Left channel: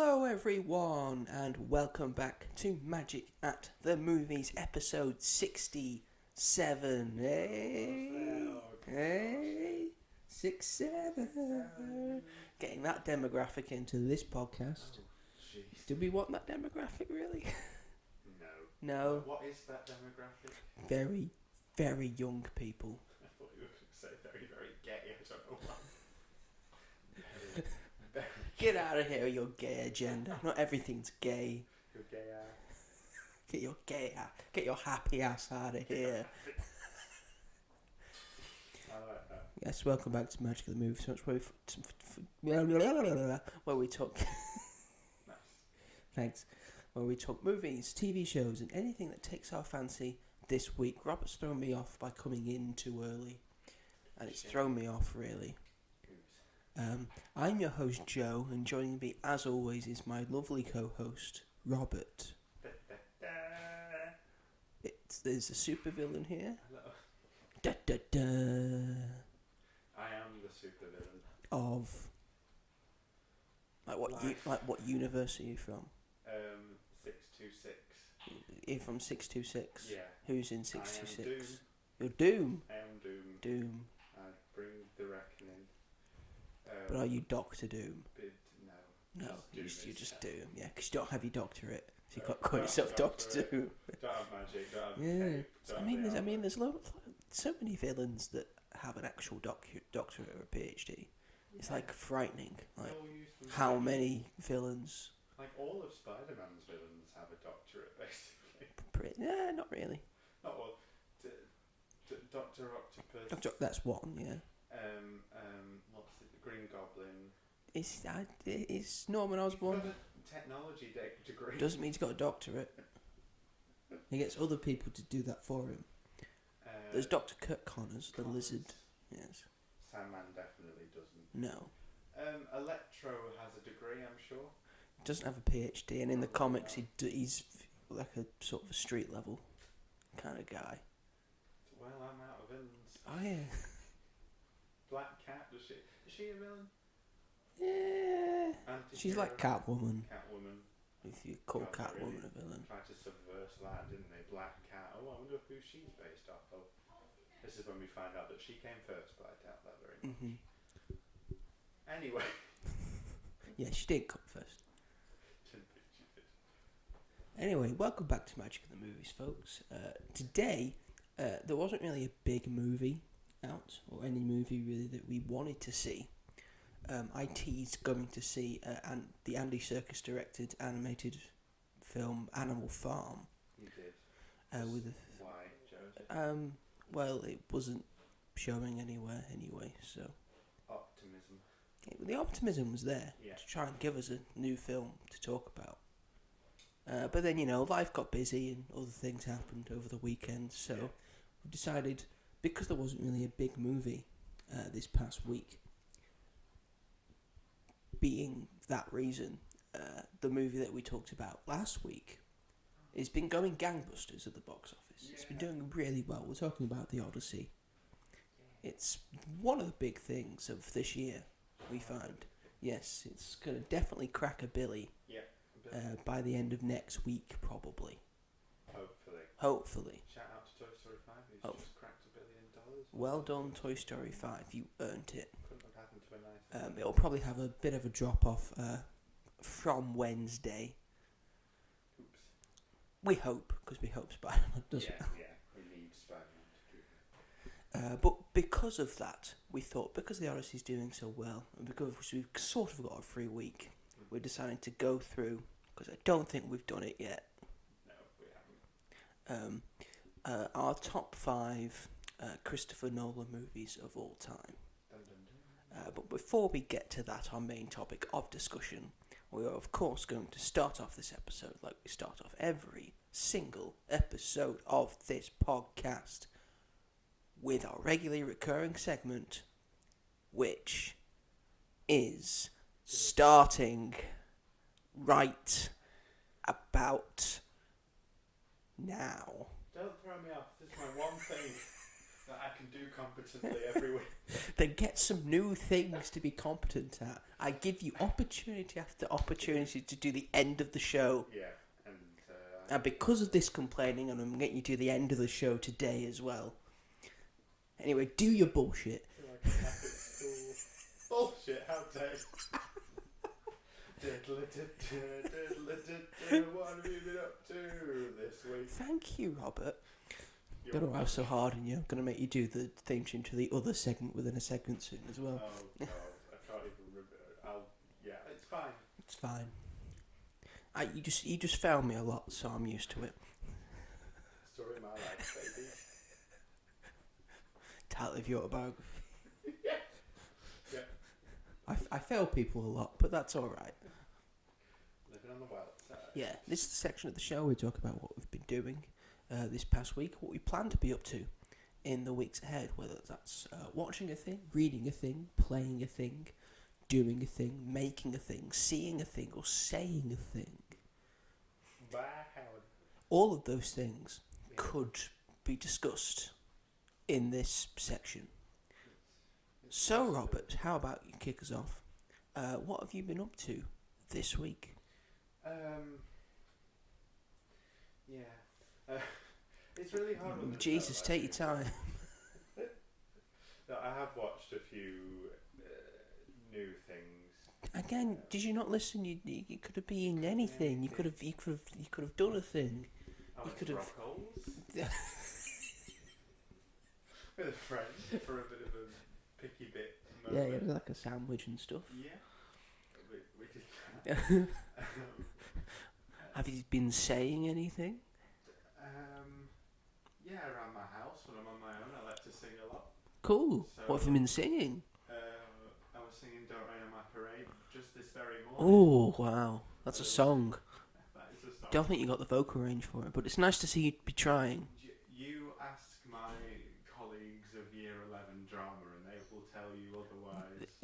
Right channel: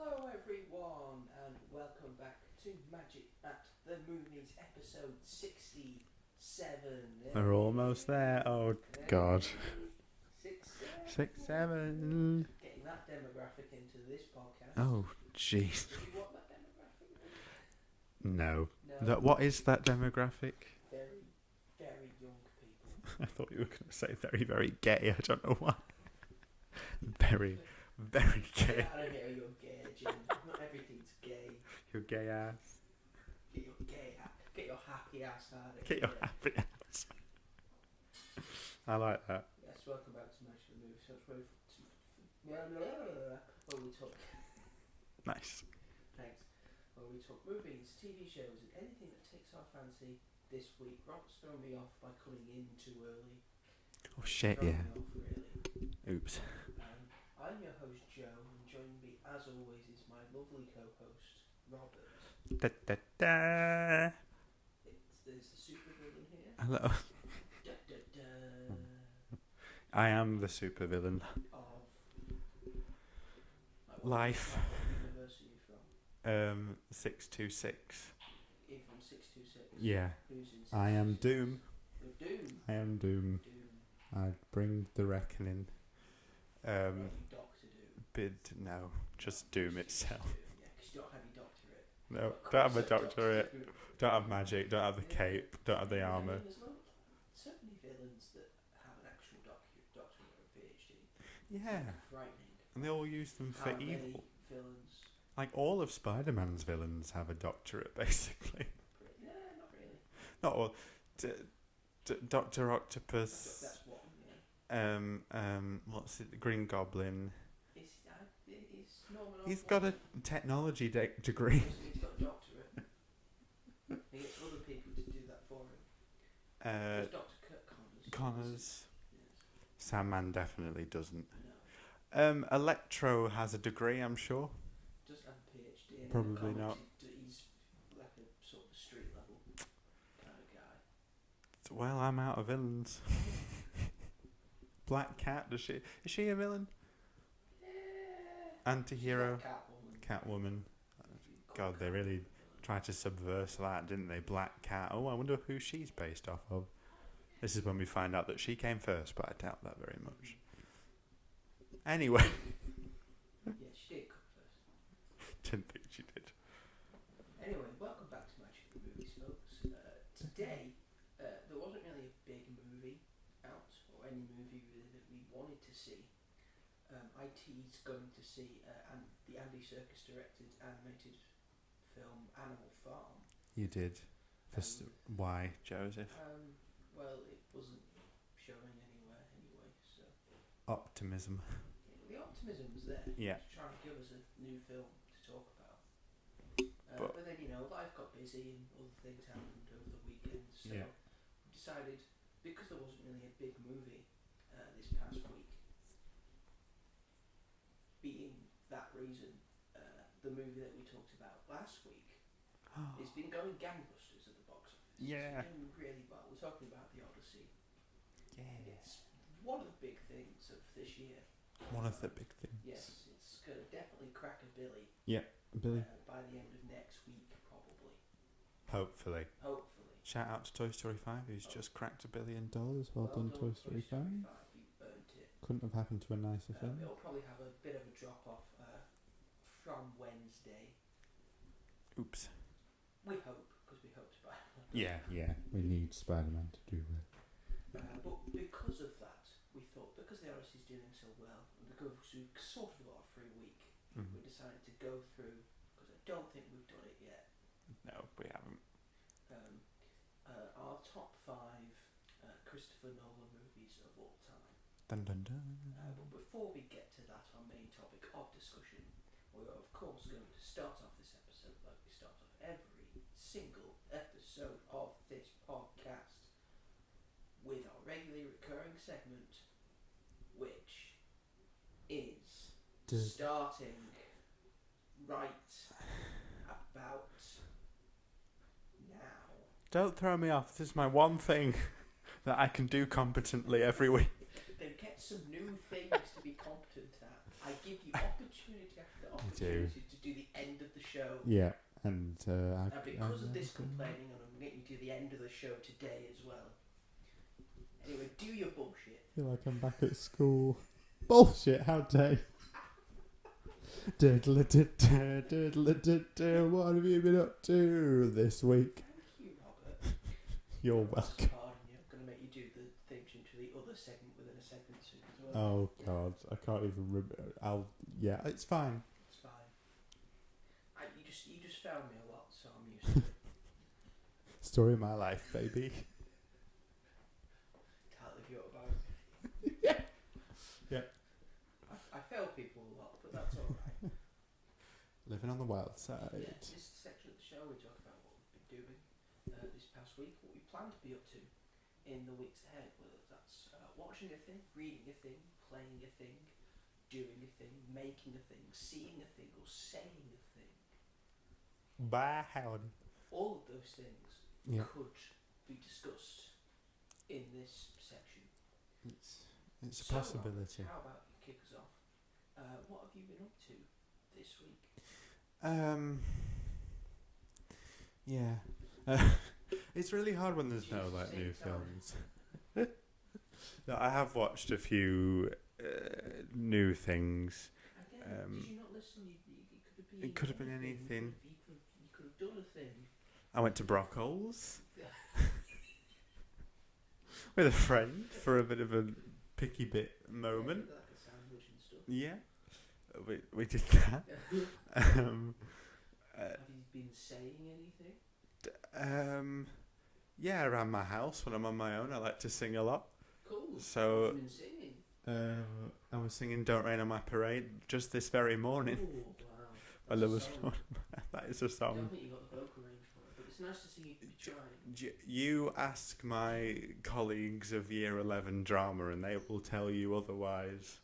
Hello everyone and welcome back to Magic at the Movies episode 67. We're almost there. Oh God. 67. Getting that demographic into this podcast. Oh jeez. Did we want that demographic really? No. No. What is that demographic? Very, very young people. I thought you were going to say very, very gay. I don't know why. Very, very gay. Get out of here, your gay agenda. Not everything's gay. Your gay ass. Get your happy ass out of here. Happy ass. I like that. Yes, welcome back to Magic of the Movies, where we talk. Nice. Thanks. Where we talk movies, TV shows, and anything that takes our fancy. This week, Robert's thrown me off by coming in too early. Me off, really. Oops. I'm your host, Joe, and joining me, as always, is my lovely co-host, Robert. Da, da, da. There's a supervillain here. Hello. Da, da, da. I am the supervillain. Of... what Life. What universe are you from? 626. You're from 626? Yeah. Who's in 626? I am Doom. You're Doom? I am Doom. Doom. I bring the reckoning. But are you Doctor Doom? No, just Doom itself. Just Doom, yeah, because you don't have your doctorate. No, don't have a doctorate. Don't have magic. Don't have the cape. Don't have the armor. I mean, there's so many villains that have an actual doctorate or a PhD. Yeah. It's like frightening. They all use them. How many villains? Like all of Spider-Man's villains have a doctorate, basically. Not really. Not all. Doctor Octopus. That's one, yeah. What's it? The Green Goblin. Is Norman Osborn? He's got a technology degree. Doesn't mean he's got a doctorate. He gets other people to do that for him. There's Dr. Kirk Connors. Yes. Sandman definitely doesn't. No. Electro has a degree, I'm sure. Doesn't have a PhD, and in the comics he's like a sort of a street level kind of guy. Well, I'm out of villains. Oh, yeah. Black Cat, is she a villain? Yeah. Anti-hero. She's like Catwoman. If you call God, Catwoman they really a villain. tried to subverse that, didn't they? Black Cat. Oh, I wonder who she's based off of. This is when we find out that she came first, but I doubt that very much. Mm-hmm. Anyway. Yeah, she did come first. Didn't think she did. Anyway, welcome back to Magic of the Movies, folks. Today, there wasn't really a big movie out, or any movie really that we wanted to see. I teased going to see the Andy Serkis directed animated film Animal Farm. You did. Why, Joseph? Well, it wasn't showing anywhere anyway, so... Optimism. The optimism was there to try and give us a new film to talk about. But then, life got busy and other things happened over the weekend, so we decided, because there wasn't really a big movie this past week, being that reason, the movie that we talked about last week has been going gangbusters at the box office. Yeah. It's been doing really well. We're talking about the Odyssey. Yeah. It's one of the big things of this year. One of the big things. Yes, it's going to definitely crack a billy. Yeah. By the end of next week, probably. Hopefully. Shout out to Toy Story 5, who's just cracked $1 billion. Well done, Toy Story 5. You earned it. Couldn't have happened to a nicer film. It'll probably have a bit of a drop-off from Wednesday. Oops. We hope, because we hope Spider-Man does it. Yeah. We need Spider-Man to do that. But because of that, we thought, because the Odyssey's doing so well, and because we've sort of got a free week, we decided to go through, because I don't think we've done it yet. No, we haven't. Our top 5 Christopher Nolan movies of all time. Dun, dun, dun. But before we get to that, our main topic of discussion, we are of course going to start off this episode like we start off every single episode of this podcast with our regularly recurring segment, which is starting right about now. Don't throw me off. This is my one thing that I can do competently every week. Then get some new things to be competent at. I give you opportunity after opportunity to do the end of the show. Yeah, and because of this complaining, and I'm getting you to the end of the show today as well. Anyway, do your bullshit. I feel like I'm back at school. Bullshit, how dare you? What have you been up to this week? Thank you, Robert. You're I'm gonna welcome. laugh so hard on you. I'm going to make you do the theme tune to the other segment within a segment soon as well. Oh God, I can't even remember. It's fine. It's fine. You just found me a lot, so I'm used to it. Story of my life, baby. Title of your autobiography. Yeah. I fail people a lot, but that's all right. Living on the wild side. Yeah, this is the section of the show where we talk about what we've been doing this past week, what we plan to be up to in the weeks ahead, whether that's watching a thing, reading a thing, playing a thing, doing a thing, making a thing, seeing a thing, or saying a thing. Bye, Howard. All of those things could be discussed in this section. It's So, Robert, how about you kick us off? What have you been up to this week? It's really hard when there's Jesus, take your time. No, I have watched a few new things. Again, did you not listen? You could have been anything. You could have done a thing. I went to Brockholes with a friend for a bit of a picky bit moment. Yeah, like a sandwich and stuff. Yeah, we did that. Have you been saying anything? Yeah, around my house when I'm on my own, I like to sing a lot. Cool. So, what have you been singing? I was singing "Don't Rain on My Parade" just this very morning. Oh wow, that's a song. That is a song. Don't think you got the vocal range for it, but it's nice to see you be trying. You ask my colleagues of Year 11 drama, and they will tell you otherwise.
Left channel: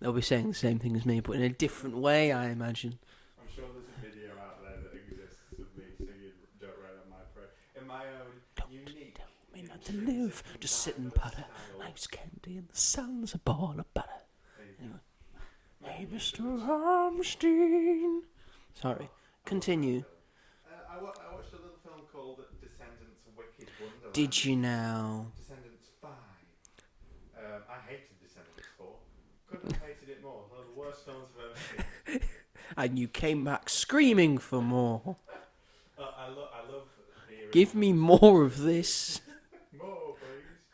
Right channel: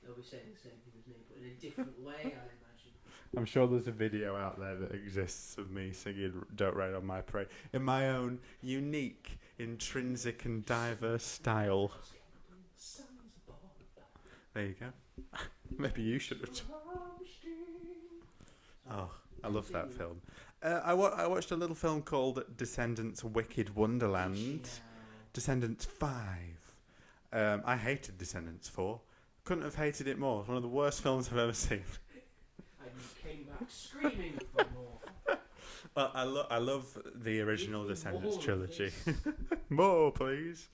They'll be saying the same thing as me, but in a different way, I imagine. I'm sure there's a video out there that exists of me singing "Don't Rain on My Parade" in my own unique, intrinsic, and diverse style. Ice candy and the sun's a ball of butter. There you go. Maybe you should have. Sorry. I Continue. love that film. I watched a little film called Descendants Wicked Wonderland. Did you now? Descendants 5. I hated Descendants 4. Couldn't have hated it more. It's one of the worst films I've ever seen. And you came back screaming for more. Well, I love the original. Give me Descendants more trilogy. of this. More, please.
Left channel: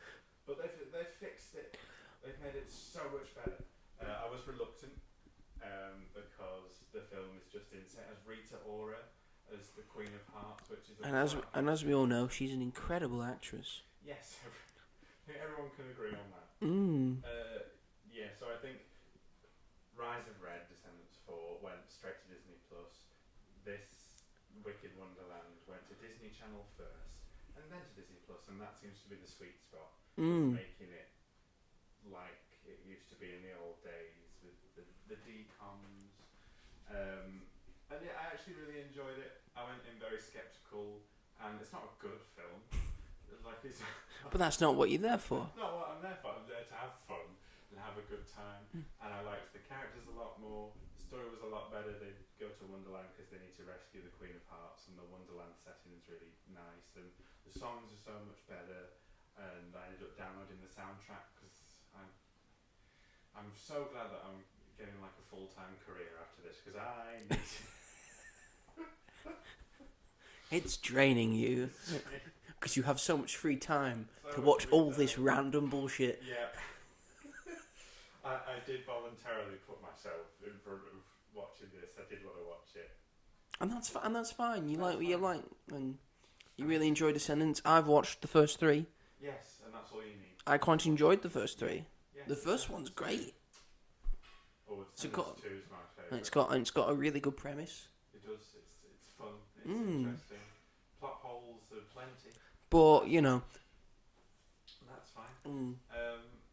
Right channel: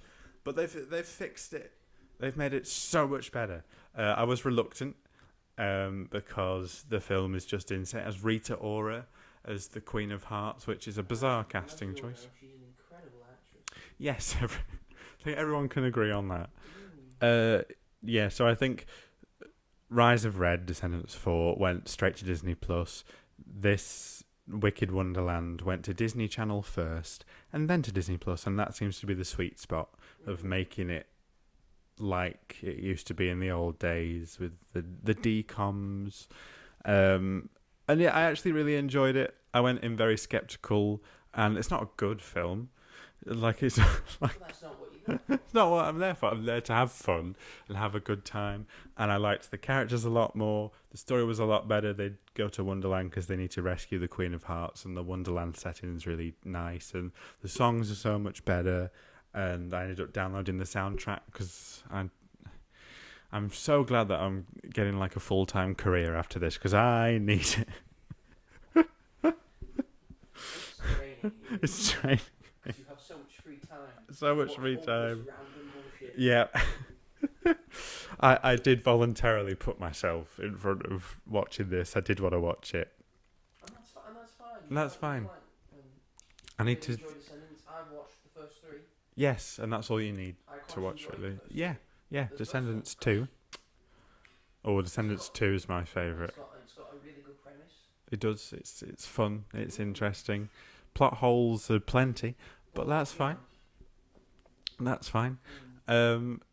But they've fixed it. They've made it so much better. I was reluctant because the film is just insane. As Rita Ora as the Queen of Hearts, which is a bizarre casting. And as we all choice. know, she's an incredible actress. Yes, I think everyone can agree on that. Yeah, so I think Rise of Red, Descendants 4 went straight to Disney Plus. This Wicked Wonderland went to Disney Channel first, and then to Disney Plus, and that seems to be the sweet spot of making it like it used to be in the old days with the DComs. And yeah, I actually really enjoyed it. I went in very skeptical, and it's not a good film. Like it's, but that's not what you're there for. It's not what I'm there for. I'm there to have fun and have a good time. And I liked the characters a lot more. The story was a lot better. They'd go to Wonderland because they need to rescue the Queen of Hearts, and the Wonderland setting is really nice. And the songs are so much better. And I ended up downloading the soundtrack because I'm so glad that I'm getting like a full-time career after this because I need it. It's training you. It's training. Because you have so much free time So to much watch free all time. this random bullshit. Yeah. I did voluntarily put myself in front of watching this. I did want to watch it. And that's fine. That's fine. I really enjoy Descendants. I've watched the first 3. Yes, and that's all you need. I quite enjoyed the first 3. Yeah, The first Descendants one's great. 2. Oh, Descendants 2 is my favourite. It's got a really good premise. It does. It's fun. It's interesting. Plot holes are plenty. But that's you fine. know. That's fine.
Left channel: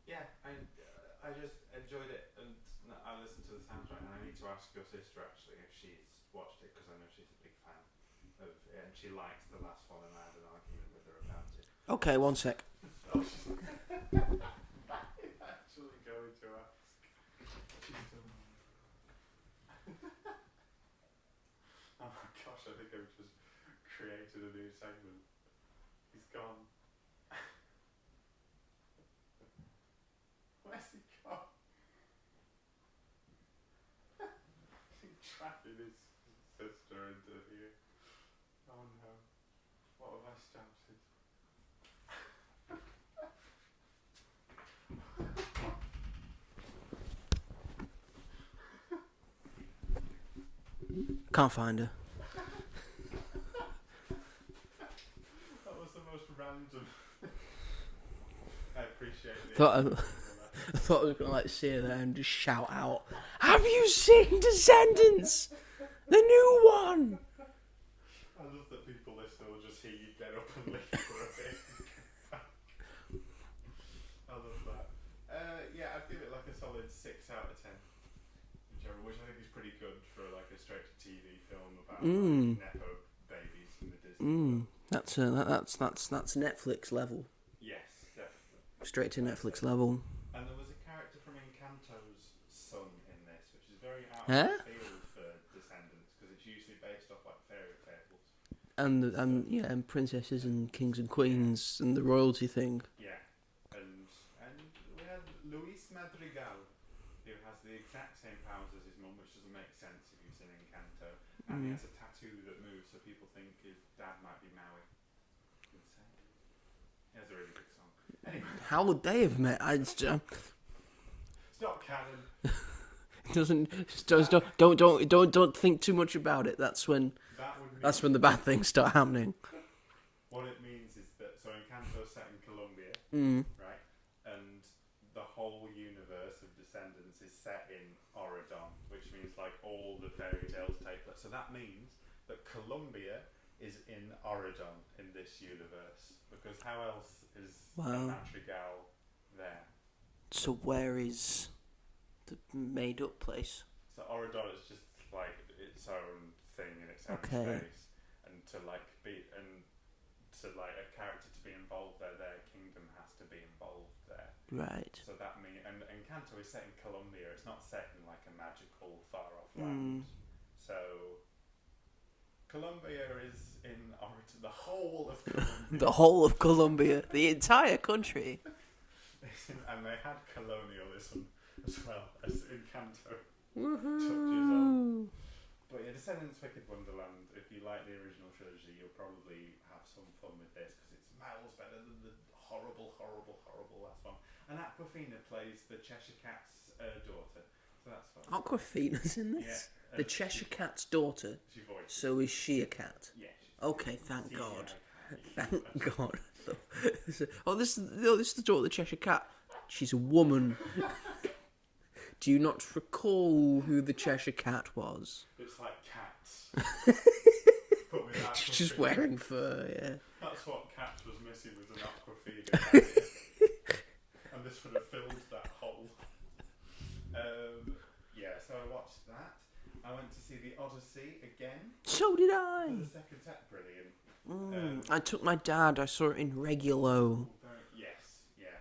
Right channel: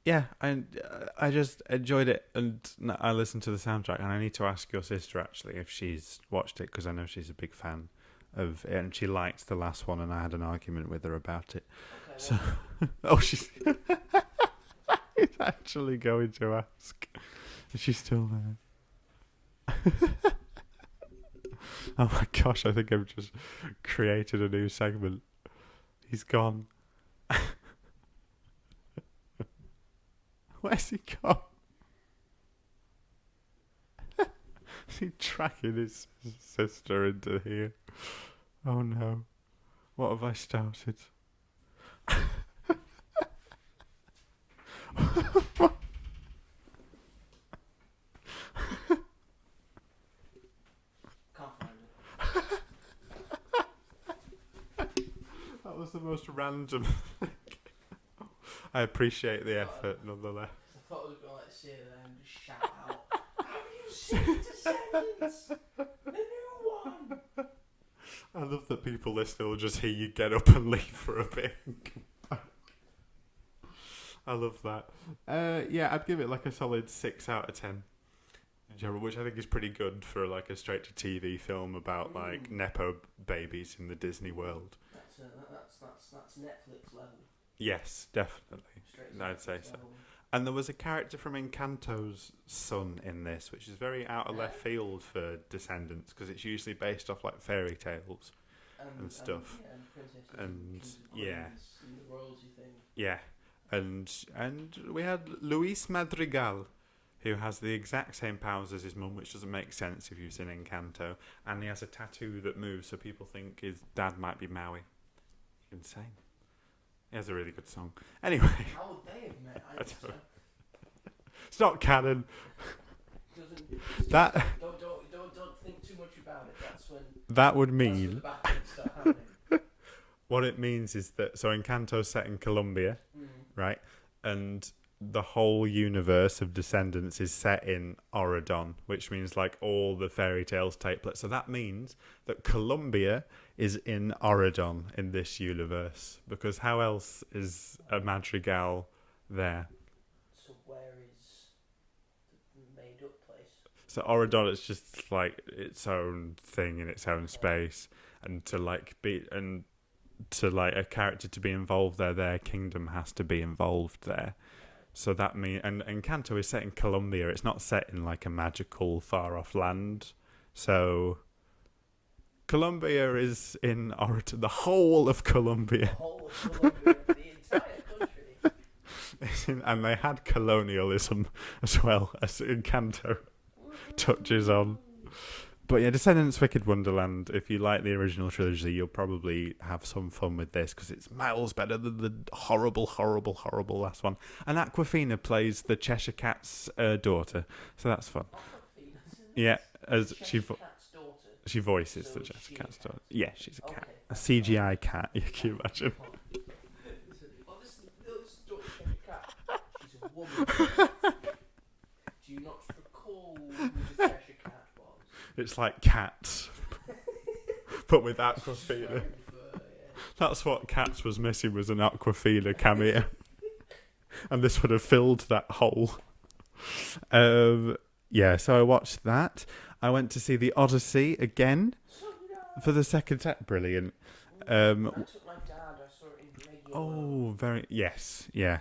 Yeah, I just enjoyed it, and I listened to the soundtrack, and I need to ask your sister actually if she's watched it because I know she's a big fan. and she liked the last one, and I had an argument with her about it. Okay, one sec. Oh, she's actually going to ask. Is she still there? Oh my gosh, I think I've just created a new segment. He's gone. Where's he gone? Is he tracking his sister into here? Oh no. What have I started? Can't find her. That was the most random. I appreciate the Thought effort, nonetheless. I thought I was going to like see her there and just shout out, "Have you seen Descendants? The new one!" I love that people listening will just hear you get up and leave for a bit. I love that. Yeah, I'd give it like a solid 6 out of 10 in general, which I think is pretty good for like a straight-to-TV film about like nepo babies in the Disney world. That's Netflix level. Yes, definitely. Straight to I'd Netflix say so. level. And there was a character from Encanto's son in this, which is very out of left field for Descendants, because it's usually based off like fairy tales And stuff. and princesses and kings and yeah. queens and the royalty thing. Yeah, and we had Luis Madrigal, who has the exact same powers as his mum, which doesn't make sense if you've seen Encanto, and he has a tattoo that moves, so people think his dad might be Maui. Insane. He has a really good song. Anyway, How would they have met? it's not canon. Don't think too much about it. That's when That would mean that's when the bad things start happening. what it means is that Encanto's set in Colombia, right? And the whole universe of Descendants is set in Oregon, which means like all the fairy tales take place. So that means that Colombia is in Oregon in this universe, because how else is a Madrigal there? So where is the made-up place? So Oregon is just like its own thing in its own space, and to like a character to be involved there, their kingdom has to be involved there. Right. So that means, and Encanto is set in Colombia. It's not set in like a magical far off land. So Colombia is in Oregon. The whole of Colombia. The whole of Colombia, the entire country. And they had colonialism as well as Encanto touches on. But yeah, Descendants Wicked Wonderland, if you like the original trilogy, you'll probably have some fun with this, because it's miles better than the horrible, horrible, horrible last one. And Awkwafina plays the Cheshire Cat's daughter, so that's fun. Awkwafina's in this? Yeah. The Cheshire Cat's daughter. She voices. So the is she a Cat's cat? daughter. Yeah, she's a cat. Okay, A thank CGI God. cat, you can imagine. God. This is the daughter of the Cheshire Cat. She's a woman. Do you not recall who the Cheshire Cat was? It's like Cats, but with Awkwafina. She's wearing fur, yeah. That's what Cats was missing, was an Awkwafina cameo. And this would have filled that hole. Yeah, so I watched that. I went to see the Odyssey again. So did I. For the second time. Brilliant. I took my dad. I saw it in Regulo. Oh, yes, yeah.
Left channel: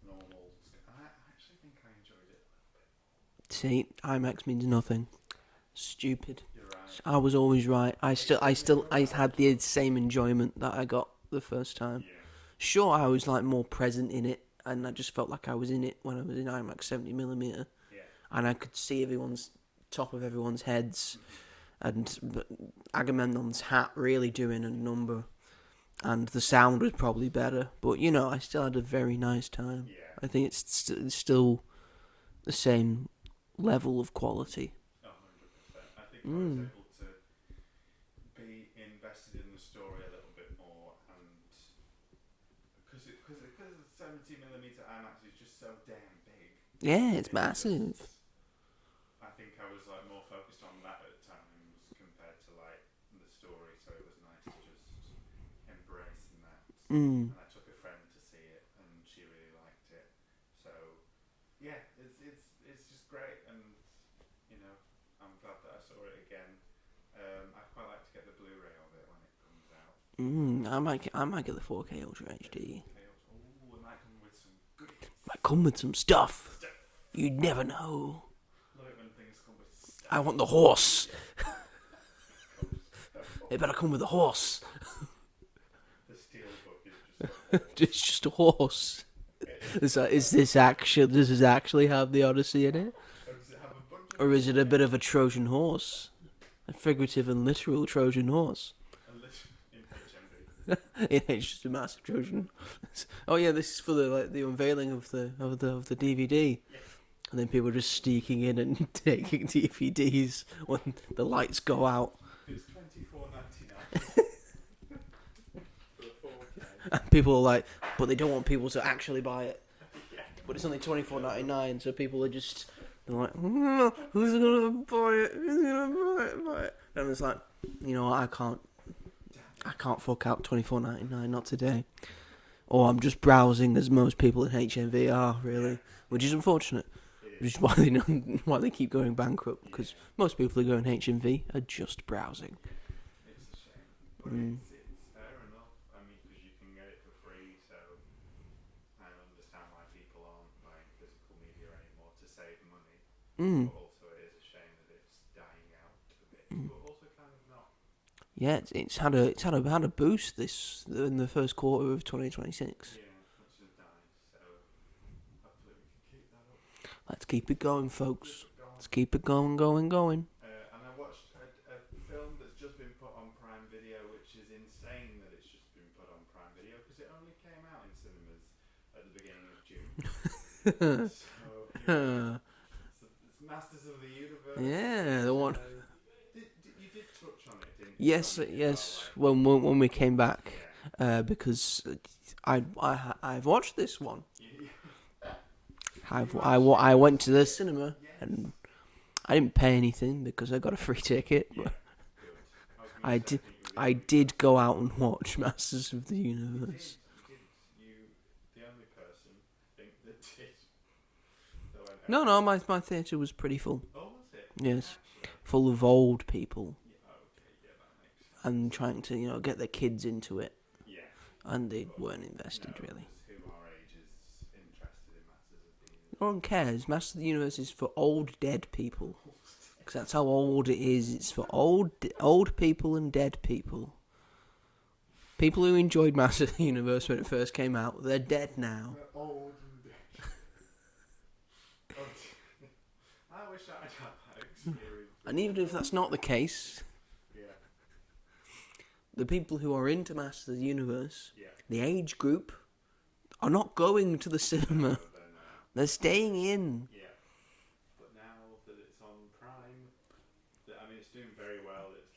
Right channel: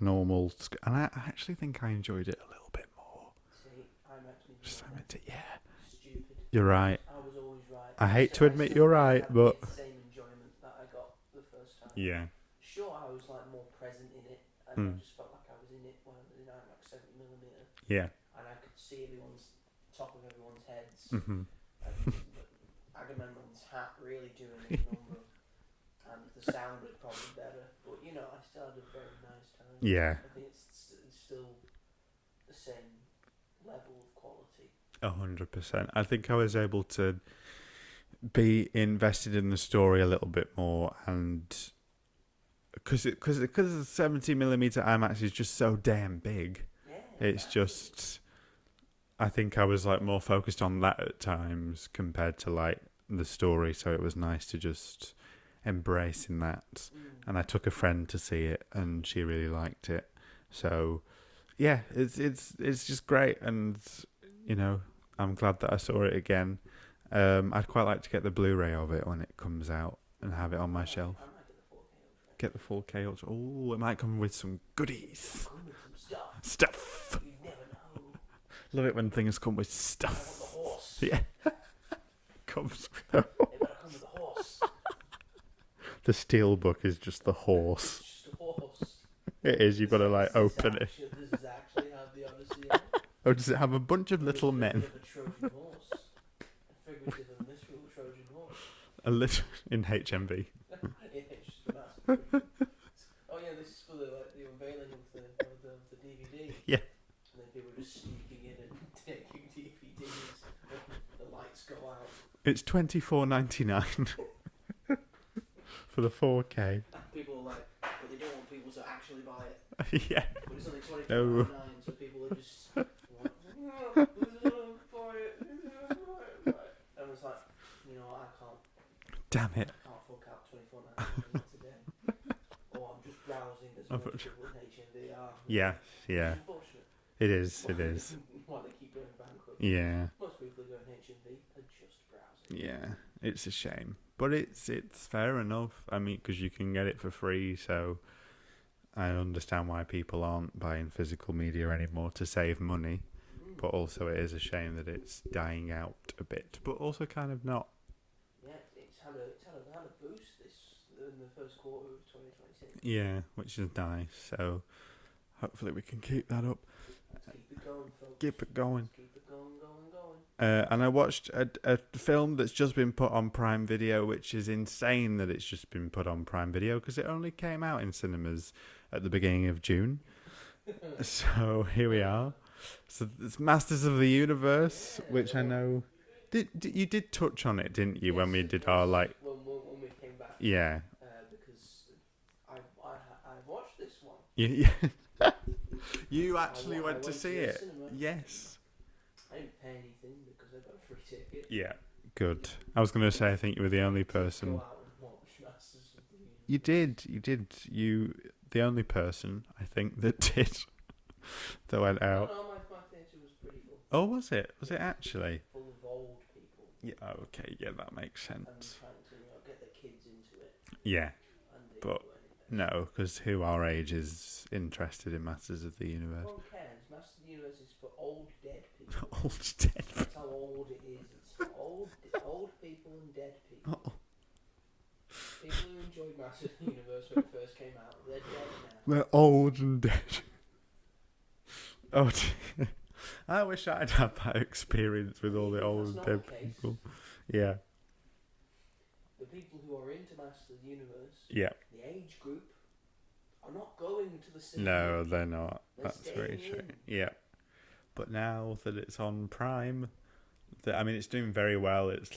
Normal. And I actually think I enjoyed it a little bit more. See, IMAX means nothing. Yeah. Stupid. You're right. I was always right. I hate to admit you're right, had but the same enjoyment that I got the first time. Yeah. Sure, I was like more present in it, and I just felt like I was in it when I was in IMAX 70mm. Yeah. And I could see top of everyone's heads, and Agamemnon's hat really doing a number. And the sound was probably better, but I still had a very nice time. Yeah. I think it's still the same level of quality. 100%. I think I was able to be invested in the story a little bit more, and because the 70mm IMAX is just so damn big. Yeah, it's massive. Just, I think I was like more focused on that at times compared to like the story, so it was nice to just embracing that. And I took a friend to see it, and she really liked it. So yeah, it's just great, and I'm glad that I saw it again. I'd quite like to get the Blu-ray of it when it comes out and have it on my shelf. I might get the 4K Ultra HD. Get the 4K Ultra. Oh, it might come with some goodies. Might come with some stuff. Stuff. You never know. Love it when things come with stuff. I want the horse. Yeah. Comes. It better come with a horse. The steelbook is just the horse. It's just a horse. It is. You've got to, Does this actually have the Odyssey in it? Or does it have a bunch of Or is it men? a bit of a Trojan horse? A figurative and literal Trojan horse? In HMV. It's just a massive Trojan. Oh yeah, this is for the unveiling of the DVD. Yeah. And then people are just sneaking in and taking DVDs when the lights go out. It's $24.99 for the 4K. And people are like, but they don't want people to actually buy it. Yeah. But it's only $24.99, so people are just like, who's gonna buy it? Who's gonna buy it? And it's like, you know what, I can't. Damn it. I can't fork out $24.99, not today. Or I'm just browsing, as most people in HMV are, really. Yeah. Which is unfortunate. It is. Which is why they keep going bankrupt. Because most people who go in HMV are just browsing. Yeah, it's a shame. But it's fair enough. I mean, because you can get it for free, so I understand why people aren't buying physical media anymore to save money. But also it is a shame that it's dying out a bit, but also kind of not. Yeah, it's had a boost in the first quarter of 2026. Yeah, which is nice. So hopefully we can keep that up. Let's keep it going, folks. Keep it going. Let's keep it going. And I watched a film that's just been put on Prime Video, which is insane that it's just been put on Prime Video because it only came out in cinemas at the beginning of June. So here we are. So it's Masters of the Universe, which I know. You did touch on it, didn't you? Yes, when we did yes. When we came back. Yeah. Because I've watched this one. Yeah. I went to the cinema. Yes. And I didn't pay anything because I got a free ticket. Yeah. Good. I was going to say, I think you were the only person. I did go out and watch Masters of the Universe. You did. You the only person, I think, that did. That went out. No, my theatre was pretty full. Oh, was it? Was yes. it actually? Full of old people. Yeah, okay, yeah, that makes sense. And trying to, get their kids into it. Yeah. And they weren't invested. No, because who our age is interested in Masters of the Universe? No one cares. Masters of the Universe is for old dead people. Old dead. That's how old it is. It's for old people and dead people. People who enjoyed Masters of the Universe when it first came out, they're dead now. They're old and dead. Oh, dear. I wish I'd had that experience with all the old. And even if that's not the case, people. Yeah. The people who are into Masters of the Universe, yeah, the age group, are not going to the cinema. No, they're not. They're staying in. Yeah. But now that it's on Prime, it's doing very well. It's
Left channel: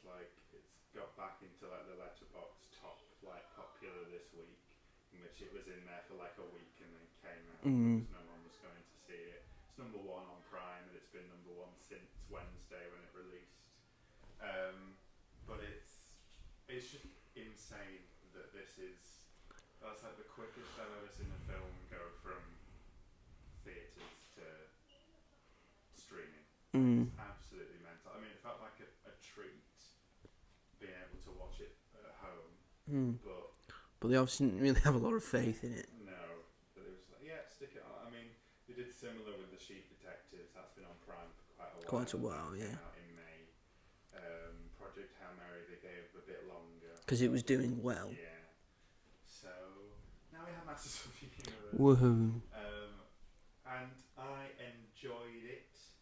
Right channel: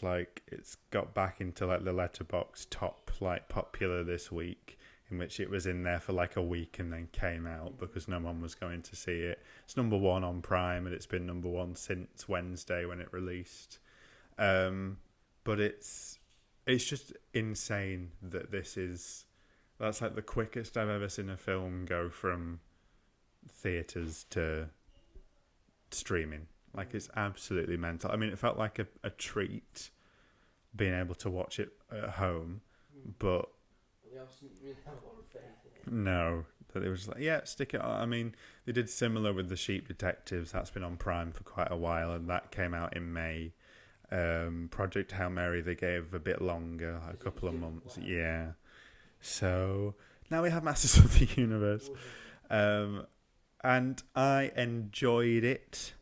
got back into the Letterboxd top popular this week, in which it was in there for a week and then came out because no one was going to see it. It's number one on Prime, and it's been number one since Wednesday when it released. But it's just insane that that's the quickest I've ever seen a film go from theatres to streaming. It's absolutely mental. It felt like a treat being able to watch it at home, but they obviously didn't really have a lot of faith in it. No, that it was stick it on. They did similar with The Sheep Detectives. That's been on Prime for quite a while, that came out in May. Project Hail Mary they gave a bit longer because it was doing well. Yeah. So now we have Masters of the Universe. Woohoo! And I enjoyed it.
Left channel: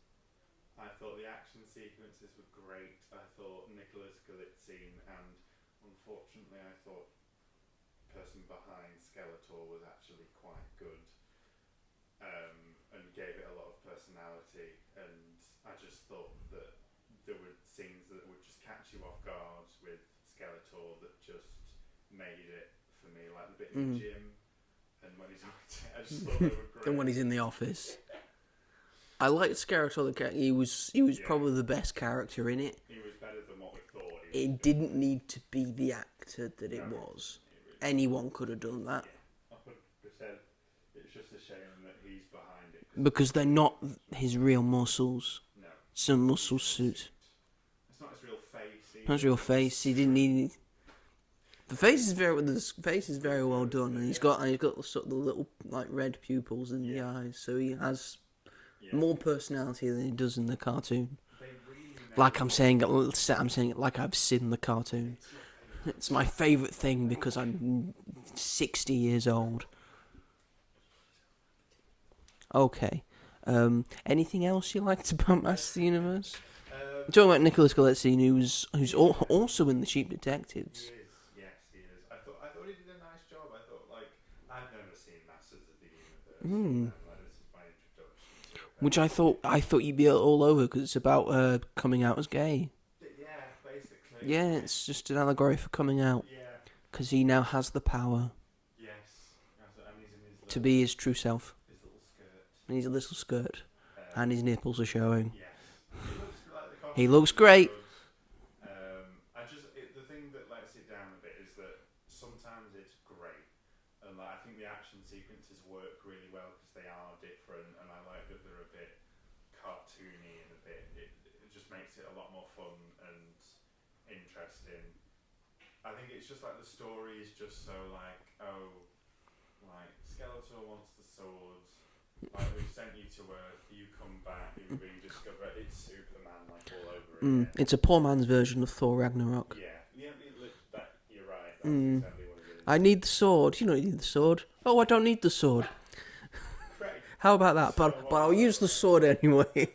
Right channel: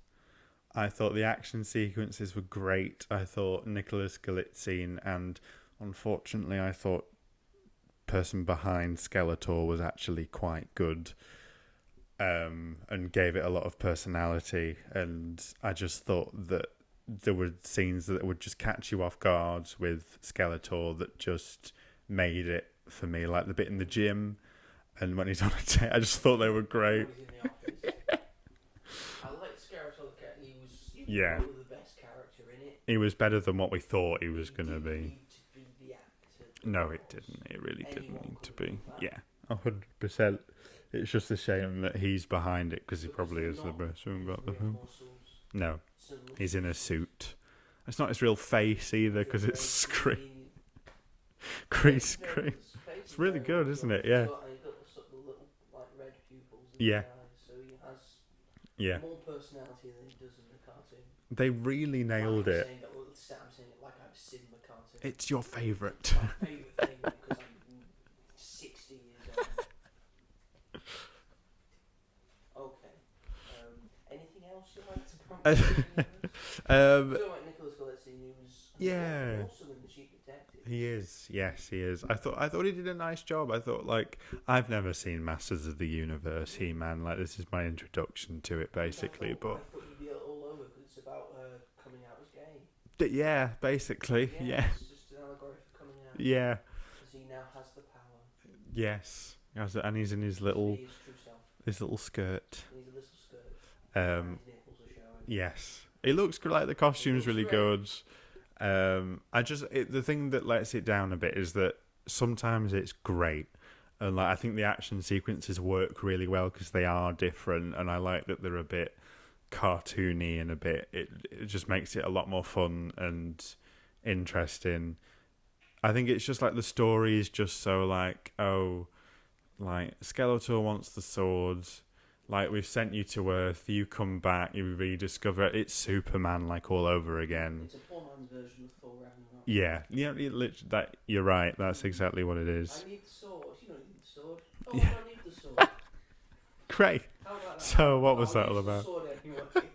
I thought the action sequences were great. I thought Nicholas Galitzine, and unfortunately I thought person behind Skeletor was actually quite good, and gave it a lot of personality. And I just thought that there were scenes that would just catch you off guard with Skeletor that just made it for me, like the bit in the gym and when he's on a date. I just thought they were great. And when he's in the office. I liked Skeletor. He was probably the best character in it. He was better than what we thought he was going to be. It didn't need to be the actor that no, it was. It didn't. It really Anyone could have done that. Yeah, 100%. It's just a shame that he's behind it because they're not his real muscles. No, some muscle he's in a suit. It's not his real face either. Not his real 'cause it's face. He didn't need. The face is really very good, well isn't done. it? He's Yeah. got sort of the little like red pupils in the eyes, so he has more personality than he does in the cartoon. They really nailed like I'm it. saying it like I've seen the cartoon. It's your favourite. It's my favourite thing because I'm 60 years old. Okay. Anything else you liked about Masters of the Universe? Talking about Nicholas Galitzine, who's also in The Cheap Detectives. He is. Yes, he is. I thought he did a nice job. I thought, like, I've never seen Masters of the Universe, He-Man. Like, this is my introduction to it. Which I thought you'd be all over because it's about coming out as gay. Yeah, basically. Yeah, it's just an allegory for coming out. Yeah. Because he now has the power. Yes. And he's in his little... To be his true self. His little skirt. And his little skirt. And his nipples are showing. Yes. He looks like the costume's He looks really great. good. The thing that lets it down a bit is that sometimes it's great. And like I think the action sequences work really well because they are different. And I like that they're a bit cartoony and it just makes it a lot more fun and interesting. I think it's just like the story is just so like, like Skeletor wants the swords, like we've sent you to Earth, you come back, you rediscover it. It's Superman like all over again. It's a poor man's version of Thor Ragnarok. Yeah, you're right. That's exactly what it is. I need the sword. You don't need the sword. Oh, I don't need the sword. Great. How about that? So what was I'll that use all the about? sword anyway.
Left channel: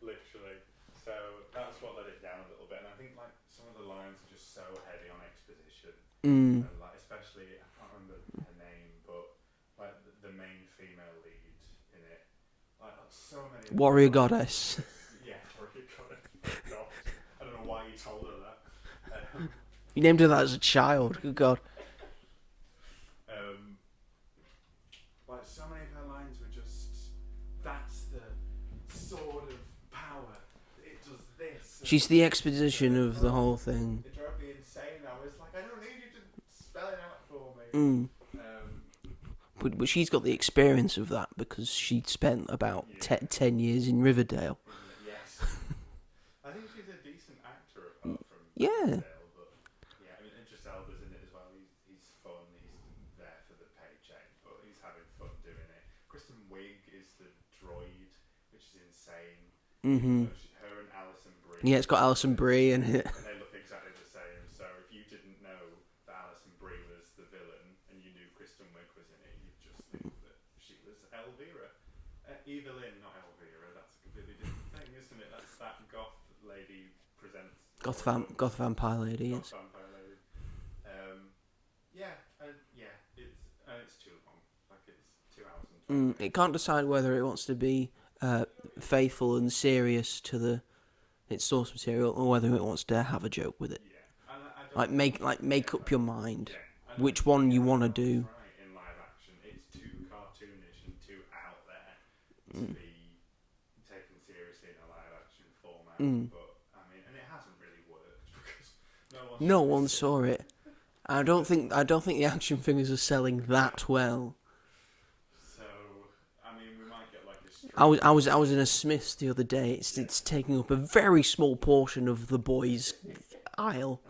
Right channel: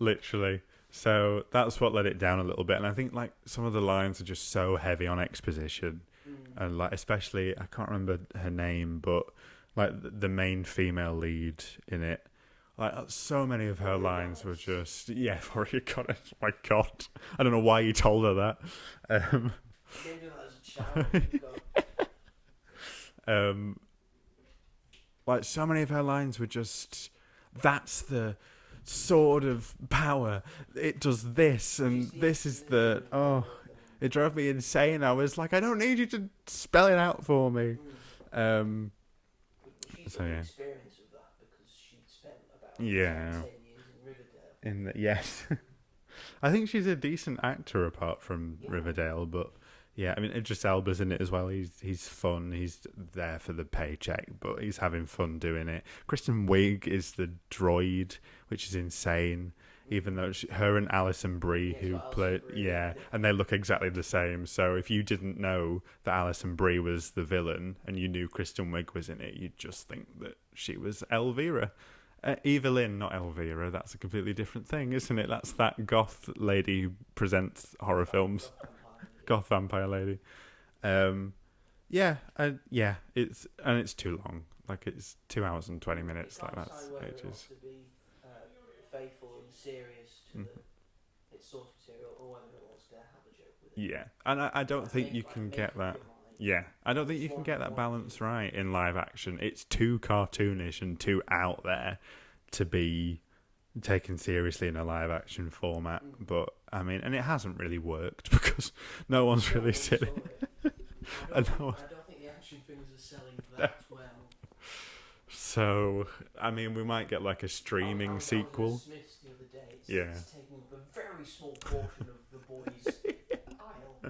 Literally. So that's what let it down a little bit, and I think like some of the lines are just so heavy on exposition, and like especially I can't remember her name, but like the main female lead in it, like so many of Warrior her lines Goddess. were just Warrior Goddess. My God, I don't know why you told her that. You named her that as a child. Good God. Like so many of her lines were just, that's the sword of power. It does this. And She's the this exposition of the whole thing. It drove me insane. I was like, I don't need you to spell it out for me. But she's got the experience of that because she'd spent about 10 years in Riverdale. Yes. I think she's a decent actor apart from Riverdale, but yeah, I mean, Idris Elba's in it as well. He's fun. He's there for the paycheck, but he's having fun doing it. Kristen Wiig is the droid, which is insane. Even though her and Alison Brie. Yeah, it's got Alison Brie in it. And they look exactly the same. So if you didn't know that Alison Brie was the villain and you knew Kristen Wiig was in it, you'd just think that she was Elvira. Evelyn, not Elvira. That's a completely different thing, isn't it? That's that goth lady who presents horror films. Goth vampire lady. Goth vampire lady. It's too long. Like it's 2 hours and 20 minutes. It can't decide whether it wants to be faithful and serious to its source material, or whether it wants to have a joke with it. Yeah, and I don't think make up your mind. Yeah, I don't which think one you want to do. Right in live action, it's too cartoonish and too out there to be taken seriously in a live action format. But I mean, and it hasn't really worked because no one saw it. I don't think the action figures are selling that well. So, I mean, we might get like a stream. I was in a Smith's the other day. It's taking up a very small portion of the boys' aisle.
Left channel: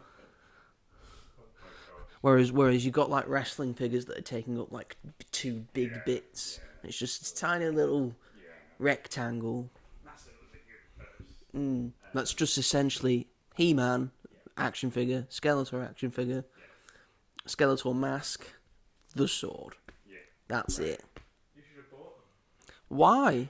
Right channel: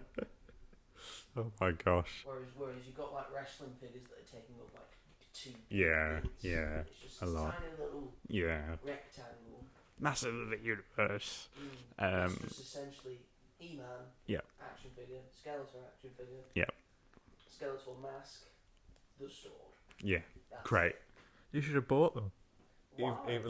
Oh my gosh! Whereas you got like wrestling figures that are taking up like two big bits. Yeah, it's just a tiny little rectangle. Massive of the universe. That's just essentially He-Man action figure, Skeletor action figure, Skeletor mask, the sword. Yeah, that's great. it. You should have bought them. Why?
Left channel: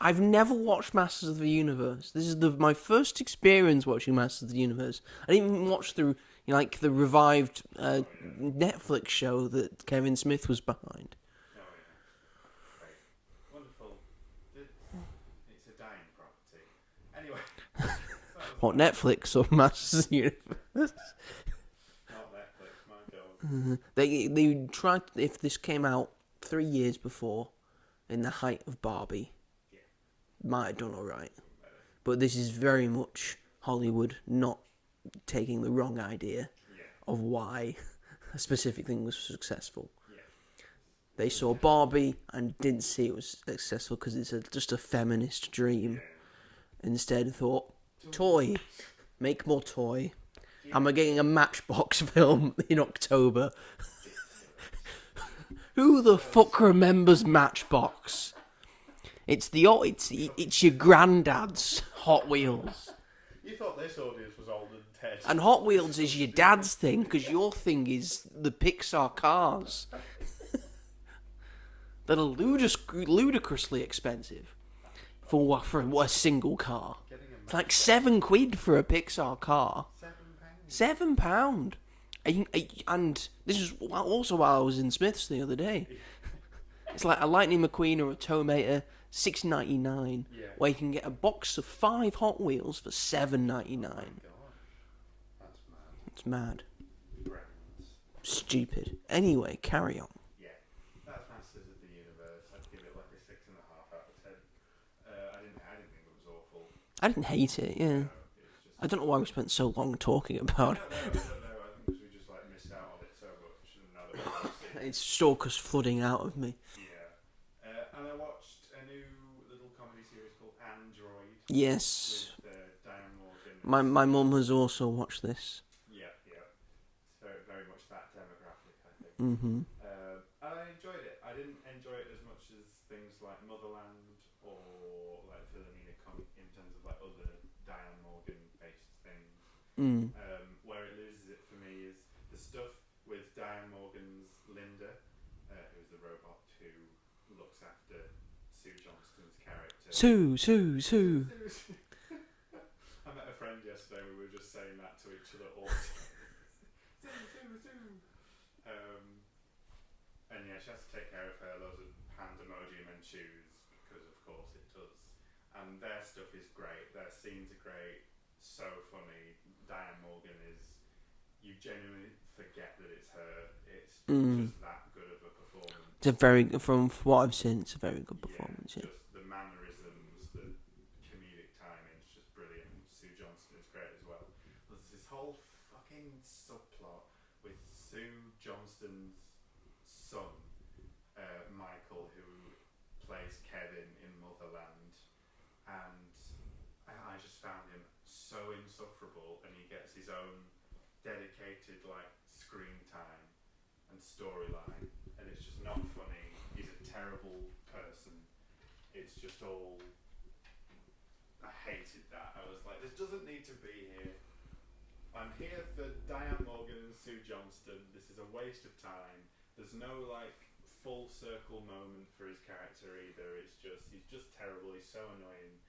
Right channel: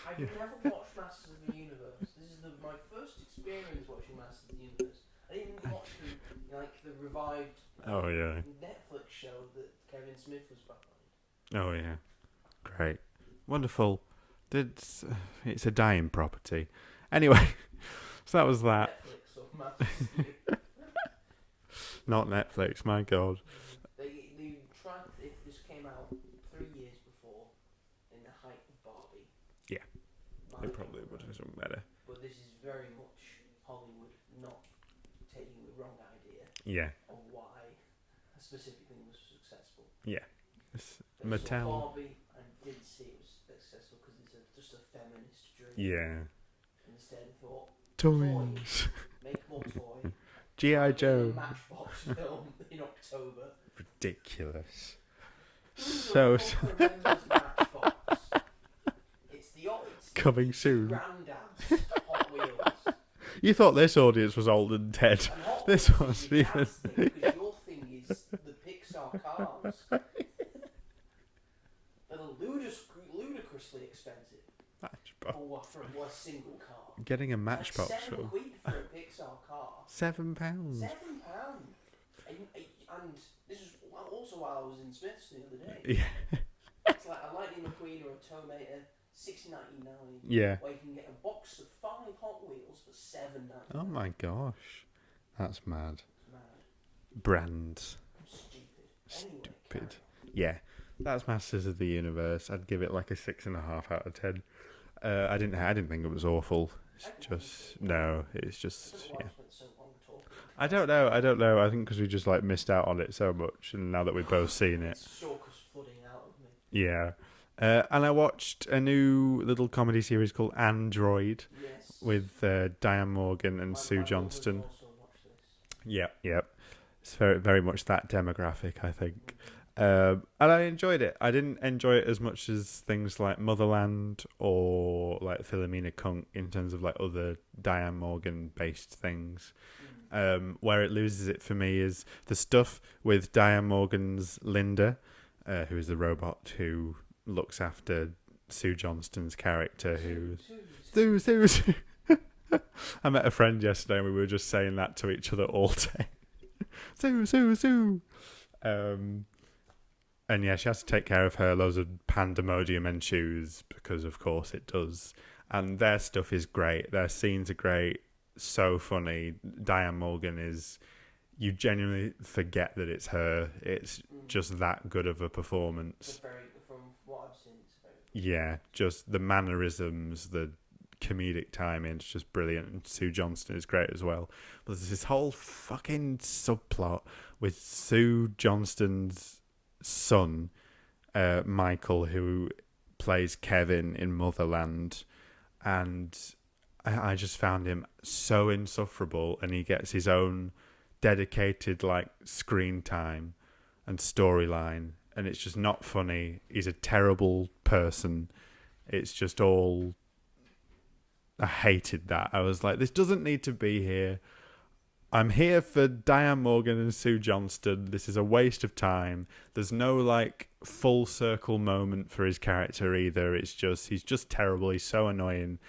I've never watched Masters of the Universe. This is my first experience watching Masters of the Universe. I didn't even watch the revived Netflix show that Kevin Smith was behind. Oh yeah, great, wonderful. It's a dying property. Anyway, so that was that. Netflix or Masters of the Universe? Not Netflix. My God. They tried. If this came out 3 years before, in the height of Barbie, might have done all right. Better. But this is very much Hollywood not taking the wrong idea of why a specific thing was successful. Yeah. They saw Barbie and didn't see it was successful because it's just a feminist dream. Yeah. instead thought, toy. Make more toy. G.I. I'm getting a Joe. Matchbox film in October. Ridiculous. Who the fuck remembers Matchbox? It's your granddad's Hot Wheels. You thought this audience was old and dead. And Hot Wheels is your dad's thing, because your thing is the Pixar cars. That are ludicrously expensive for a single car. Getting a Matchbox. It's like £7 for a Pixar car. £7. £7. And this is also while I was in Smith's the other day. Yeah. It's like a Lightning McQueen or a Tomater, $6.99. Yeah. Where you can get a box of 5 Hot Wheels for $7.99. Oh my gosh. That's mad. It's mad. Brands. Stupid. Anyway, carry on. Yeah. That's Masters of the Universe. I'd give it like a 6.5 out of 10. I didn't think it was awful. I didn't hate it. Yeah. No, it's just. I don't know why we spent so long talking about it. I don't know. I think because we just like missed out on it so much, and now that we've both seen it, it's stalkers flooding out of me. Yeah. And I watched a new little comedy series called Android. Yes. With Diane Morgan and my Sue mum Johnston. has also watched this. Yep. It's very, very much that demographic, I think. Mm-hmm. And I enjoyed it. I didn't enjoy it as much as things like Motherland or like Philomena Kunk in terms of like other Diane Morgan-based things. Where it loses it for me is the stuff with Diane Morgan's Linda, who is the robot who looks after Sue Johnston's character. Sue. I met a friend yesterday and we were just saying that to each other all day. Sue. And yeah, she has to take care of her loads of pandemonium ensues because of course it does. And their stuff is great. Their scenes are great. So funny. Diane Morgan is... You genuinely forget that it's her. It's just that good of a performance. It's from what I've seen, it's a very good performance. Yeah, just the mannerisms, the comedic timing, it's just brilliant. And Sue Johnston is great as well. But there's this whole fucking subplot with Sue Johnston's son, Michael, who plays Kevin in Motherland. And I just found him so insufferable, and he gets his own dedicated like screen time and storyline, and it's just not funny. He's a terrible person. It's just all... I hated that. I was like, this doesn't need to be here. I'm here for Diane Morgan and Sue Johnston. This is a waste of time. There's no like full circle moment for his character either. It's just, he's just terrible. He's so annoying.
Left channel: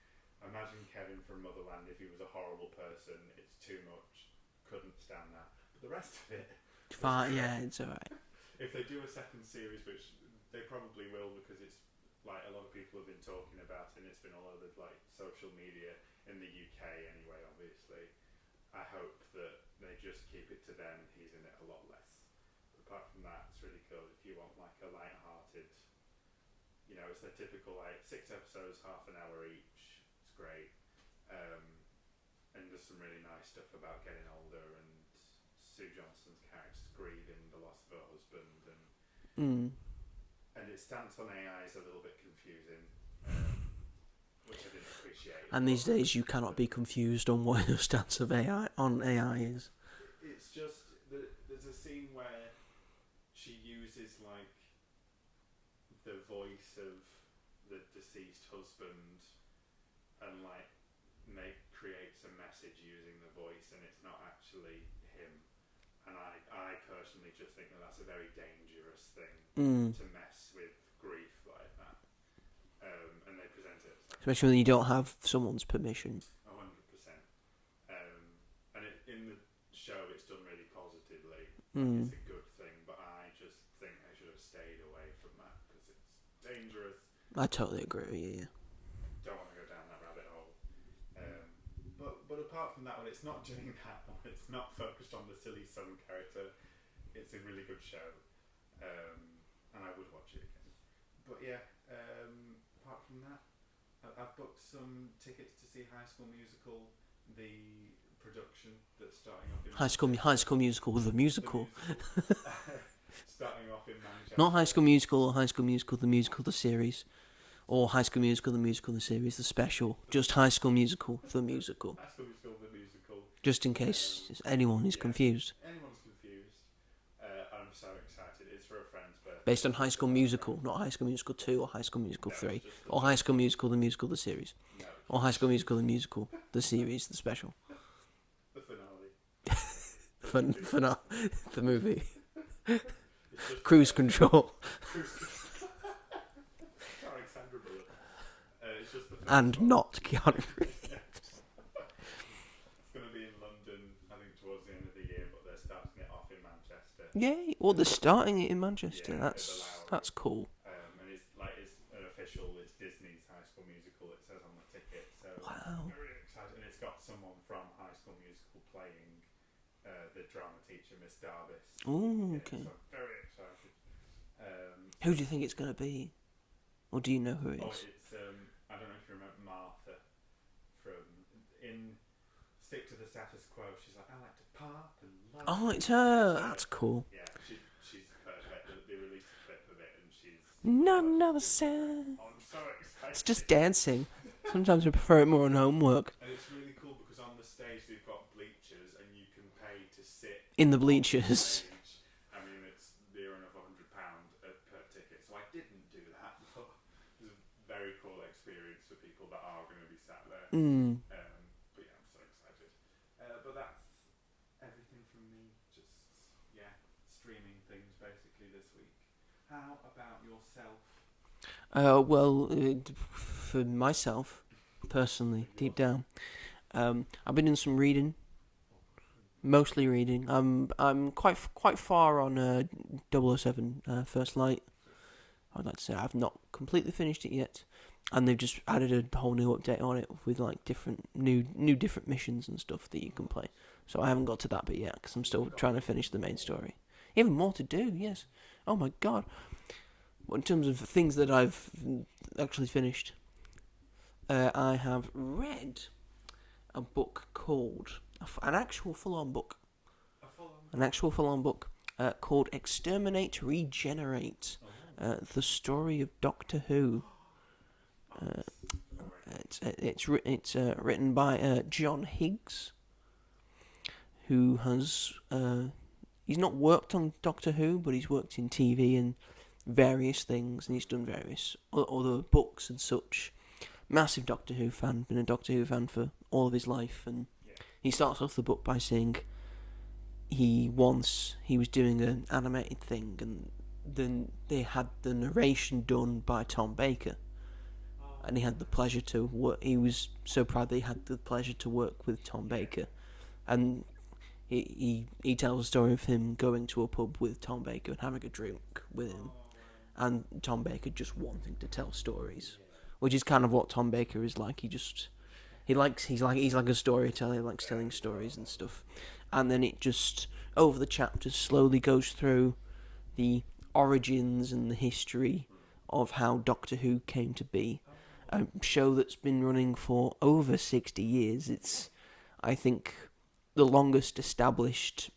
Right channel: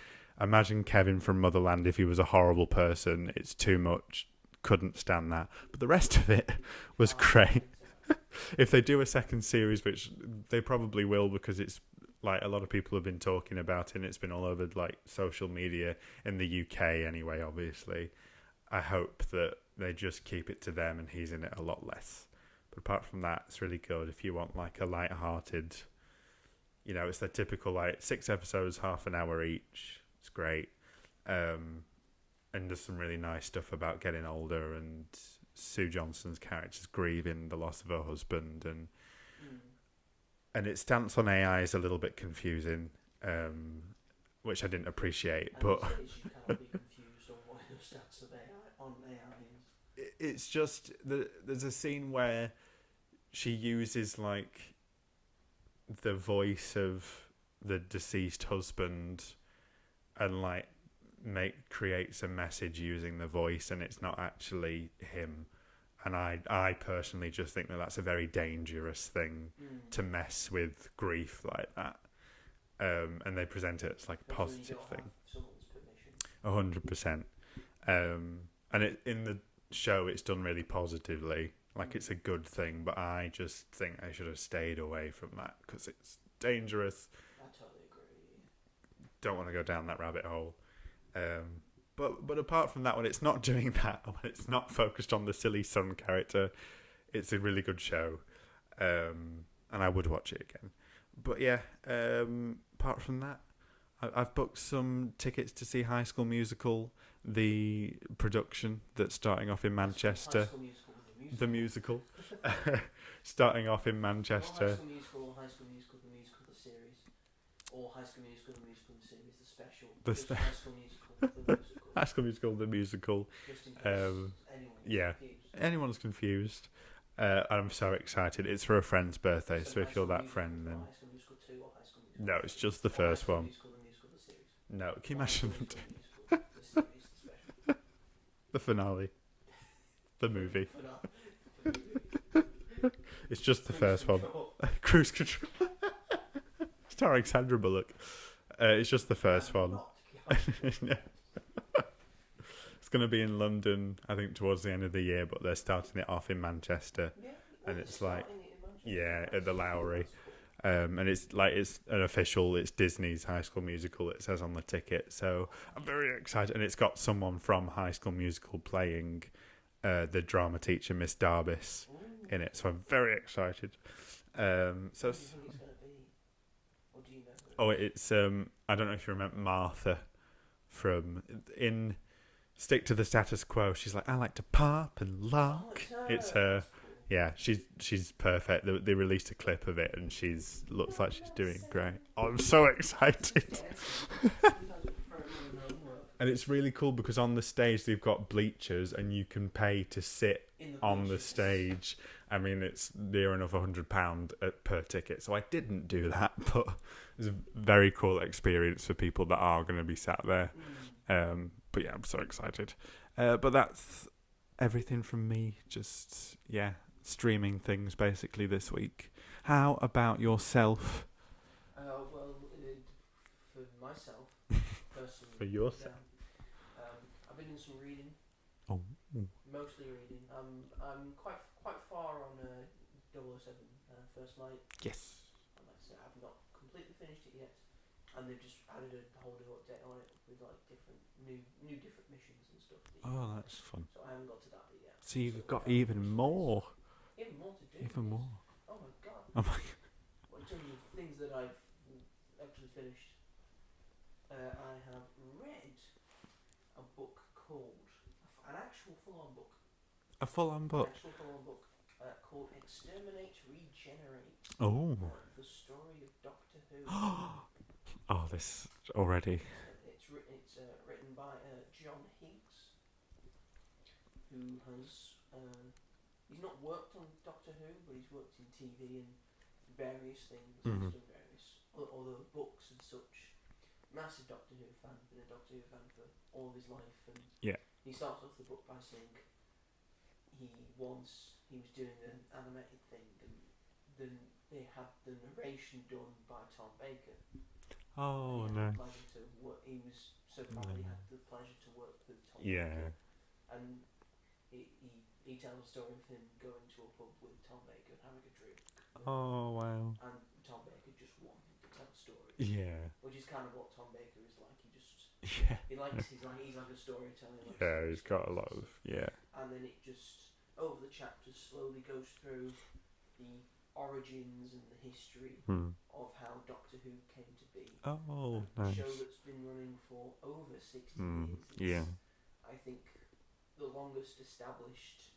Imagine Kevin from Motherland if he was a horrible person. It's too much. Couldn't stand that. But the rest of it was great. Yeah, it's all right. If they do a second series, which they probably will, because it's like a lot of people have been talking about it and it's been all over like social media in the UK anyway, obviously. I hope that they just keep it to them and he's in it a lot less. But apart from that, it's really good. If you want like a light-hearted, you know, it's the typical like 6 episodes, half an hour each. It's great. And there's some really nice stuff about getting older and Sue Johnston's character's grieving the loss of her husband, and its stance on AI is a little bit confusing, which I didn't appreciate. And these days you cannot be confused on what your stance of AI is. It's just there's a scene where she uses like the voice of the deceased husband and like creates a message using the voice, and it's not actually him. And I personally just think that that's a very dangerous thing to mess with grief like that. And they present it as like, especially when you don't have someone's permission. 100%. And in the show it's done really positively, like it's a good thing. But I just think I should have stayed away from that because it's dangerous. I totally agree with you. Don't want to go down that rabbit hole. But apart from that, when it's not doing that, when it's not focused on the silly son character, it's a really good show, and I would watch it again. But yeah, apart from that, I've booked some tickets to see High School Musical, the production that's starting off in Manchester. High School Musical, the musical. The musical. Starting off in Manchester. Not High School Musical or High School Musical, the musical, the series. Or High School Musical, the series, the special. Just special. High School Musical, the musical. High School Musical, the musical. Just in case anyone is confused. Anyone's confused. I'm so excited. It's for a friend's birthday. Based on High School Musical, not High School Musical 2 or High School Musical 3. No, it's just the or first High School one. Musical, the series. No. Or High School Musical, the series, the special. The finale. The movie. The movie. It's just Cruise the first Control. one. Cruise Control. Starring Sandra Bullock. It's just the first and one. not Keanu. Yeah. It's going to be in London, I think, towards the end of the year, but they're starting it off in Manchester. Yay! Well, they're starting it in Manchester. Yeah, at the Lowry. That's cool. And it's an official. It's Disney's High School Musical. It says on the ticket. So I'm very excited, and it's got someone from High School Musical playing the drama teacher, Miss Darbus, in it. So I'm very excited. Who do you think it's going to be? Or do you know who it is? Oh, it's I don't know if you remember Martha from in Stick to the Status Quo. She's like, I like to pop and laugh. Oh, it's her. That's cool. Yeah, she's perfect. They released a clip of it, and looks like she's doing great. Oh, I'm so excited. It's just dancing. Sometimes I prefer it more on homework. And it's really cool because on the stage they've got bleachers, and you can pay to sit in the bleachers on the stage. I mean, it's near enough £100 per ticket, so I didn't do that, but it was a very cool experience for people that are going to be sat there. But yeah, I'm so excited. But that's everything from me. Just, streaming things basically this week. How about yourself? Well, for myself, personally, deep down, I've been doing some reading. Mostly reading. I'm quite far on 007 First Light. Yes. I'd like to say I've not completely finished it yet, and they've just added a whole new update on it with like different different missions and stuff that you can play. So I haven't got to that bit yet because I'm still trying to finish the main story. Even more to do. Yes. Oh my god. Well, in terms of things that I've actually finished, I have read a book called. An actual full-on book. A full-on book? An actual full-on book called Exterminate, Regenerate. The story of Doctor Who. This already. It's written by John Higgs, who has... he's not worked on Doctor Who, but he's worked in TV and various things, and he's done various other books and such. Massive Doctor Who fan, been a Doctor Who fan for all of his life, and he starts off the book by saying he was doing an animated thing, and then they had the narration done by Tom Baker, and he had the pleasure to work. He was so proud that he had the pleasure to work with Tom Baker, and he tells a story of him going to a pub with Tom Baker and having a drink with him. And Tom Baker just wanting to tell stories. Which is kind of what Tom Baker is like. He's like a storyteller. He likes telling stories and stuff. And then it just over the chapters slowly goes through the origins and the history of how Doctor Who came to be. A show that's been running for over 60 years. It's I think the longest established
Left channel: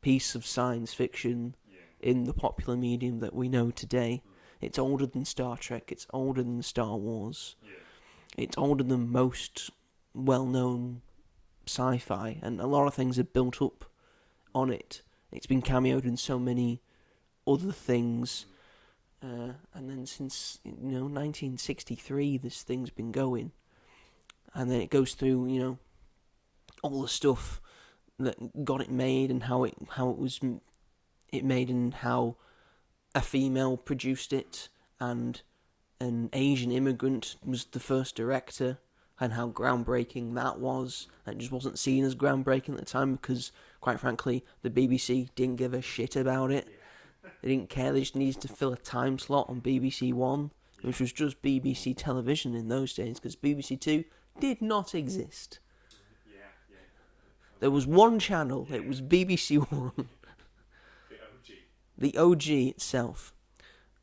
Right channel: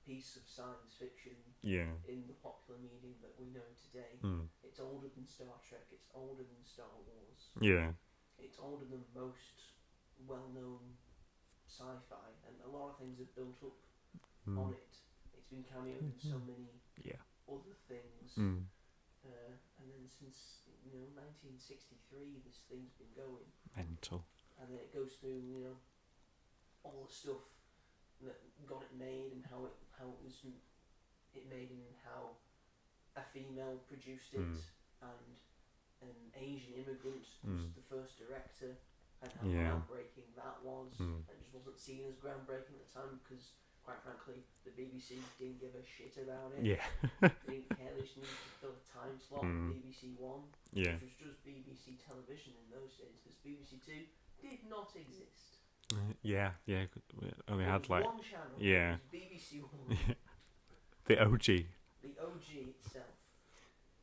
piece of science fiction in the popular medium that we know today. It's older than Star Trek. It's older than Star Wars. It's older than most well-known sci-fi, and a lot of things are built up on it. It's been cameoed in so many other things, and then since 1963, this thing's been going. Mental. And then it goes through all the stuff that got it made and how it was made and how a female produced it and an Asian immigrant was the first director and how groundbreaking that was. It just wasn't seen as groundbreaking at the time because, quite frankly, the BBC didn't give a shit about it. They didn't care. They just needed to fill a time slot on BBC One, which was just BBC television in those days because BBC Two did not exist. There was one channel. It was BBC One. The OG. The OG itself.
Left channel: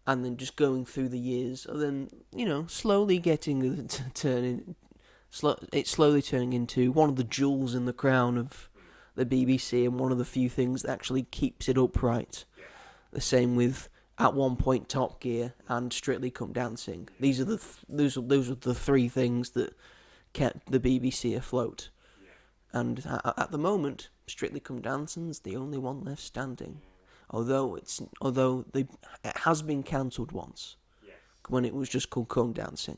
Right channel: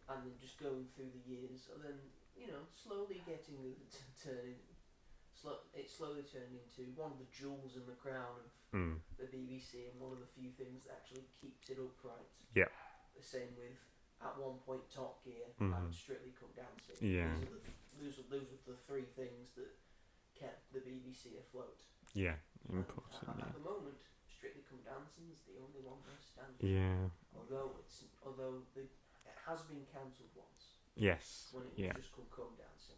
And then just going through the years, and then slowly getting slowly turning into one of the jewels in the crown of the BBC, and one of the few things that actually keeps it upright. The same with at one point Top Gear and Strictly Come Dancing. Yeah. These are those are the three things that kept the BBC afloat. Yeah. And at the moment, Strictly Come Dancing's the only one left standing. Yeah. Although it has been cancelled once. Yes. When it was just called Come Dancing.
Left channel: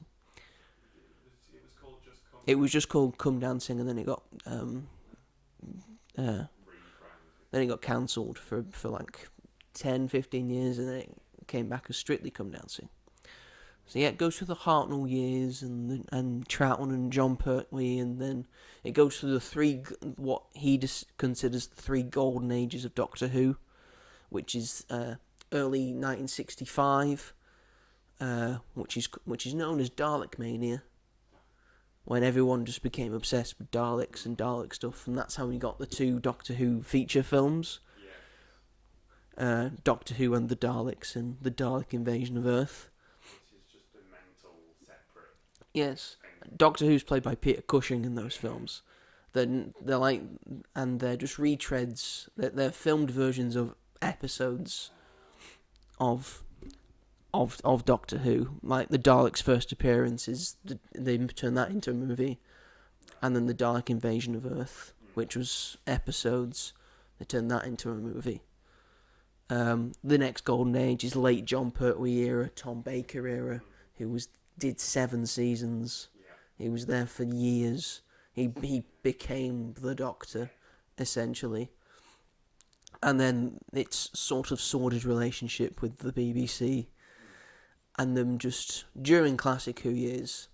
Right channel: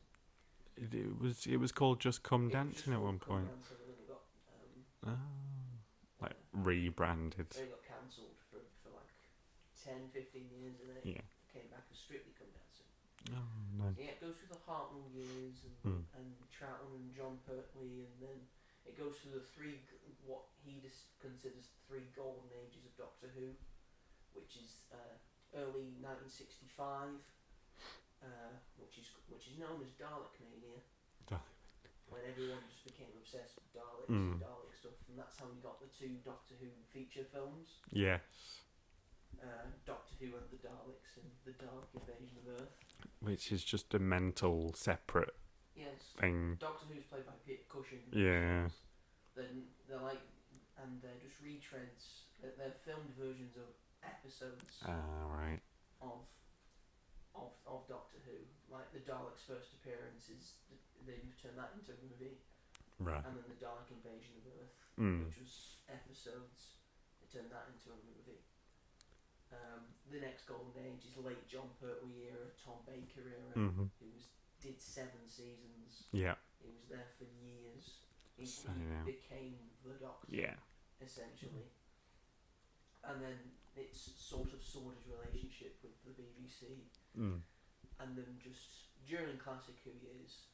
It was called just Come. It was just called Come Dancing, and then it got rebranded. Then it got cancelled for like 10, 15 years, and then it came back as Strictly Come Dancing. Nice. So it goes through the Hartnell years and Troughton and John Pertwee, and then it goes through what he considers the three golden ages of Doctor Who, which is early 1965, which is known as Dalek Mania, when everyone just became obsessed with Daleks and Dalek stuff, and that's how we got the two Doctor Who feature films. Yeah. Doctor Who and the Daleks and the Dalek Invasion of Earth. Which is just a mental separate thing. Doctor Who's played by Peter Cushing in those films. They're just retreads. They're filmed versions of episodes of Doctor Who. Like the Daleks' first appearance they turned that into a movie, and then the Dalek Invasion of Earth, which was episodes, they turned that into a movie. The next golden age is late John Pertwee era, Tom Baker era, who did 7 seasons. Yeah, he was there for years. He became the Doctor, essentially. And then its sort of sordid relationship with the BBC, and them just during Classic Who years,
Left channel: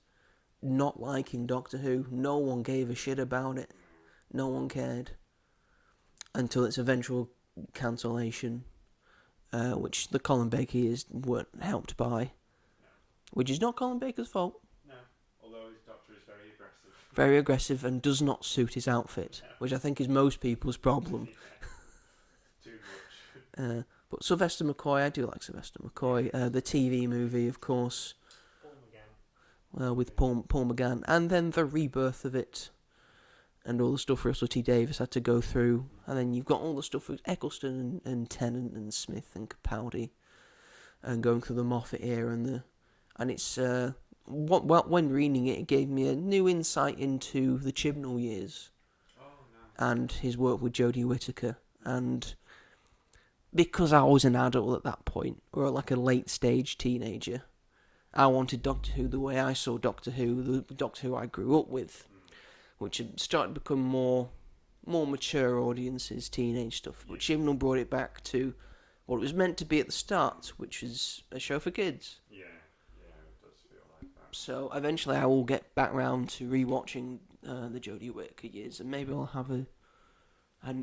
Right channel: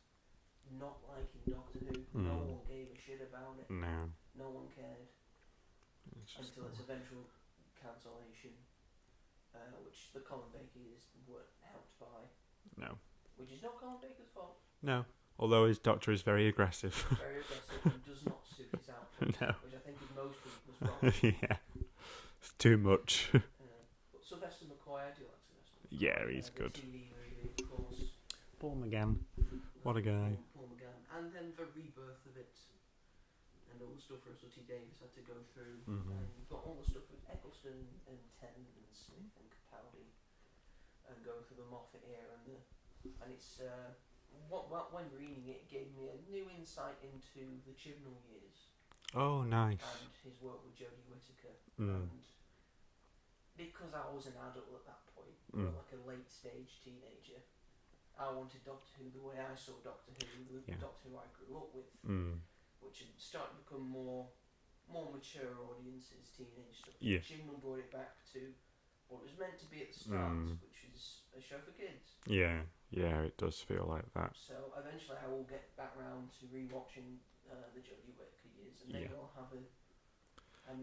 not liking Doctor Who. No one gave a shit about it. No one cared until its eventual cancellation. Which the Colin Baker years weren't helped by. No. Which is not Colin Baker's fault. No. Although his Doctor is very aggressive. Very aggressive and does not suit his outfit. No. Which I think is most people's problem. Yeah. It's too much. But Sylvester McCoy, I do like Sylvester McCoy. The good. TV movie, of course. Paul McGann. With Paul McGann. And then the rebirth of it. And all the stuff Russell T Davies had to go through, and then you've got all the stuff with Eccleston and Tennant and Smith and Capaldi, and going through the Moffat era and it's when reading it gave me a new insight into the Chibnall years. Oh, nice. And his work with Jodie Whittaker, and because I was an adult at that point, or like a late stage teenager, I wanted Doctor Who the way I saw Doctor Who, the Doctor Who I grew up with. Which had started to become more mature audiences, teenage stuff. But Chibnall brought it back to what it was meant to be at the start, which is a show for kids. Yeah, it does feel like that. So eventually I will get back round to rewatching the Jodie Whittaker years, and maybe I'll have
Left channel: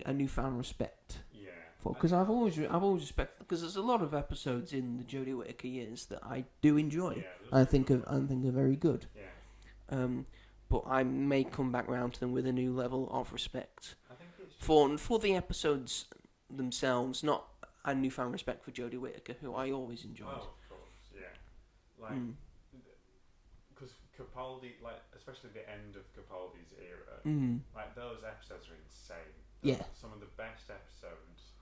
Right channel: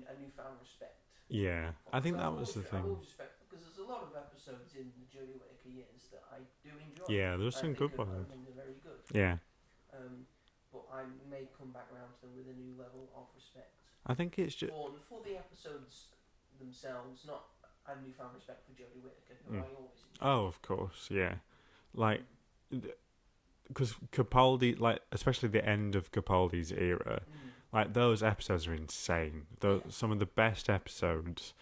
a newfound respect. Yeah, because I've always respected, because there's a lot of episodes in the Jodie Whittaker years that I do enjoy. Yeah, I think are very good. Yeah. But I may come back round to them with a new level of respect. I think it's just for the episodes themselves, not a newfound respect for Jodie Whittaker, who I always enjoyed. Oh, of course, yeah. Like, because Capaldi, like, especially the end of Capaldi's era, like, those episodes are insane. Some of the best episodes.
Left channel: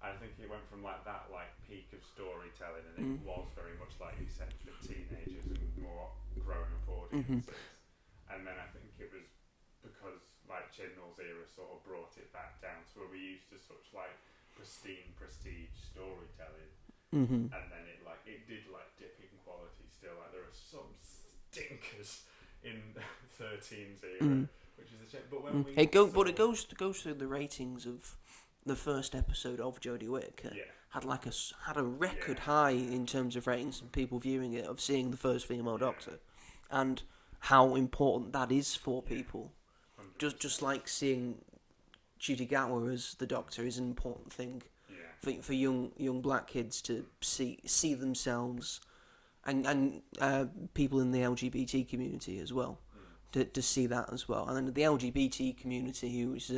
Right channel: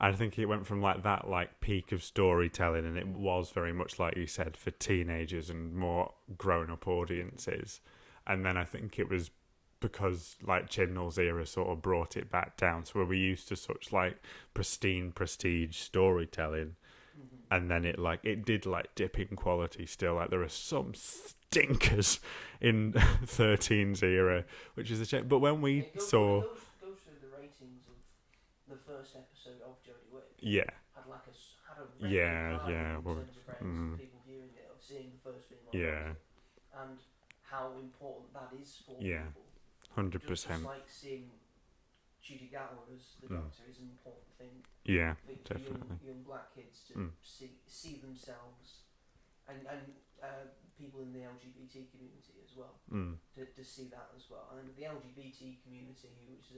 I think it went from, like, that, like, peak of storytelling, and it was very much, like you said, for teenagers and more grown-up audiences. And then I think it was because like Chibnall's era sort of brought it back down to where we're used to such like pristine prestige storytelling, and then it did like dip in quality still. Like there are some stinkers in 13's era, which is a shame. But when it goes through the ratings of the first episode of Jodie Whittaker. Had a record high in terms of ratings of people viewing it, of seeing the first female Doctor, and how important that is for people. 100%. Just like seeing Judy Gatwa as the Doctor is an important thing. Yeah. For young black kids to see themselves, and people in the LGBT community as well, to see that as well. And then the LGBT community, who is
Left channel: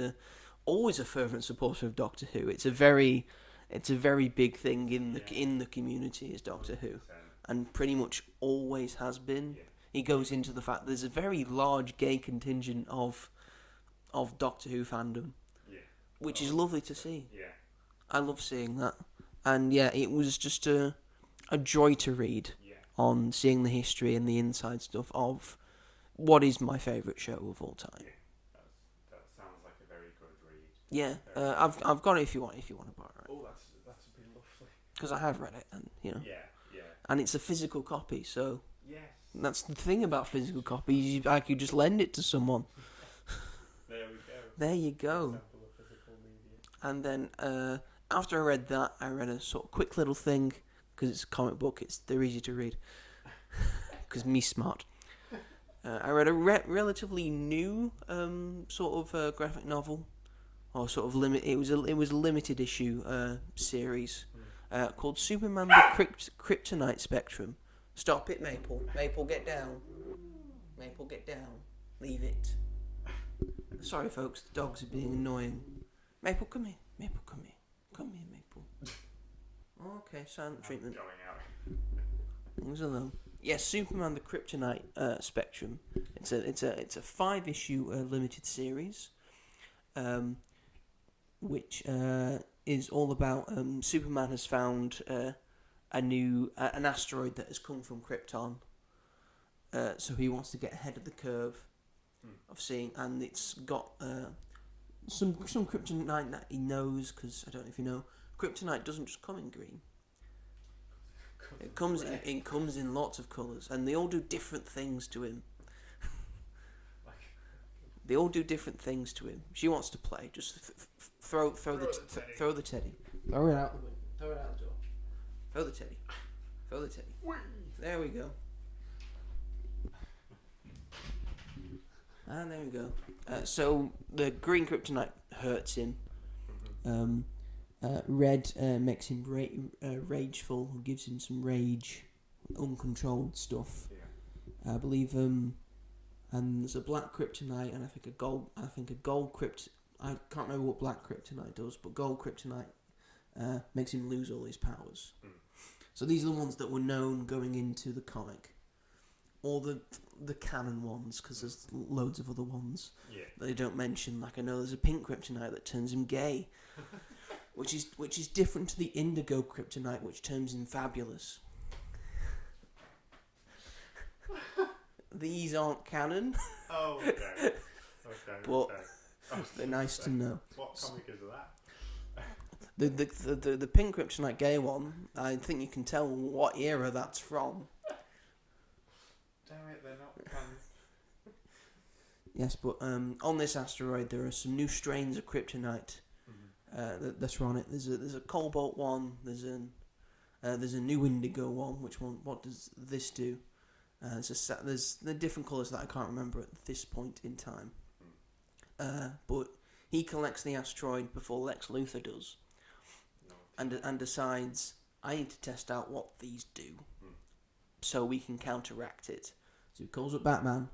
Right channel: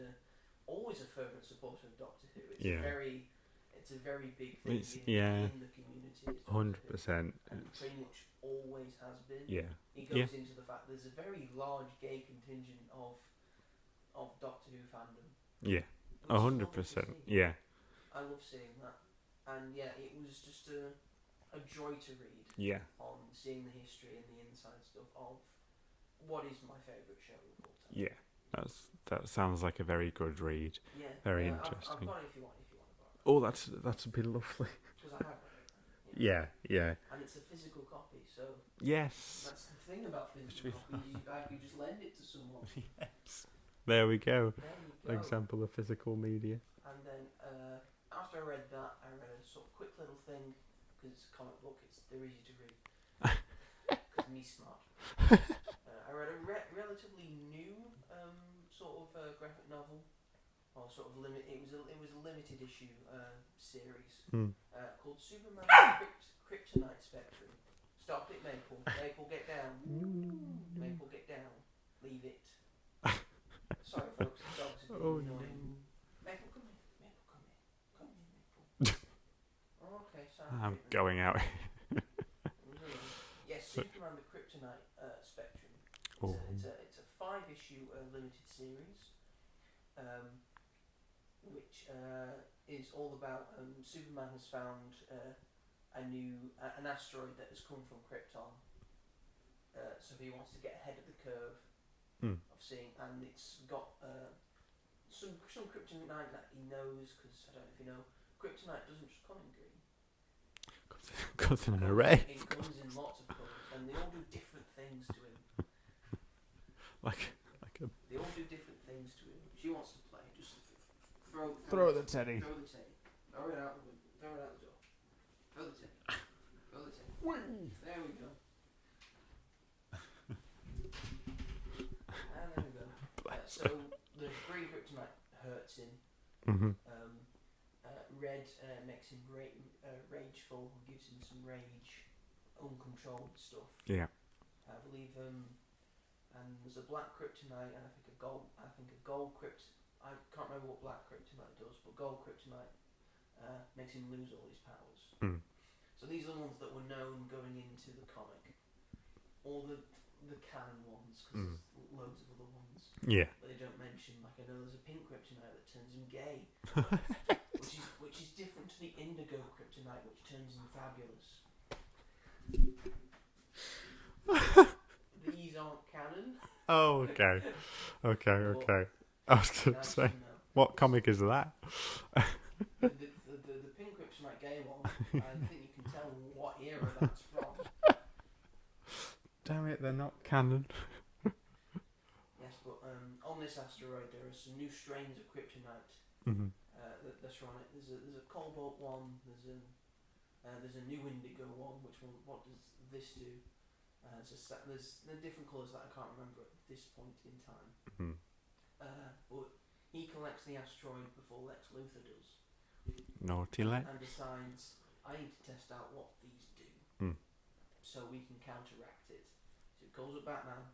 always a fervent supporter of Doctor Who. It's a very big thing in the community, is Doctor 100%. Who, and pretty much always has been. Yeah. He goes into the fact there's a very large gay contingent of Doctor Who fandom. Yeah. Which 100%. Is lovely to see. Yeah. I love seeing that. And it was just a joy to read Yeah. on seeing the history and the inside stuff of what is my favourite show of all time. Yeah. That sounds like a very good read. Yeah, Very I've interesting. got it if you want to borrow it. Oh, that'd be lovely. Because I have read it, and Yeah. and it's a physical copy, so Yes. that's the thing about physical copies. I could just lend it to someone. There we go. There you go. Example of physical media. And then after I read that, I read a sort of quick little thing because it's a comic book. They're easy to read. Because me smart. I read a relatively new sort of graphic novel, or sort of It was a limited issue series called Superman: The Kryptonite Spectrum. Stop it, Maple. Maple, get down. Maple, get down. Leave it. Sorry, folks. The dogs are being annoying. Maple, come here. Maple, come here. Come here, Maple. Okay, silent treatment. Going out. Leave us alone. Yes, Superman: The Kryptonite Spectrum. It's a 5-issue limited series, which is all about Superman has found an asteroid that has come from Krypton. So he wants to get ahead of the curve of seeing, and it's got some kryptonite that he knows, because I don't know if you know, kryptonite doesn't just come in green. It comes in lots of colours, and they all do different things to him. They all do different things to him. She wants to play. Just throw the teddy. Throw the teddy. Throw it out the window. Throw it out the door. Throw the teddy. Throw the teddy. There we go. And there we go. So the green kryptonite hurts him. Mm-hmm. Red makes him rageful, gives him some rage, uncontrolled stuff. Yeah. I believe and there's a black kryptonite and I think a gold kryptonite. I can't remember what black kryptonite does, but gold kryptonite makes him lose all his powers. So these are the ones that were known going into the comic. All the canon ones, because there's loads of other ones that they don't mention. Like I know there's a pink kryptonite that turns him gay, which is different to the indigo kryptonite, which turns him fabulous. These aren't canon. Oh, okay. Okay. I was going nice to know. What comic is that? The pink kryptonite gay one, I think you can tell what era that's from. Damn it, they're not canon. Yes, but on this asteroid there are some new strains of kryptonite that are on it. There's a cobalt one. There's a new indigo one. What does this do? There's the different colours that I can't remember at this point in time. But he collects the asteroid before Lex Luthor does. And decides, I need to test out what these do, so we can counteract it. So he calls up Batman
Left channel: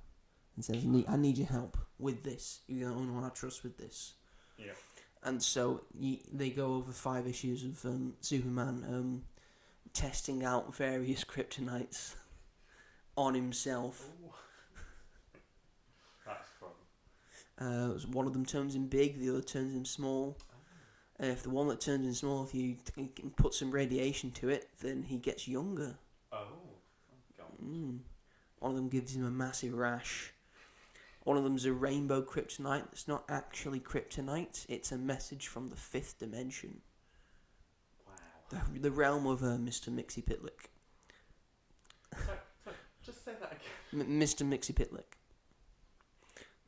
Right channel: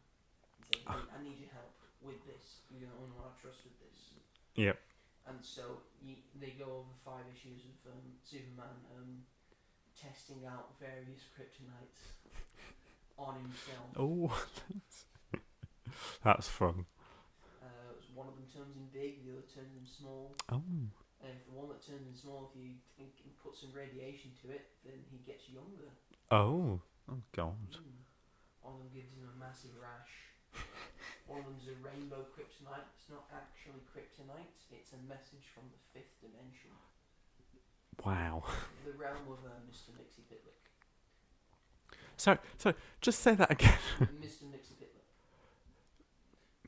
and says, I need your help with this. You're the only one I trust with this. Yep. And so they go over 5 issues of Superman testing out various kryptonites on himself. Oh, that's fun. One of them turns him big, the other turns him small. Oh. If the one that turns him small, if you put some radiation to it, then he gets younger. Oh God. One of them gives him a massive rash. One of them's a rainbow kryptonite. It's not actually kryptonite. It's a message from the 5th dimension. Wow. The realm of Mr. Mixie Pitlick. Sorry, just say that again. Mr. Mixie Pitlick.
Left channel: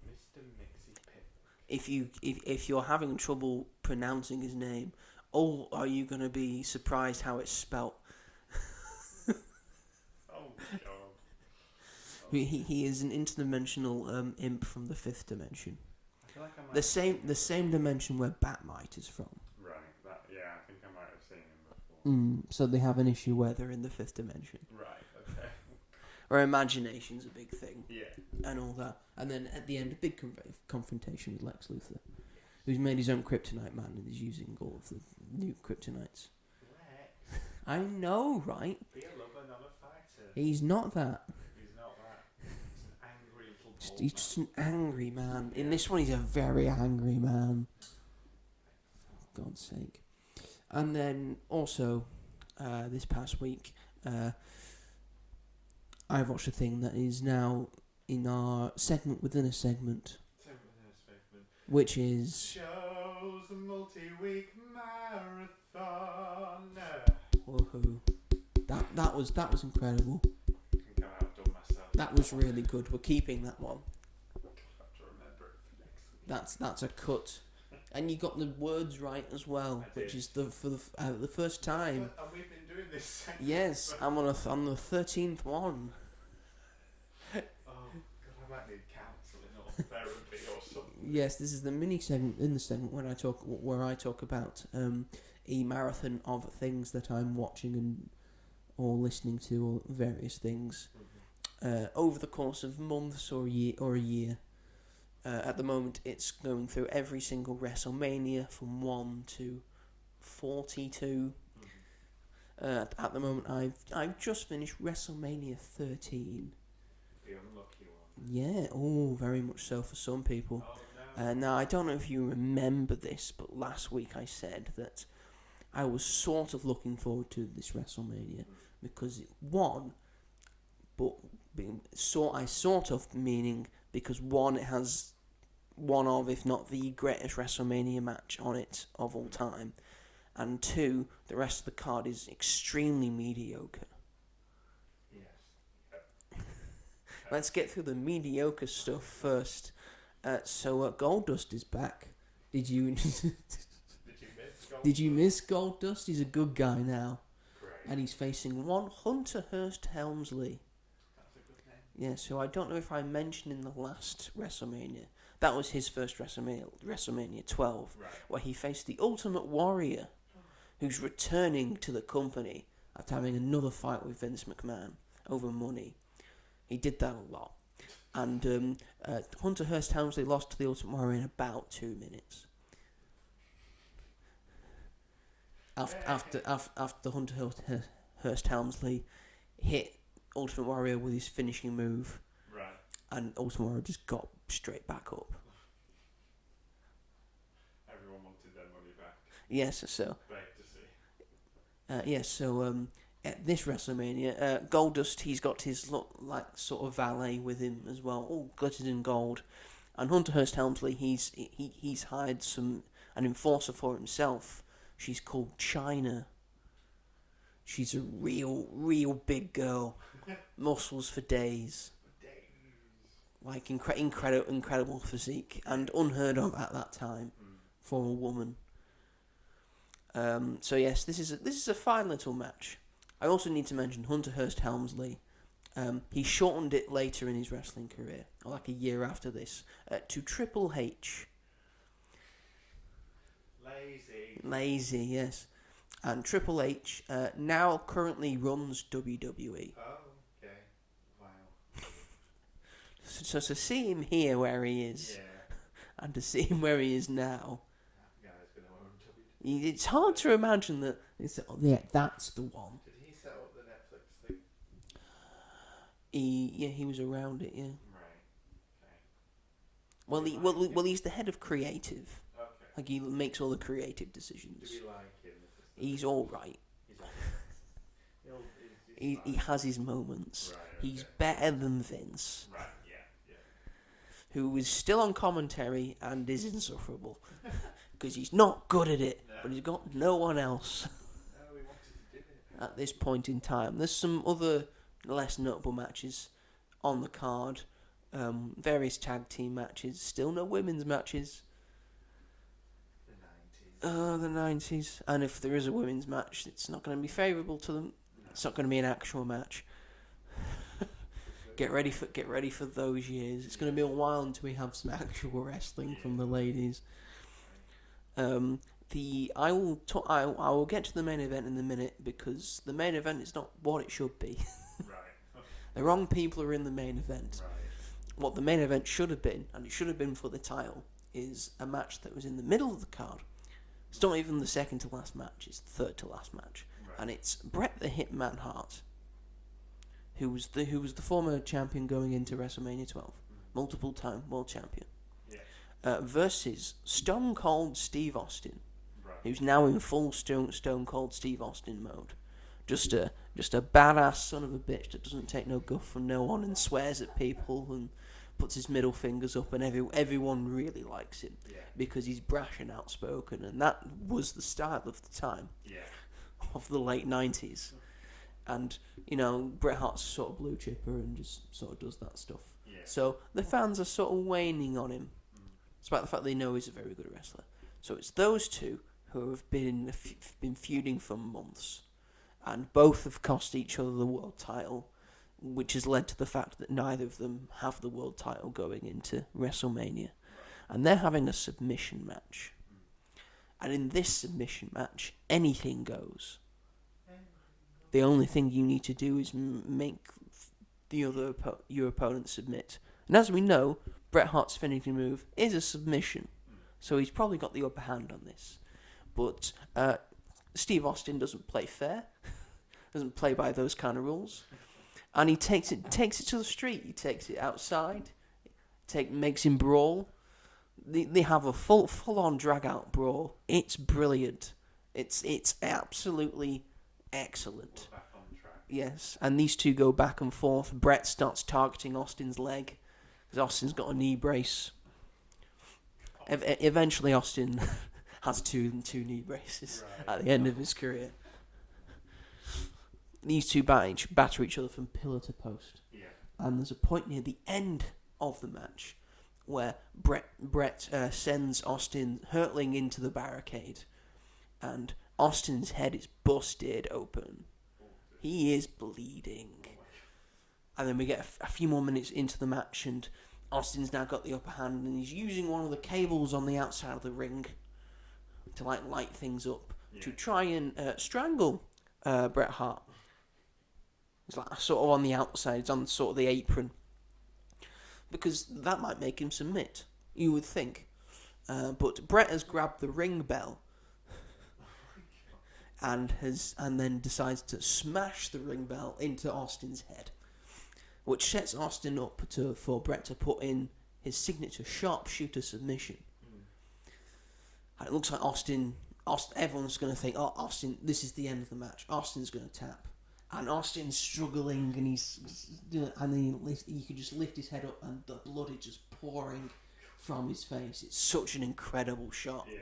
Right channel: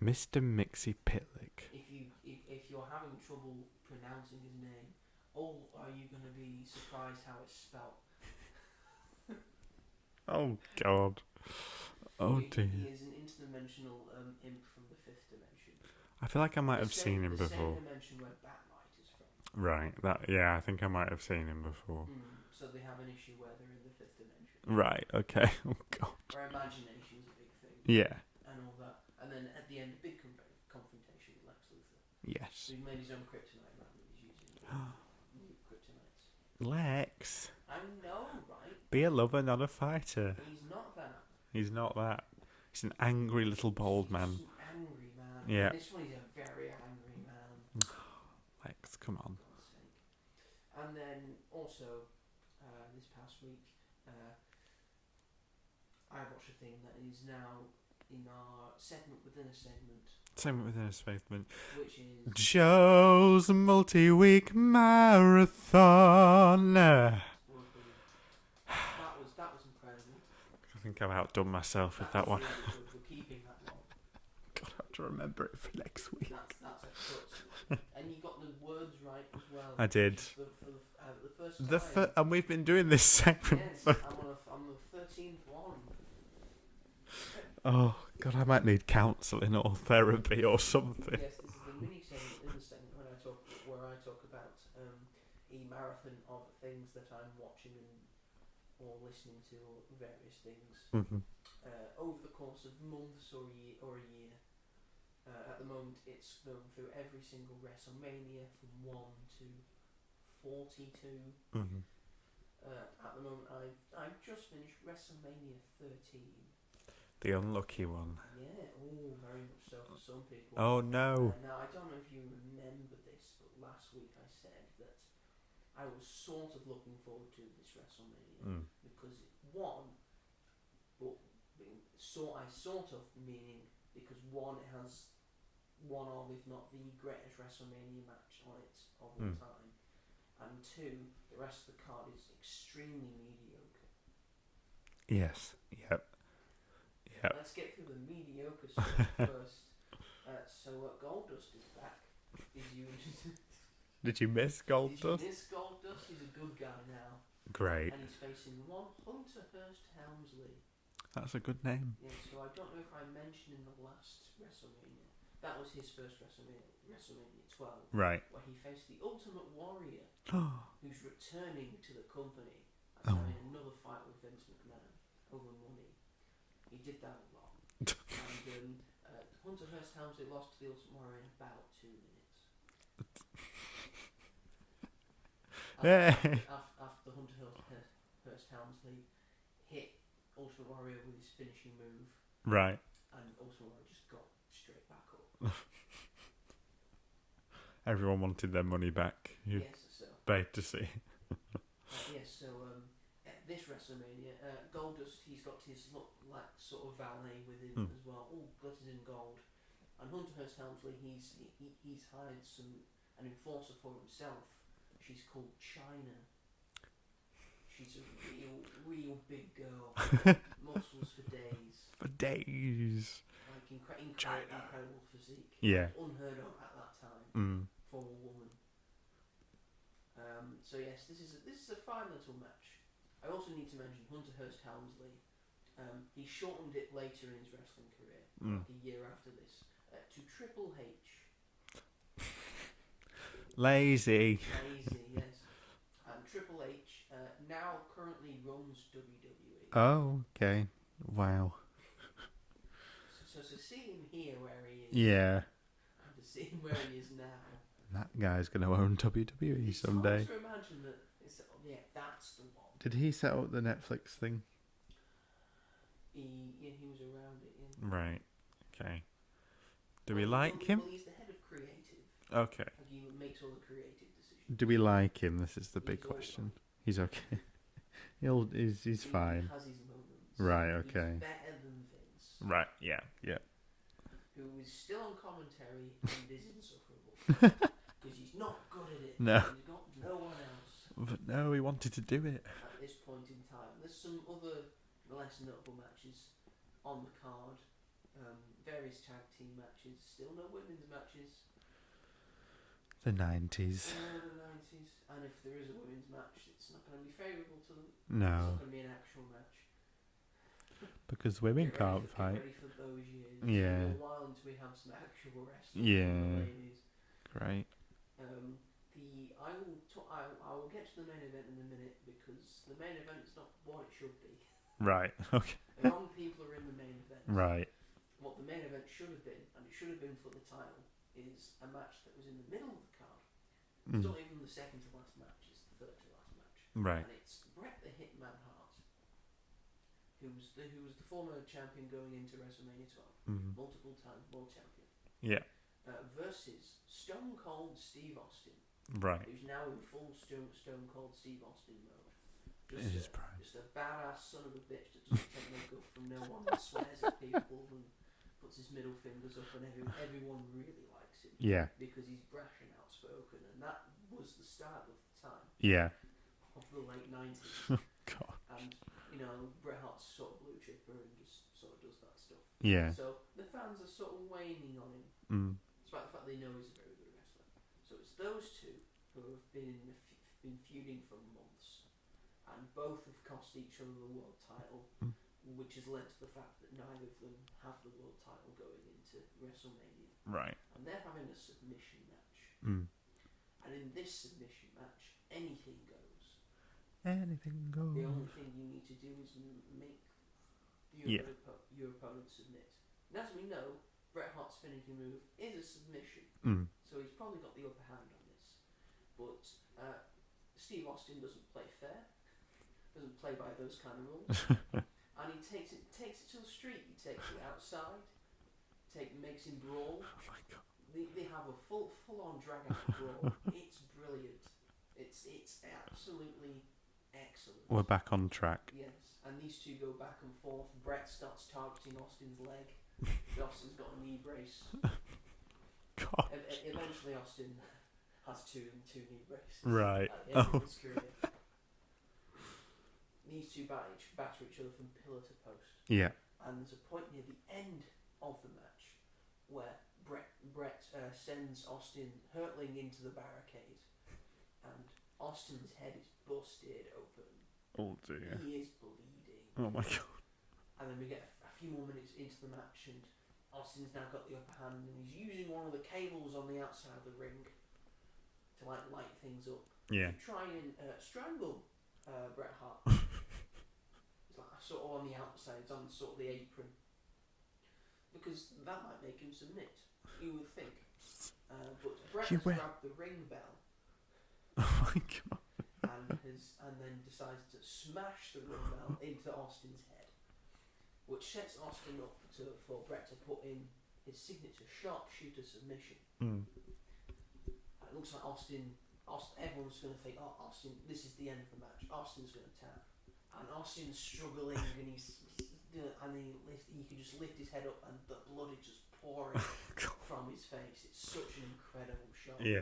Mr. Mixie Pitlick. If you're having trouble pronouncing his name, are you going to be surprised how it's spelt? Oh God. Oh, he is an interdimensional imp from the 5th dimension. I feel like I might have seen him before. The same dimension where Batmite is from. Right. I think I might have seen him before. So they have an issue where they're in the 5th dimension. Right. Okay. Oh God. Where imagination's a big thing. Yeah. And all that. And then at the end, a big confrontation with Lex Luthor. Yes. So he's made his own kryptonite man and he's using all of the new kryptonites. Lex. I know, right? Be a lover, not a fighter. He's not that. He's not that. He's an angry little bald man. He's just an angry man. Yeah. In this one, he's a very angry man. Lex, come on. For God's sake. And then also, this past week, I've watched a thing that is now in our segment within a segment, Segment within a segment. which is Joe's multi-week marathon. woohoo. That was incredible. I think I've outdone myself That with was that one. really good. We're keeping that one. God, I have to remember it for next week. That's a cut. And you got the words right as well. I did. Which is for the first time. And we've been doing this segment. Yes, I'm on the 13th one. Oh God, I might need counselling or therapy or something. Yes, this is the mini segment in the segment where I talk about a marathon of things that I'm watching and or listening to or various things over the course of months or a year. At the moment, it's going through every single WrestleMania from 1 to 42. At the moment, I've just finished WrestleMania 13. The unlucky one. Yeah, very much so for some people. Oh no. Now, I don't know if you remember this, but last week I said that I was sort of looking forward to this WrestleMania because it won, but I sort of meaning because one, it has one of, if not the greatest WrestleMania match on it of all time, and two, the rest of the card is extremely mediocre. Yes. Yep. Let's get through the mediocre stuff first. So Goldust is back. Did you miss Goldust? Did you miss Goldust? He's a good guy now. Great. And he's facing one Hunter Hearst Helmsley. That's a good name. Yeah, so I don't know if I mentioned in the last WrestleMania. That was his first WrestleMania 12. Right. Where he faced the Ultimate Warrior, who's returning to the company after having another fight with Vince McMahon over money. He did that a lot. And Hunter Hearst Helmsley lost to the Ultimate Warrior in about 2 minutes. After Hunter Hearst Helmsley hit Ultimate Warrior with his finishing move. Right. And Ultimate Warrior just got straight back up. Everyone wanted their money back. Yes, so. Bad to see. At this WrestleMania, Goldust, he's got his sort of valet with him as well, all glittered in gold. And Hunter Hearst Helmsley, he's hired an enforcer for himself. She's called China. She's a real big girl, muscles for days. For days. Like incredible physique and unheard of at that time for a woman. So yes, this is a fine little match. I also need to mention Hunter Hearst Helmsley. He shortened it later in his wrestling career, like a year after this, to Triple H. Lazy, yes. And Triple H now currently runs WWE. Oh, okay. Wow. So to see him here where he is, and to see him where he is now, that guy's going to own WWE. It's someday. hard to imagine that. That's the one. Did he set up the Netflix thing? He was around it. Yeah. Right. Okay. Well, he's the head of creative. Okay. Like he makes all the creative decisions. Do we like him? This is the big He's question. all right. He's okay. He's fine. He has his moments. Right. Okay. He's better than Vince. Right. Yeah. Who is still on commentary and is insufferable because he's not good at it. No. And he's got no one else. But no, he wanted to do it At this point in time, there's some other less notable matches on the card. Various tag team matches. Still no women's matches. The 90s. The 90s. And if there is a women's match, it's not going to be favourable to them. No. It's not going to be an actual match. Because women Get ready can't for those years. It's going to be a while until we have some actual wrestling from the ladies. Right. I will get to the main event in a minute because the main event is not what it should be. Right. Okay. The wrong people are in the main event. Right. What the main event should have been, and it should have been for the title, is a match that was in the middle of the card. It's not even the second to last match; it's the third to last match. Right. And it's Bret the Hitman Hart, who was the former champion going into WrestleMania 12, multiple time world champion. Yeah. Versus Stone Cold Steve Austin. Right. Who's now in full Stone Cold Steve Austin mode. Just a badass son of a bitch that doesn't take no guff from no one and swears at people and puts his middle fingers up, and everyone really likes him. Yeah. Because he's brash and outspoken, and that was the style of the time. Yeah. Of the late 90s. And, Bret Hart's sort of blue chipper and just sort of does that stuff. Yeah. So the fans are sort of waning on him, despite the fact they know he's a very good wrestler. So it's those two who have been feuding for months, and both have cost each other the world title, which has led to the fact that neither of them have the world title going into WrestleMania. Right. And they're having a submission match. And in this submission match, anything goes. Anything goes. The only thing you need to do is make the other your opponent submit. And as we know, Bret Hart's finishing move is a submission. So he's probably got the upper hand on this. But Steve Austin doesn't play fair. Doesn't play by those kind of rules. And he takes it to the street. He takes it outside. Makes him brawl. They have a full on drag out brawl. It's brilliant. It's absolutely excellent. We're back on track. Yes, and these two go back and forth. Brett starts targeting Austin's leg. Austin's got a knee brace. Eventually, Austin has two knee braces at the end of his career. These two batter each other from pillar to post. Yeah. And there's a point near the end of the match where Brett sends Austin hurtling into the barricade, and Austin's head is busted open. Oh dear. He is bleeding. Oh my god. And then we get a few more minutes into the match, and Austin's now got the upper hand, and he's using one of the cables on the outside of the ring to light things up to try and strangle Bret Hart. He's sort of on the outside, he's on sort of the apron, because that might make him submit, you would think. But Bret has grabbed the ring bell. Oh my god. And then decides to smash the ring bell into Austin's head, which sets Austin up for Bret to put in his signature sharpshooter submission. And it looks like Austin, everyone's going to think, oh, Austin, this is the end of the match. Austin's going to tap. And Austin's struggling, and you could just lift his head up, and the blood is just pouring from his face. It's such an incredible shot. Yeah.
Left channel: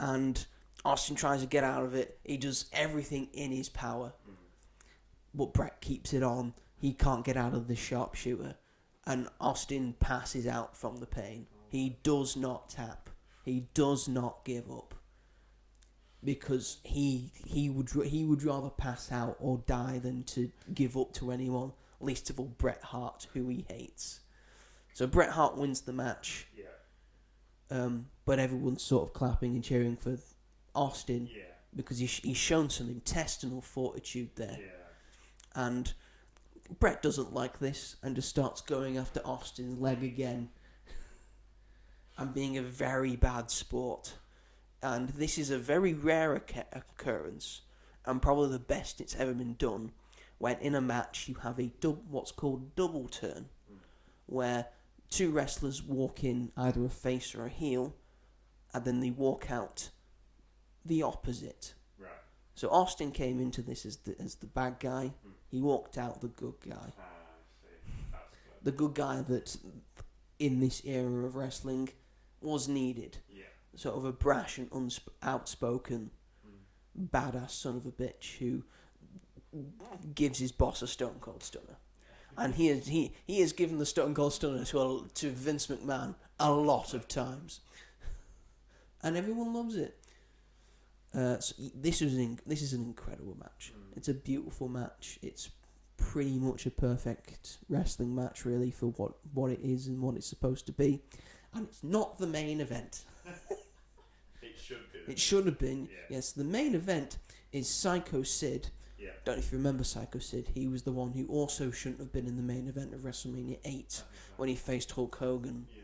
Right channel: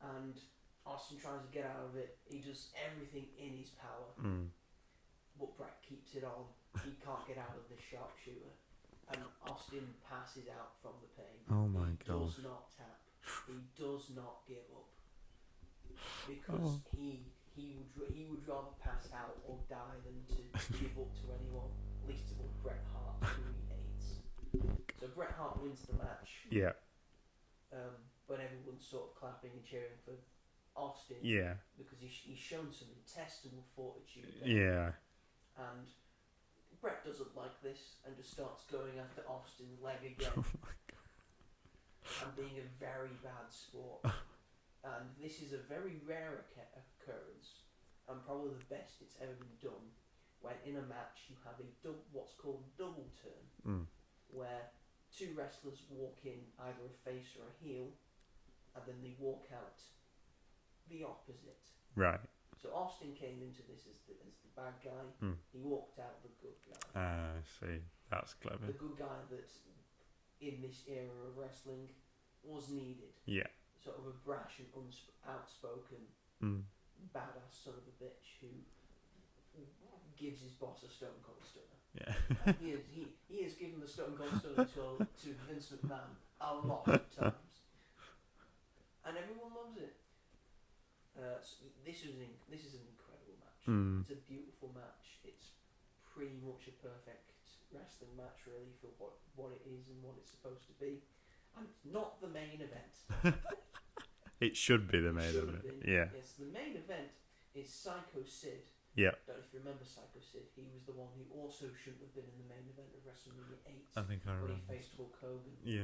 And Austin tries to get out of it. He does everything in his power. But Bret keeps it on. He can't get out of the sharpshooter. And Austin passes out from the pain. He does not tap. He does not give up. Because he would rather pass out or die than to give up to anyone, least of all Bret Hart, who he hates. So Bret Hart wins the match. Yeah. But everyone's sort of clapping and cheering for Austin. Yeah. Because he's shown some intestinal fortitude there. Yeah. And Bret doesn't like this and just starts going after Austin's leg again. And being a very bad sport. And this is a very rare occurrence, and probably the best it's ever been done, when in a match you have what's called double turn, where two wrestlers walk in either a face or a heel, and then they walk out the opposite. Right. So Austin came into this as the bad guy. He walked out the good guy. I see. That's clever. The good guy that, in this era of wrestling, was needed. Yeah. Sort of a brash and outspoken, badass son of a bitch who gives his boss a Stone Cold Stunner. Yeah. And he has given the Stone Cold Stunner to Vince McMahon a lot of times, and everyone loves it. So this is an incredible match. It's a beautiful match. It's pretty much a perfect wrestling match, really, for what it is and what it's supposed to be. And it's not the main event. It should be the main event. It should have been. Yeah. Yes, the main event is Psycho Sid. Yeah. Don't know if you remember Psycho Sid. He was the one who also shouldn't have been in the main event of WrestleMania 8 when he faced Hulk Hogan. Yeah.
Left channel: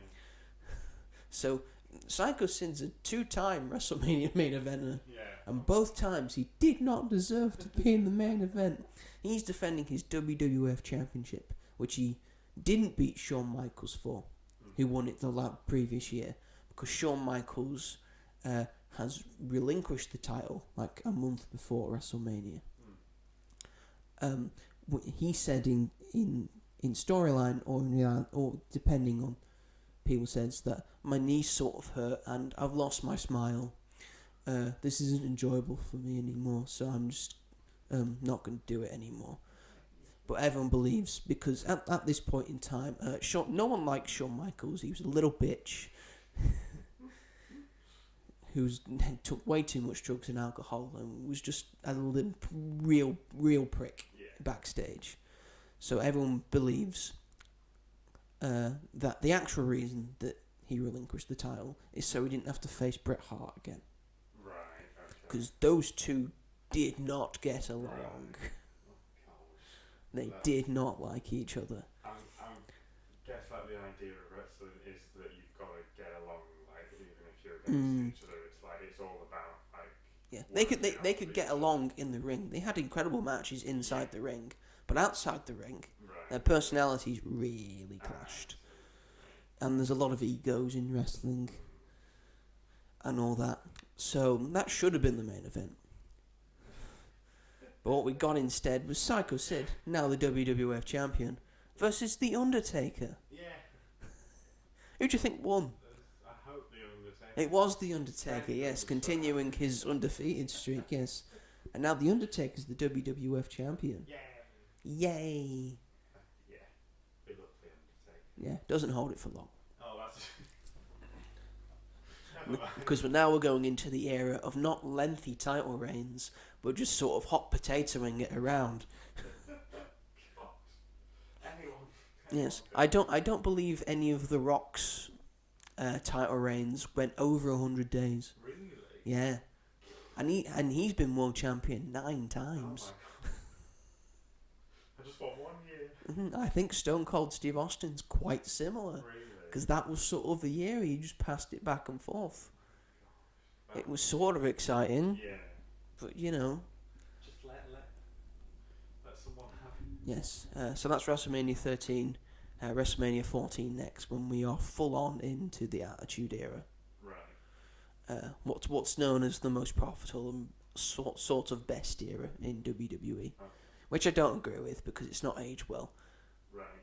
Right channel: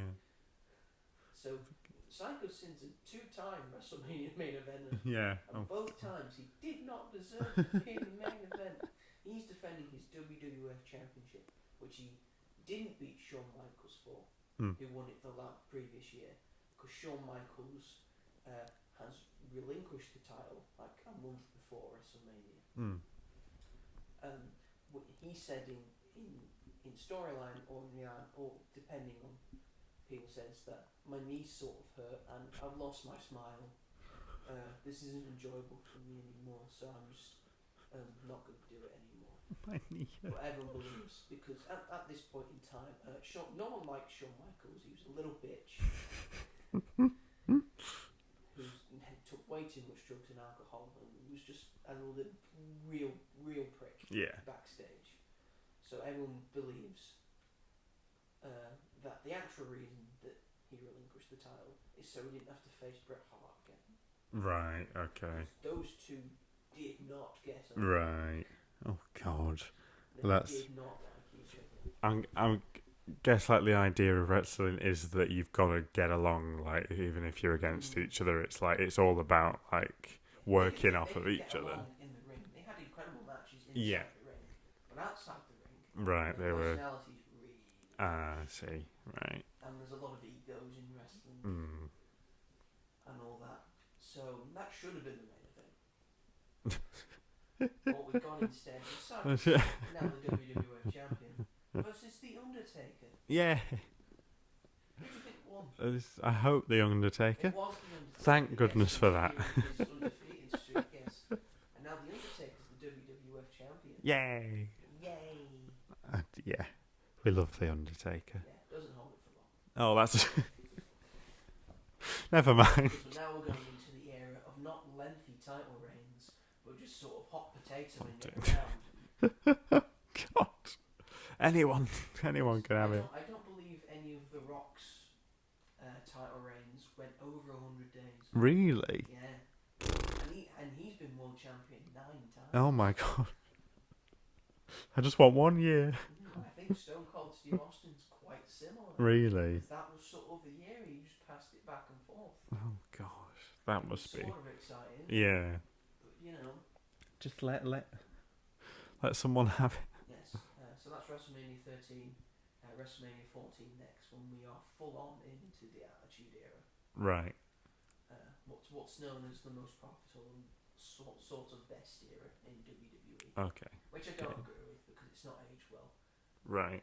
So Psycho Sid's a 2-time WrestleMania main eventer. Yeah. And both times he did not deserve to be in the main event. He's defending his WWF Championship, which he didn't beat Shawn Michaels for, who won it the previous year, because Shawn Michaels has relinquished the title like a month before WrestleMania. He said in storyline or depending on people says that my knees sort of hurt and I've lost my smile. This isn't enjoyable for me anymore, so I'm just not going to do it anymore. But everyone believes because at this point in time, no one liked Shawn Michaels. He was a little bitch who took way too much drugs and alcohol and was just a little real prick backstage. So everyone believes that the actual reason that he relinquished the title is so he didn't have to face Bret Hart again. Right, okay. Because those two did not get along. Right. Oh, God. They did not like each other. I guess, like, the idea of wrestling is that you've got to get along, like, even if you're against each other. It's like, it's all about, like, working off of each other. They could get along in the ring. They had incredible matches inside the ring. But outside the ring, their they personalities really clashed. I see. Right. And there's a lot of egos in wrestling and all that. So that should have been the main event. But what we got instead was Psycho Sid, now the WWF champion, versus The Undertaker. Yeah. Who do you think won? I hope The Undertaker. It was The Undertaker. Thank goodness for that. Continuing his undefeated streak, yes. And now The Undertaker's the WWF champion. Yay. Yay. Yeah. We love The Undertaker. Yeah, doesn't hold it for long. Oh, that's... Never mind. Because now we're going into the era of not lengthy title reigns, but just sort of hot potatoing it around. God. Anyone Yes. can. I don't believe any of The Rock's title reigns went over 100 days. Really? Yeah. And he's been world champion 9 times. Oh my God. I just want 1 year. I think Stone Cold Steve Austin's quite similar. Really? Because that was sort of the year he just passed it back and forth. Oh gosh. It was sort of exciting. Yeah. But, you know. Just let someone have it. Yes. So that's WrestleMania 13. WrestleMania 14 next, when we are full on into the Attitude Era. Right. What's known as the most profitable and sort of best era in WWE. Okay. Which I don't agree with because it's not aged well. Right.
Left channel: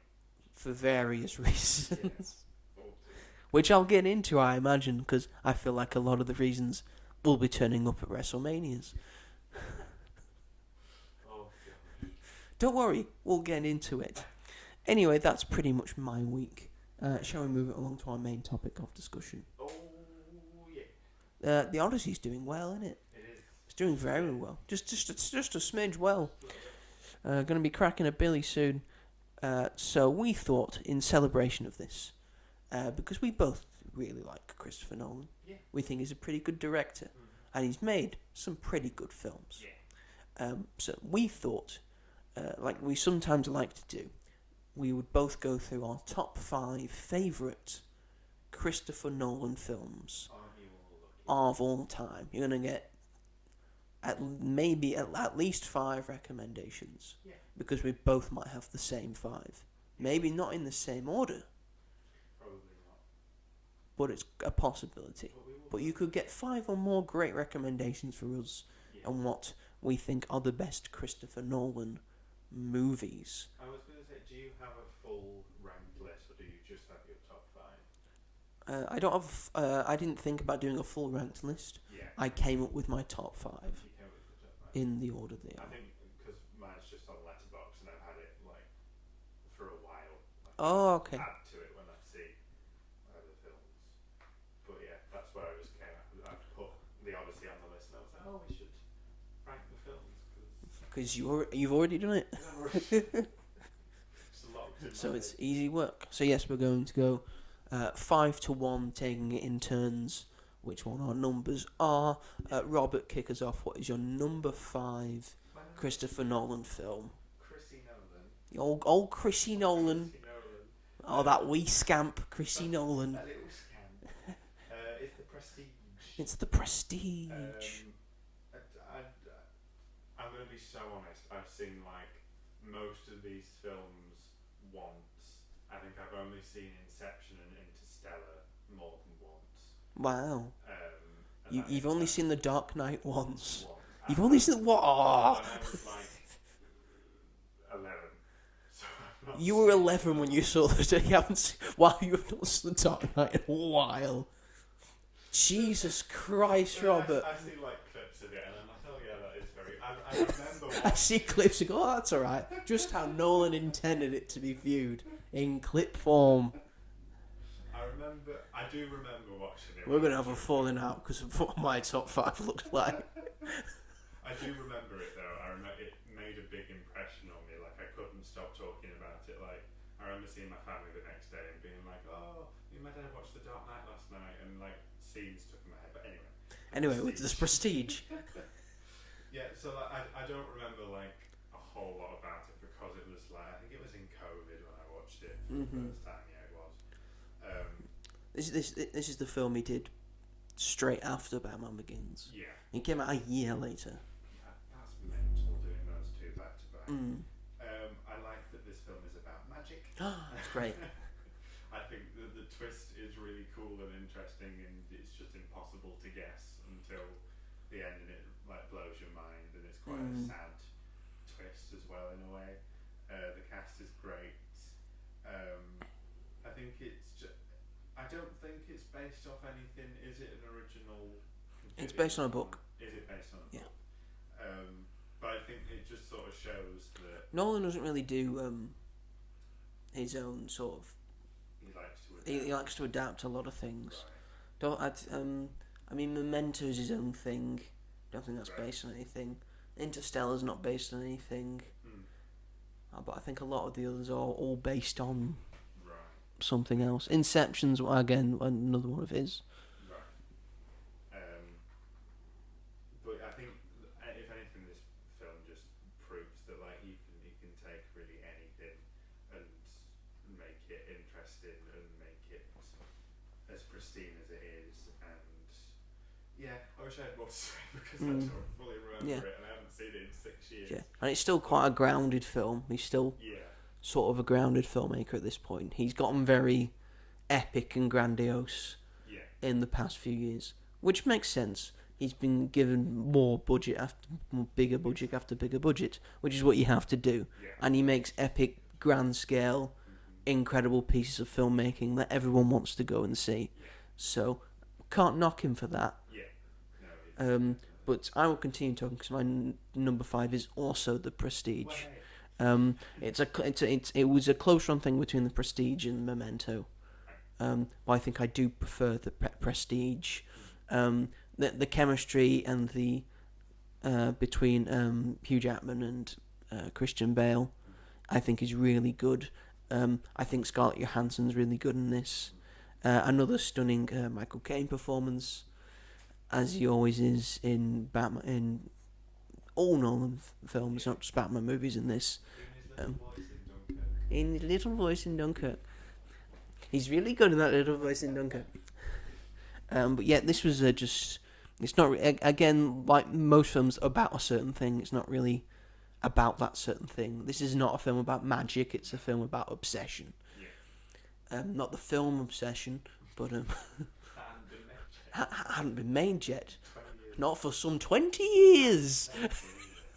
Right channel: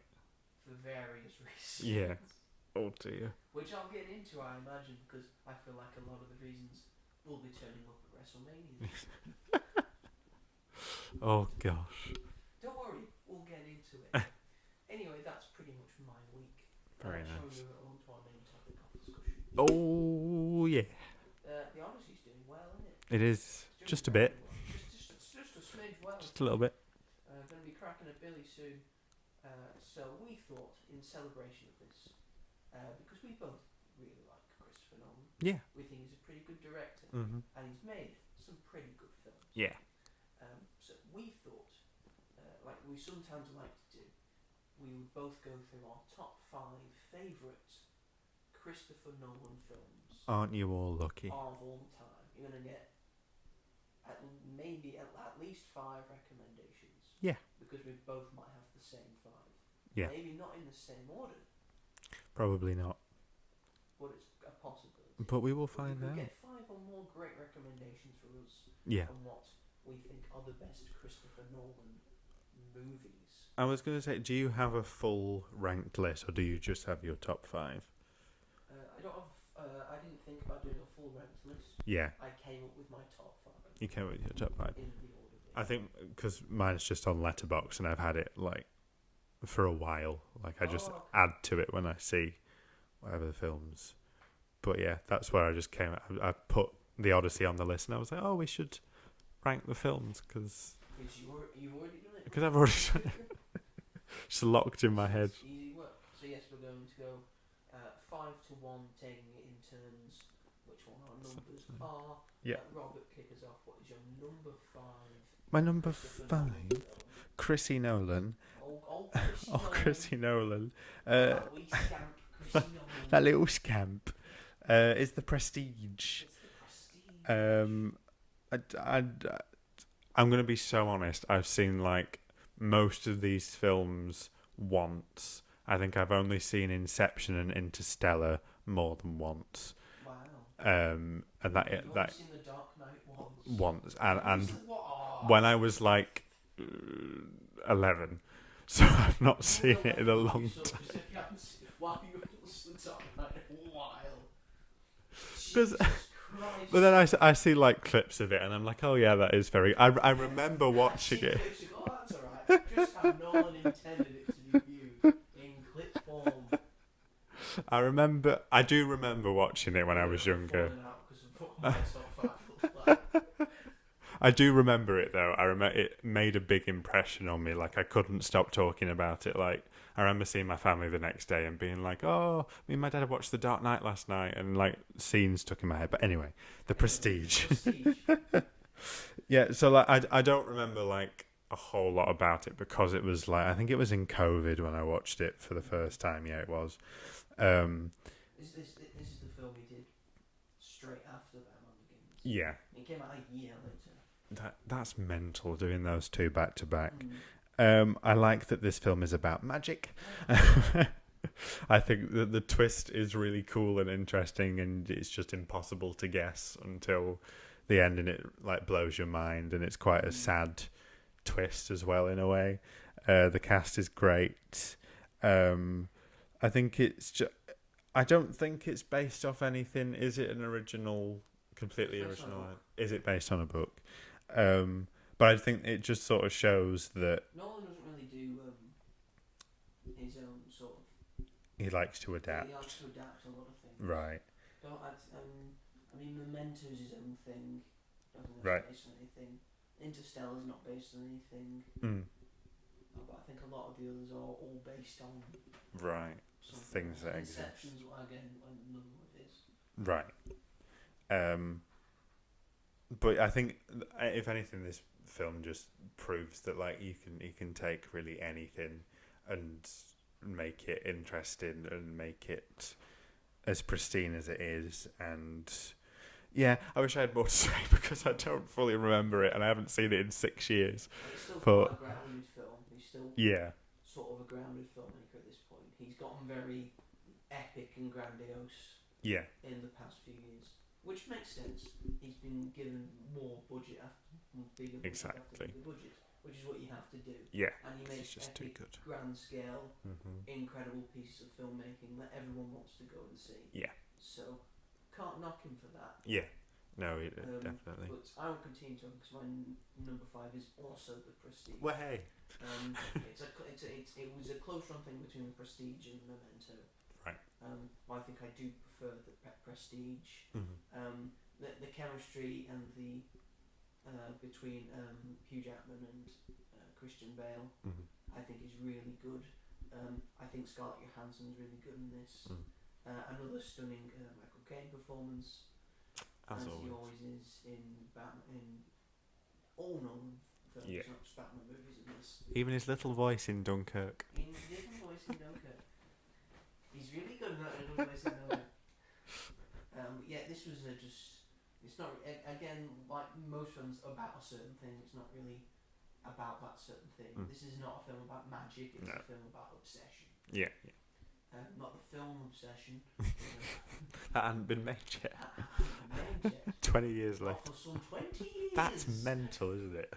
For various reasons. Yes. Oh dear. Which I'll get into, I imagine, because I feel like a lot of the reasons will be turning up at WrestleManias. Oh gosh. Don't worry, we'll get into it. Anyway, that's pretty much my week. Shall we move it along to our main topic of discussion? Oh yeah. The Odyssey's doing well, isn't it? It is. It's doing just very a bit. well. Just a smidge well. Just a little bit. Going to be cracking a billy soon. So we thought, in celebration of this, because we both really like Christopher Nolan. Yeah. We think he's a pretty good director, and he's made some pretty good films. Yeah. So we thought, like we sometimes like to do, we would both go through our top 5 favourite Christopher Nolan films. Aren't you all lucky? Of all time. You're going to get at least 5 recommendations. Yeah. Because we both might have the same 5. Yeah. Maybe not in the same order, Probably not. but it's a possibility. But we will But find you could out. get 5 or more great recommendations for us Yeah. on what we think are the best Christopher Nolan movies. I was going to say, do you have a full ranked list, or do you just have your top 5? I don't have. I didn't think about doing a full ranked list. Yeah. I came up with my top 5 You came with your top 5. in the order they I think because mine's just on Letterboxd, and I've had it like for a while. Like I just add to it when I see whatever the films. But yeah, that's where I just came. I put the Odyssey on the list, and I was like, oh, we should rank the films because you've already done it. Because I've already just locked in my So head. it's easy work. So yes, we're going to go 5 to 1, taking it in turns. Which one our numbers are? Yep. Robert, kick us off. What is your number 5? My number Christopher 5. Nolan film. Chrissy Nolan. Old Chrissy Nolan. Chrissy Nolan. That wee scamp, Chrissy Nolan. That little scamp. Is The Prestige. It's The Prestige. I'm going to be so honest. I've seen like most of these films once. I think I've only seen Inception and Interstellar more than once. Wow. And You've only seen The Dark Knight once. And, You've only seen what? Oh. When I was like 11. So I've not You seen were it 11 in a when long you saw the. You haven't seen, wow, you have not seen The Dark Knight in a while. Jesus Christ! But then I see like clips of it, and I'm like, oh yeah, that is very. I remember watching I see it. clips and go, oh, that's all right. Just how Nolan intended it to be viewed in clip form. I do remember watching it when I was younger. We're going to have a falling out because of what my top 5 looked like. I do remember it though. I remember it made a big impression on me. Like I couldn't stop talking about it. Like I remember seeing my family the next day and being like, "Oh, me and my dad watched The Dark Knight last night," and like scenes stuck in my head. But anyway, Prestige. The Prestige. Yeah. So like I don't remember like a whole lot about it because it was like I think it was in COVID when I watched it for the first time. Yeah, it was. This is the film he did straight after Batman Begins. Yeah. It came out a year later. That's mental doing those two back to back. I like that this film is about magic. I think that the twist is really cool and interesting, and it's just impossible to guess until the end, and it like blows your mind, and it's quite a sad twist as well in a way. The cast is great. I think it's just. I don't think it's based off anything. Is it an original? Completely. It's based original? on a book. Is it based on a book? But I think it just sort of shows that Nolan doesn't really do his own sort of. He likes to adapt. He likes to adapt a lot of things. Right. I mean, Memento is his own thing. Don't think that's based on anything. Interstellar's not based on anything. But I think a lot of the others are all based on something else. Inception's again another one of his. Right. But I think if anything, this film just proves that like he can take really anything and make it interesting and make it as pristine as it is. And yeah, I wish I had more to say because I don't fully remember it and I haven't seen it in 6 years. Yeah. And it's still quite a grounded film. He's still sort of a grounded filmmaker at this point. He's gotten very epic and grandiose in the past few years, which makes sense. He's been given more budget bigger budget after bigger budget, which is what you have to do. Yeah. And he makes epic, grand scale, incredible pieces of filmmaking that everyone wants to go and see. Yeah. So can't knock him for that. Yeah. No, definitely. But I will continue talking because my number 5 is also The Prestige. Well, hey. It was a close run thing between The Prestige and Memento. But I think I do prefer The Prestige. The chemistry and the between Hugh Jackman and Christian Bale, I think is really good. I think Scarlett Johansson's really good in this. Another stunning Michael Caine performance, as he always is in Batman, in all Nolan films, not just Batman movies. In this, even his little voice in Dunkirk. He's really good in that little voice in Dunkirk. But yeah, this was just. It's not again like most films about a certain thing. It's not really about that certain thing. This is not a film about magic. It's a film about obsession. Yeah. Not the film Obsession, but that hadn't been made yet. 20 years. Not for some 20 years. That's mental, isn't it?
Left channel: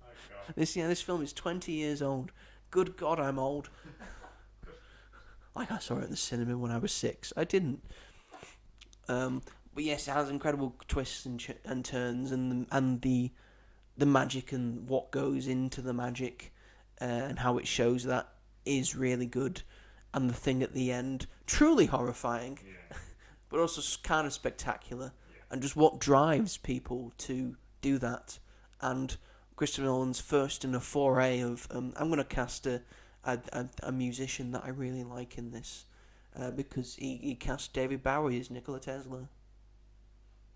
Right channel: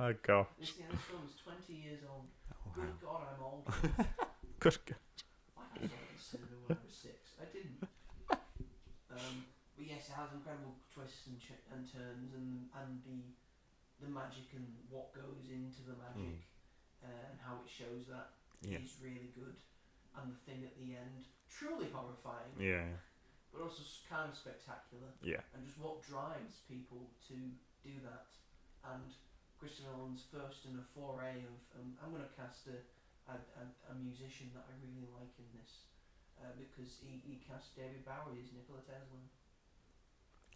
Oh god. This film is 20 years old. Good God, I'm old. Good God. Like I saw it in the cinema when I was 6. I didn't. But yes, it has incredible twists and turns, and the magic and what goes into the magic, and how it shows that is really good. And the thing at the end, truly horrifying. Yeah. But also kind of spectacular. Yeah. And just what drives people to do that. And Christopher Nolan's first in a foray of I'm going to cast a musician that I really like in this, because he cast David Bowie as Nikola Tesla.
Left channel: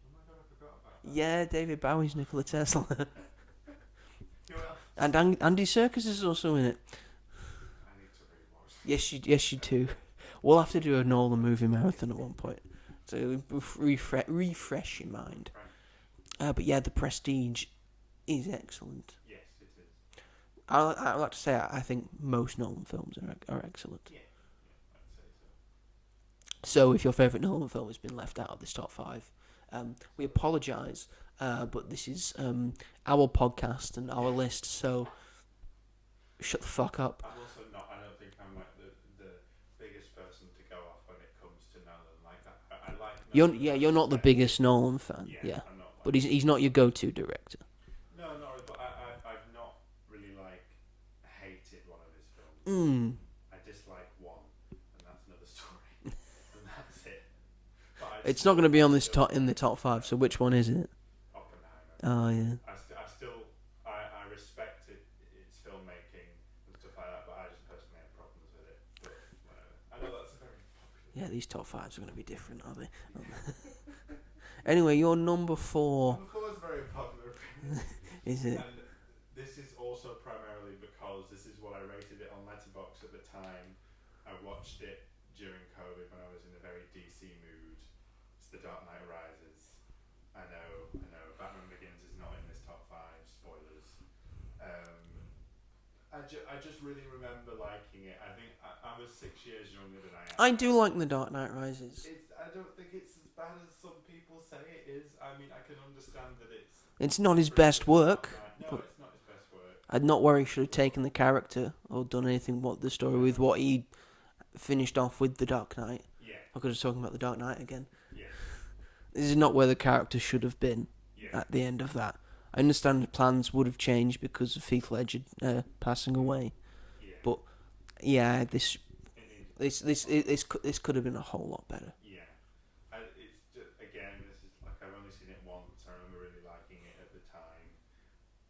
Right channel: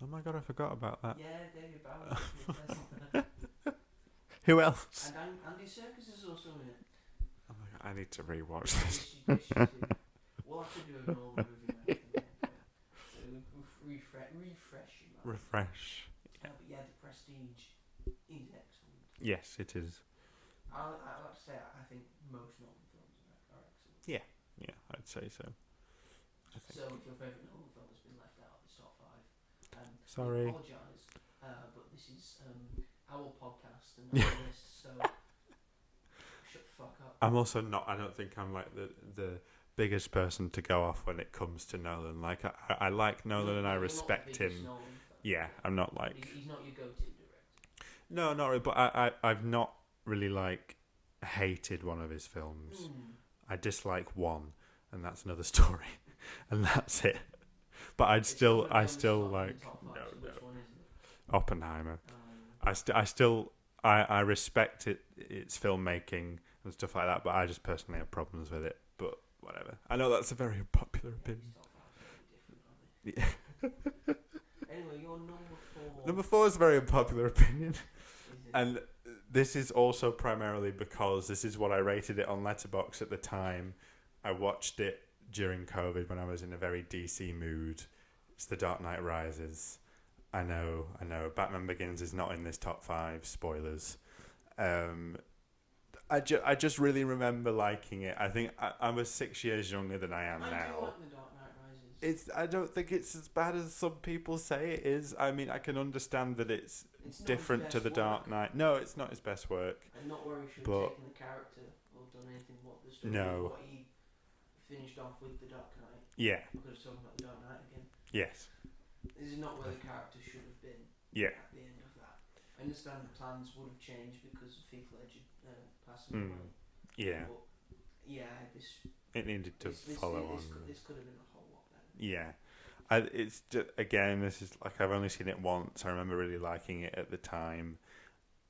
Oh my god, I forgot about that. Yeah, David Bowie's Nikola Tesla. Who else? And Andy Serkis is also in it. I need to rewatch this. Yes, you do. We'll have to do a Nolan movie marathon at one point. So refresh your mind. But yeah, The Prestige is excellent. Yes, it is. I like to say I think most Nolan films are excellent. Yeah, I'd say so. So if your favourite Nolan film has been left out of this top 5, we Sorry. apologise, but this is our podcast and our list, so shut the fuck up. I'm also not. I don't think I'm like the biggest person to go off when it comes to Nolan. Like I like Nolan. You're not the biggest Nolan fan. Yeah, I'm not like. But he's not your go-to director. No, not really. But I've not really like hated one of his films. I dislike one, and that's another story, and that's it. But it's not going to be on this in the top 5. So which one is it? Oppenheimer. Oh yeah. I still respect its filmmaking and stuff like that, but I just personally have problems with it. But whatever. I know that's a very unpopular opinion. These top 5s are going to be different, are they? Anyway, your number 4. Number 4 is a very unpopular opinion. Is it? And this is also primarily because this is what I rated it on Letterboxd at the time. I watched it during COVID when I was in a very DC mood. It's The Dark Knight Rises. I know. Batman Begins is not in this top 5. Spoilers. I just really remember liking it. I think I was 6 years younger than I am I now. do like The Dark Knight Rises. I don't think it's as bad as some people say it is. I mean, I can understand that it's not his different best to The work. Dark Knight. No, it's not his best work. I'd not worry he should have taken the character or done anything with the story with what he finished off with The Dark Knight. Yeah. Because I was talking about The Dark Knight again. Yes. This is not where the character should have been at the end of that. I understand the plans would have changed because of Heath Ledger passing away. Yeah. But yeah, this this could have been a whole lot better. Yeah. It's just, again, this is like I've only seen it once. I remember really liking it at the time.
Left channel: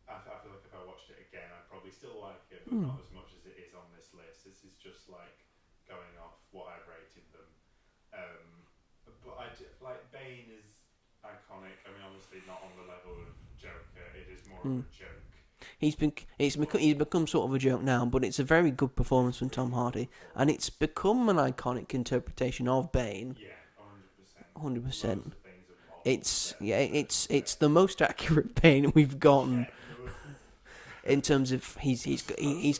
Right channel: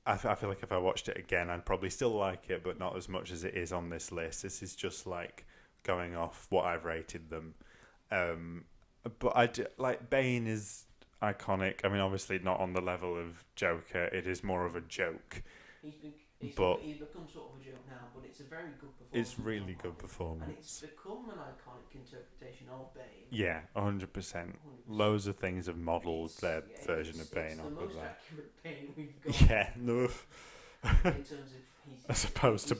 I feel like if I watched it again, I'd probably still like it, but not as much as it is on this list. This is just like going off what I've rated them. But like Bane is iconic. I mean, obviously not on the level of Joker. It is more of a joke. He's become sort of a joke now, but it's a very good performance from Tom Hardy, and it's become an iconic interpretation of Bane. Yeah, 100%. 100%. Loads of things have modelled. It's the most accurate Bane we've got. Yeah, no. In terms of he's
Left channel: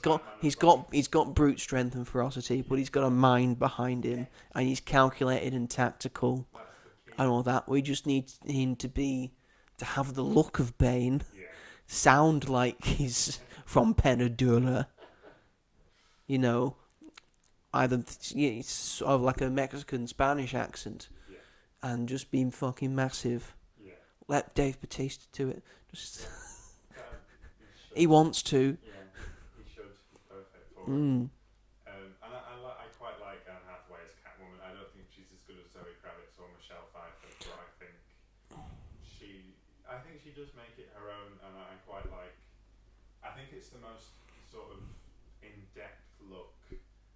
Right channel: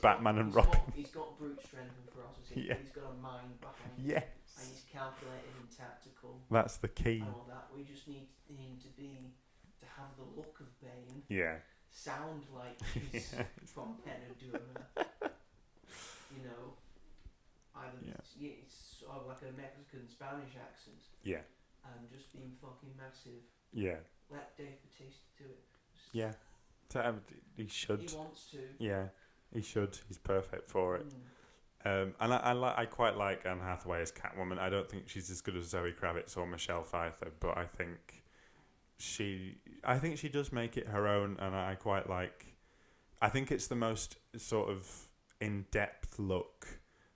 got brute strength and ferocity, but he's got a mind behind him, and he's calculated and tactical. That's the key. And all that. We just need him to have the look of Bane. Yeah. Sound like he's from Penadura. You know, either it's sort of like a Mexican Spanish accent. Yeah. And just being fucking massive. Yeah. Let Dave Bautista do it. He should. He wants to. Yeah, he should. He's perfect for it. And I quite like Anne Hathaway as Catwoman. I don't think she's as good as Zoe Kravitz or Michelle Pfeiffer, but I think she does make it her own, and I quite like. I think it's the most sort of in-depth look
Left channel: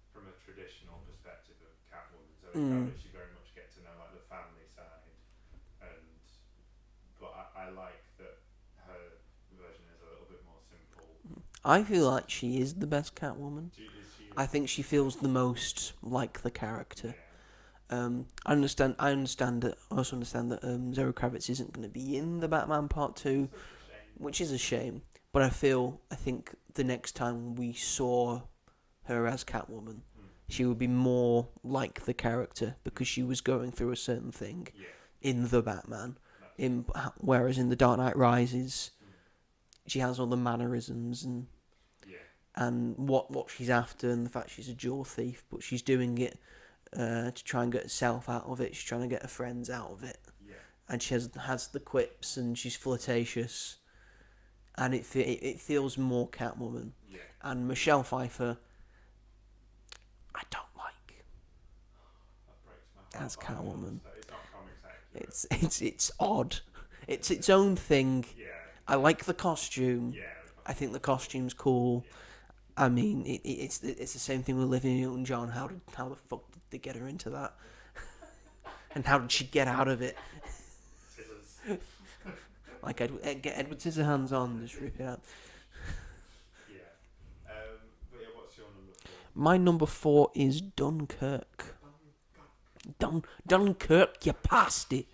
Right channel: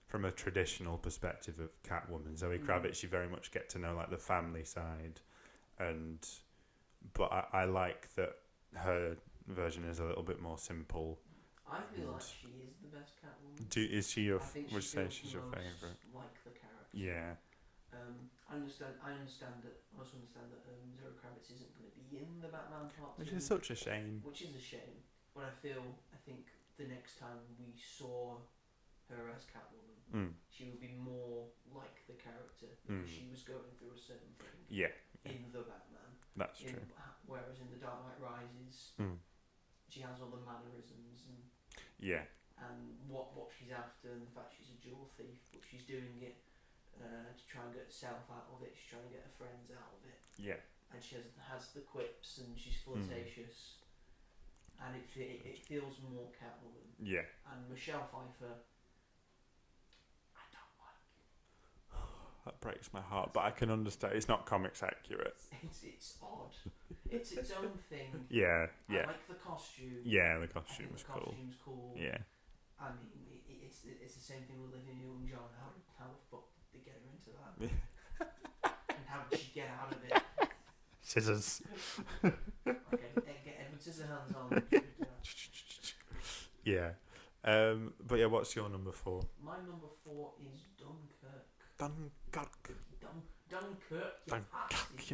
from a traditional perspective of Catwoman. Zoe Kravitz, you very much get to know like the family side, but I like that her version is a little bit more simple. I feel like she is the best Catwoman. Is she? I think she feels the most like the character. Yeah. I also understand that Zoe Kravitz isn't going to be in the Batman Part 2. It's such a shame. Which is a shame. But I think the next time we saw her as Catwoman, she would be more like the character because she was going through a certain thing in the Batman. Whereas in The Dark Knight Rises, she has all the mannerisms and what she's after, and the fact she's a jewel thief, but she's doing it to try and get herself out of it. She's trying to get her friends out of it. Yeah. And she has the quips, and she's flirtatious, and it feels more Catwoman. Yeah. And Michelle Pfeiffer, I don't like. That breaks my heart, but Catwoman. I can understand. It's not comics accurate. It's odd. It's its own thing. Yeah. I like the costume. Yeah, the costume. I think the costume's cool. Yeah. I mean, it's the same thing with Olivia Newton-John. How the fuck did they get her into that? And how did she get out of it? Scissors. Like get Edward Scissorhands on. Just rip it out. Yeah. But yeah, what's your number 4? My number 4 is Dunkirk. Dunkirk, you bastard.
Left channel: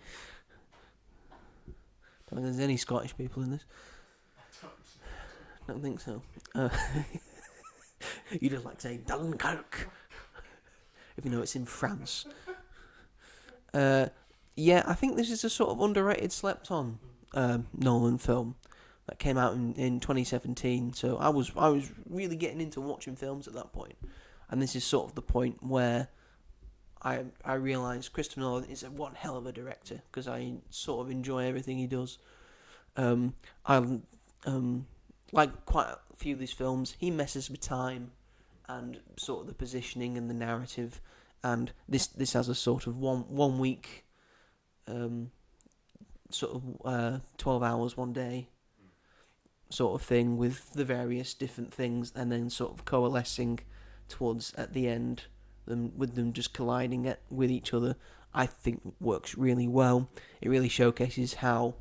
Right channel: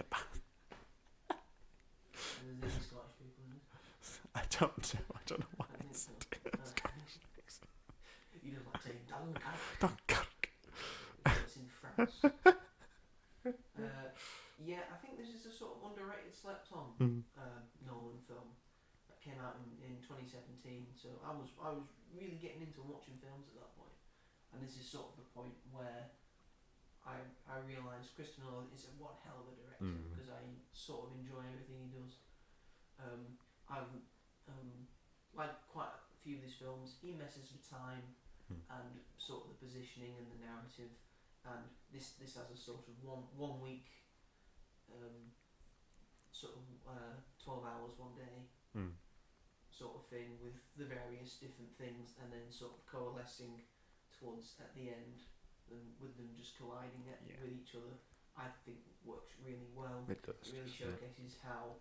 I don't think there's any Scottish people in this. I don't know. I don't think so. You just like saying Dunkirk. Even though it's in France. Yeah, I think this is a sort of underrated, slept-on Nolan film that came out in 2017. So I was really getting into watching films at that point, and this is sort of the point where I realised Christopher Nolan is one hell of a director because I sort of enjoy everything he does. I like quite a few of these films. He messes with time and sort of the positioning and the narrative, and this has a sort of one week, sort of 12 hours one day sort of thing with the various different things, and then sort of coalescing towards at the end, with them just colliding with each other. I think works really well. It really showcases how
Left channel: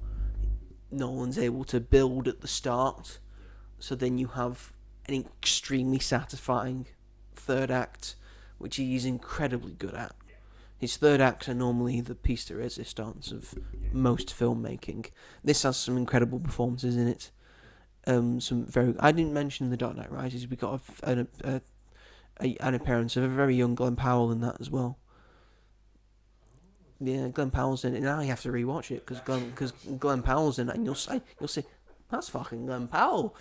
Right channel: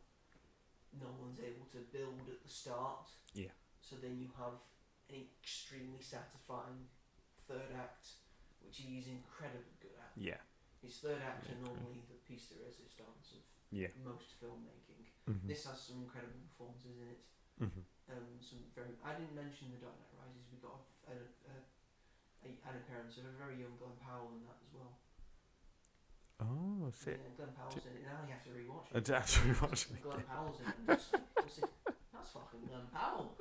Nolan's able to build at the start, so then you have an extremely satisfying third act, which he's incredibly good at. Yeah, his third acts are normally the piece de resistance of most filmmaking. This has some incredible performances in it. Some very. I didn't mention The Dark Knight Rises. We got an appearance of a very young Glenn Powell in that as well. Oh, yeah, Glenn Powell's in it. Now you have to rewatch it because Glenn Powell's in it, and you'll see that's fucking Glenn Powell.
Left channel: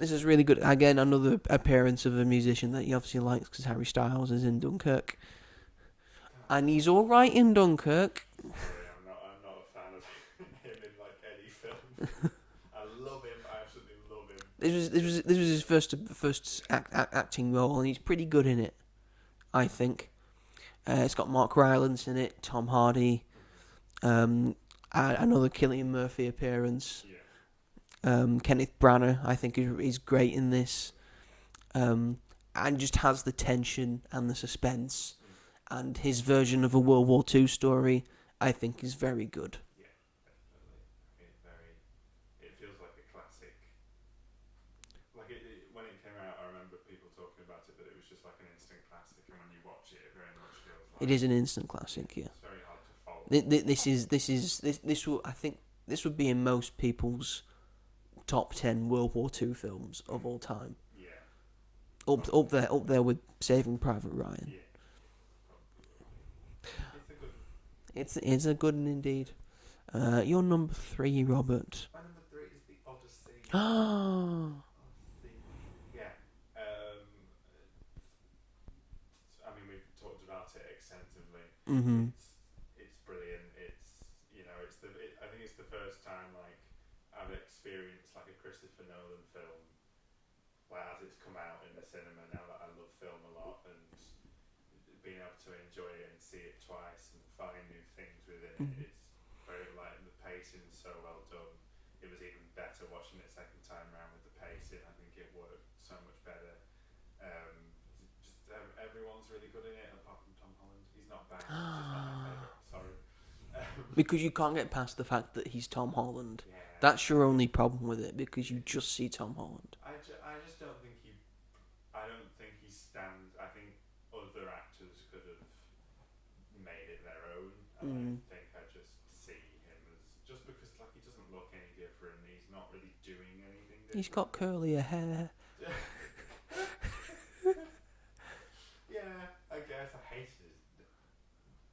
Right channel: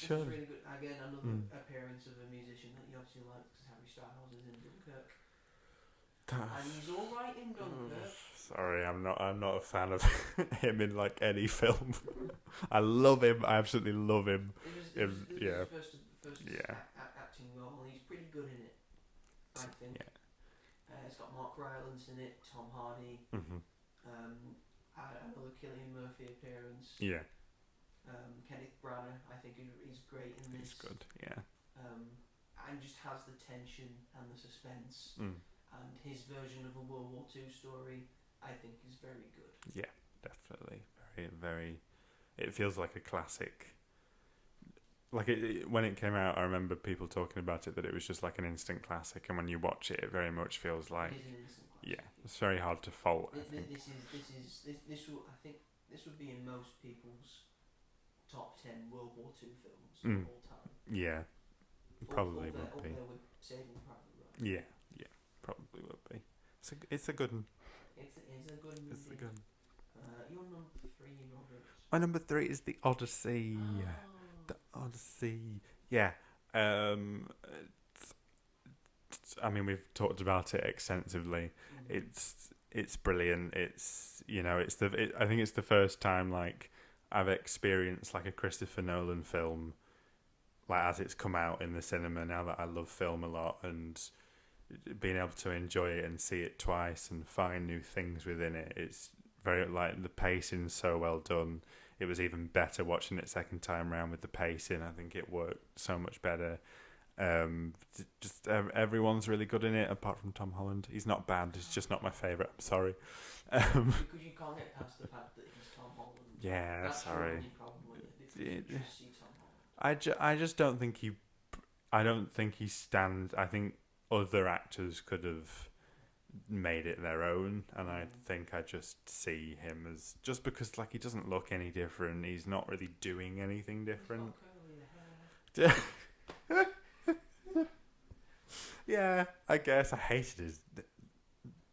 This is really good. Again, another appearance of a musician that he obviously likes because Harry Styles is in Dunkirk, and he's all right in Dunkirk. Sorry, I'm not a fan of him in like any film. I love him. I absolutely love him. This was his first acting role, and he's pretty good in it, I think. It's got Mark Rylance in it, Tom Hardy, another Cillian Murphy appearance. Yeah. Kenneth Branagh, I think, is great in this. And just has the tension and the suspense, and his version of a World War II story, I think, is very good. Yeah, definitely, very, very. It feels like a classic. Like when it came out, I remember people talking about it that it was just like an instant classic, and when you watch it, it very much feels like it is an instant classic. Yeah, it's very hard to fault. This will, I think, this would be in most people's top 10 World War II films of all time. Yeah, up there with Saving Private Ryan. Yeah, probably will be. It's a good one. It's a good one indeed. Your number 3, Robert. My number 3 is The Odyssey. The Odyssey. Yeah. I mean, we've talked about it extensively. It's brilliant. It's I think it's the first time like I've experienced like a Christopher Nolan film, like as it's come out in the cinema. Now that I love film a lot, and being able to enjoy it and see it twice and find new things within it, it's very like the pacing's so well done. It was even better watching it second time round with the pacing. I think it worked so much better. Everyone's really good in it apart from Tom Holland. He's not bad. He's just not my favourite. Sorry. Because you can't get past the fact that he's Tom Holland. Yeah, that's your only problem with it, because you just see Tom Holland. I just don't think he. I don't think he stands. I think other actors could have made it their own, and I think I just see him as, just because like he doesn't look any different. He's not really doing anything different. He's got curlier hair. Yeah, I guess I hated his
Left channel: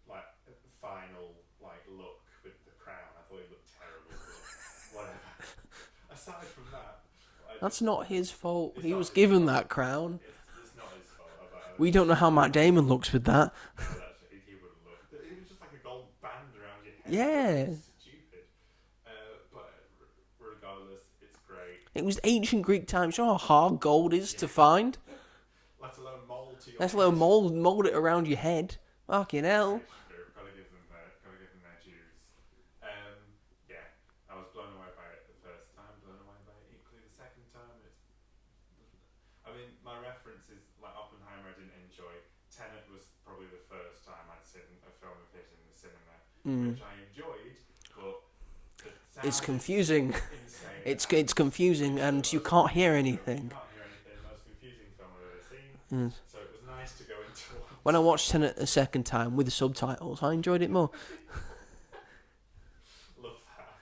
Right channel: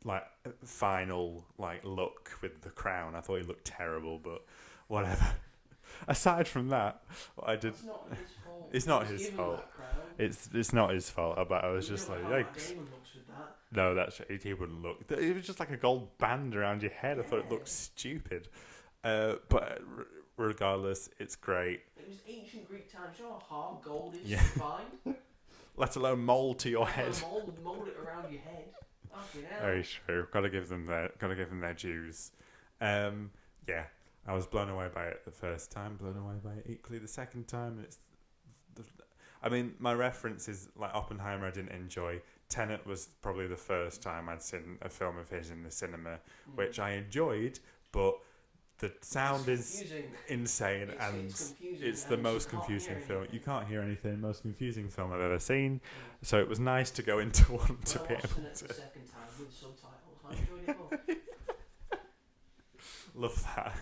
like final like look with the crown. I thought he looked terrible, but whatever. Aside from that, that's not his fault. He was given that crown. It's not his fault. We don't know how Matt Damon looks with that. No, he wouldn't look. It was just like a gold band around your head. Yeah, it looked stupid. But regardless, it's great. It was ancient Greek times. You know how hard gold is to find. Let alone mold to your head. Let alone mold it around your head. Fucking hell. Very true. Got to give them their dues. Yeah, I was blown away by it the first time. Blown away by it equally the second time. I mean, my reference is like Oppenheimer. I didn't enjoy. Tenet was probably the first time I'd seen a film of his in the cinema, which I enjoyed, but the sound confusing. Is insane. It's confusing, and you can't hear anything. You can't hear anything. Most confusing film I've ever seen. So it was nice to go into one. When I watched Tenet the second time with the subtitles, I enjoyed it more. Love that.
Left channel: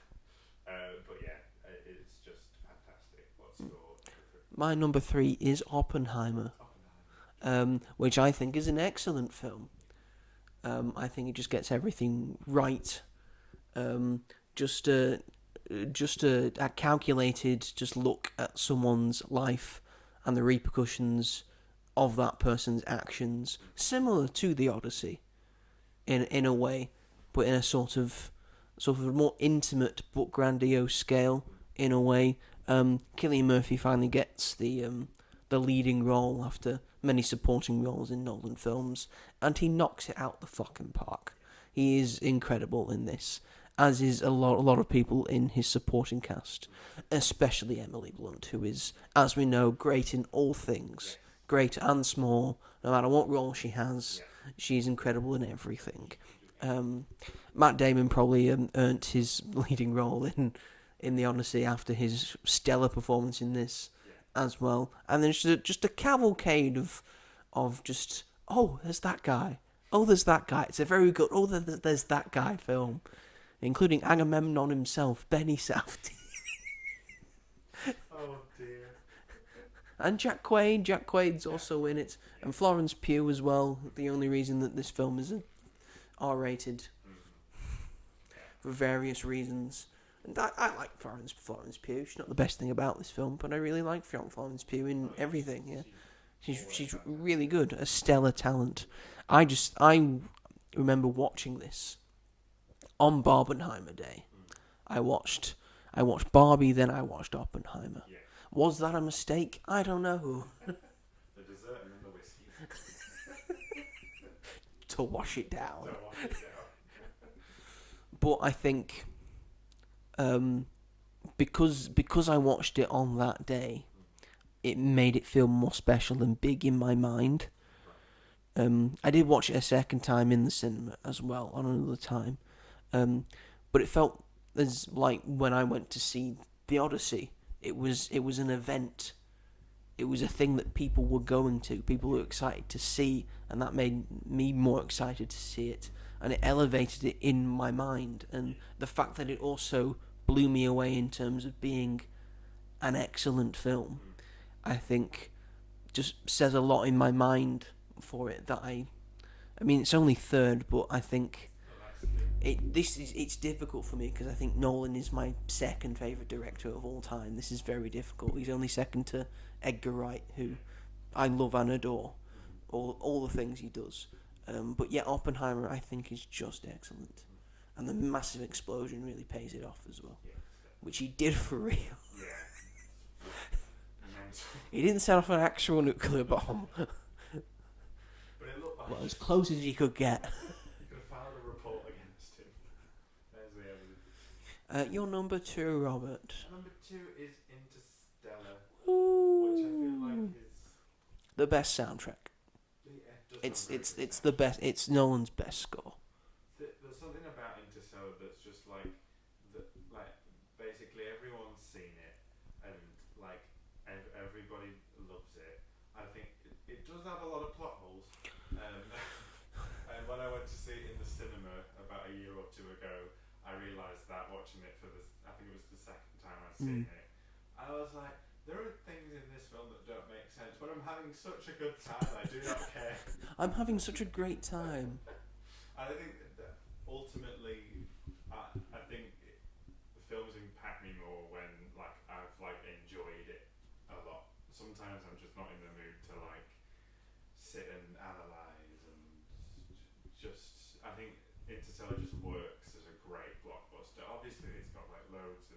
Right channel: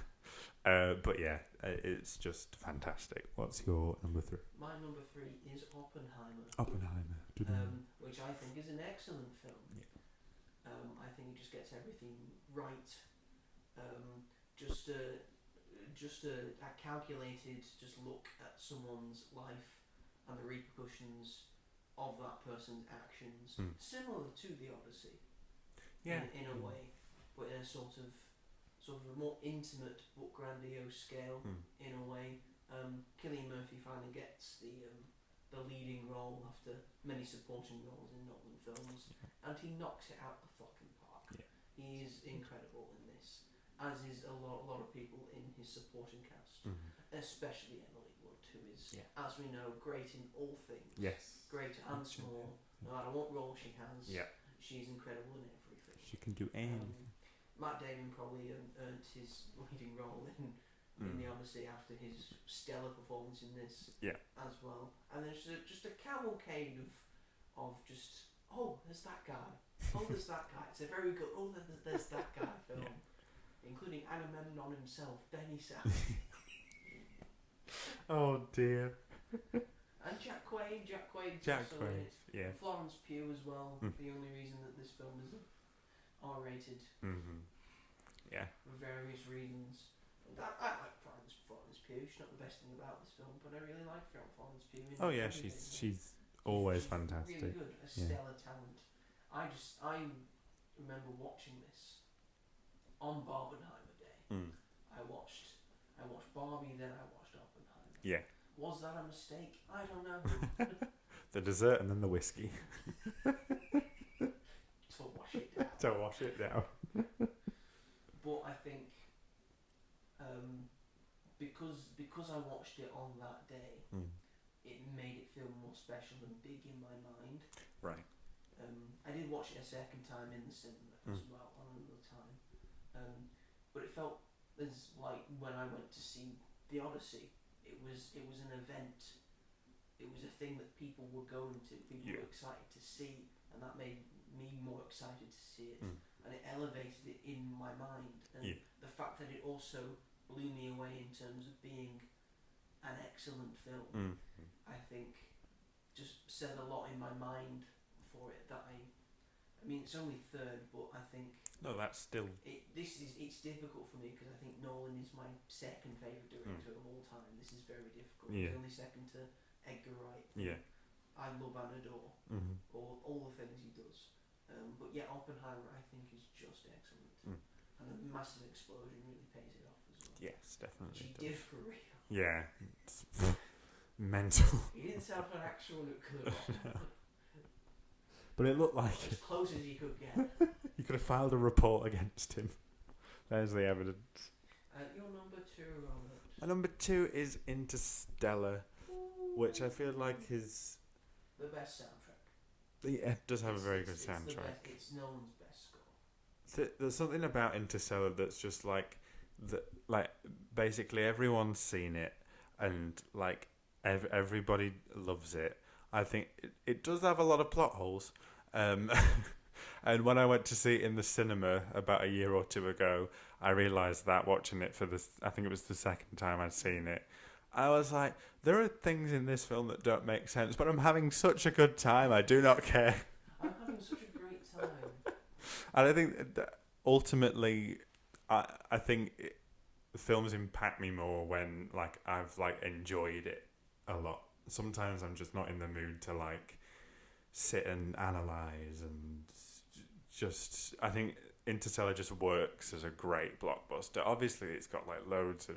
But yeah, it's just fantastic. What's your number 3? My number 3 is Oppenheimer. Which I think is an excellent film. I think it just gets everything right. Just a calculated just look at someone's life and the repercussions of that person's actions, similar to the Odyssey, in a way, but in a sort of a more intimate but grandiose scale. In a way, Cillian Murphy finally gets the leading role after many supporting roles in Nolan films, and he knocks it out the fucking park. Yeah. He is incredible in this, as is a lot of people in his supporting cast, especially Emily Blunt, who is, as we know, great in all things, great and small. No matter what role she has, she's incredible in everything. She can do anything. Matt Damon probably earned his leading role in the Odyssey after his stellar performance in this as well. And then just a cavalcade of just, oh, there's that guy. Oh, there's that guy. It's a very good, oh, there's that guy film. Including Agamemnon himself, Benny Safdie. Oh, dear. And Jack Quaid. Jack Quaid's also in it. Yeah. And Florence Pugh as well. The only reason that this film is R-rated. Yeah. For various reasons. And I like Florence Pugh. She's not the best thing about this film, but I really like Florence Pugh in everything. She's really good. A stellar talent. I remember watching this on Barbenheimer Day. I watched Barbie, then I watched Oppenheimer. Yeah. Was that a mistake? I don't know. The dessert and then the whiskey. To wash it down. But I think because I watched it on that day, it made it feel more special and big in my mind. Right. I did watch it a second time in the cinema as well on another time. But it felt as like when I went to see the Odyssey, it was an event. It was a thing that people were going to. People were excited to see, and that made me more excited to see it. And it elevated it in my mind. And the fact that it also blew me away in terms of being an excellent film, I think just says a lot in my mind for it. That I mean, it's only third, but I think that's still it's difficult for me because I think Nolan is my second favourite director of all time. This is very difficult. He's only second to Edgar Wright, who I love and adore. All the things he does. But Oppenheimer I think is just excellent. And the massive explosion really pays it off as well. Yes, definitely. Which he did for real. Yeah. Mental. He didn't set off an actual nuclear bomb. But it looked like... as close as he could get. You could have filed a report against him. There's the evidence. Your number 2, Robert. Number 2 is Interstellar. Ooh. Which I feel like is... the best soundtrack. Yeah, it does have a very good soundtrack. It's the best. It's Nolan's best score. There's something about Interstellar that's just like basically everyone's seen it and like everybody loves it. I think it does have a lot of plot holes. And when I went to see it in the cinema about a year or two ago, I realised that watching it I think it was the second time I'd seen it, I was like, there are things in this film that don't make sense, but I'm having such a good time, I do not care. I'm having such a great time. And I think that ultimately, I think films impact me more when like I've like enjoyed it a lot. Sometimes I'm just not in the mood to like sit and analyze and just. I think Interstellar just works as a great blockbuster. Obviously, it's got like loads of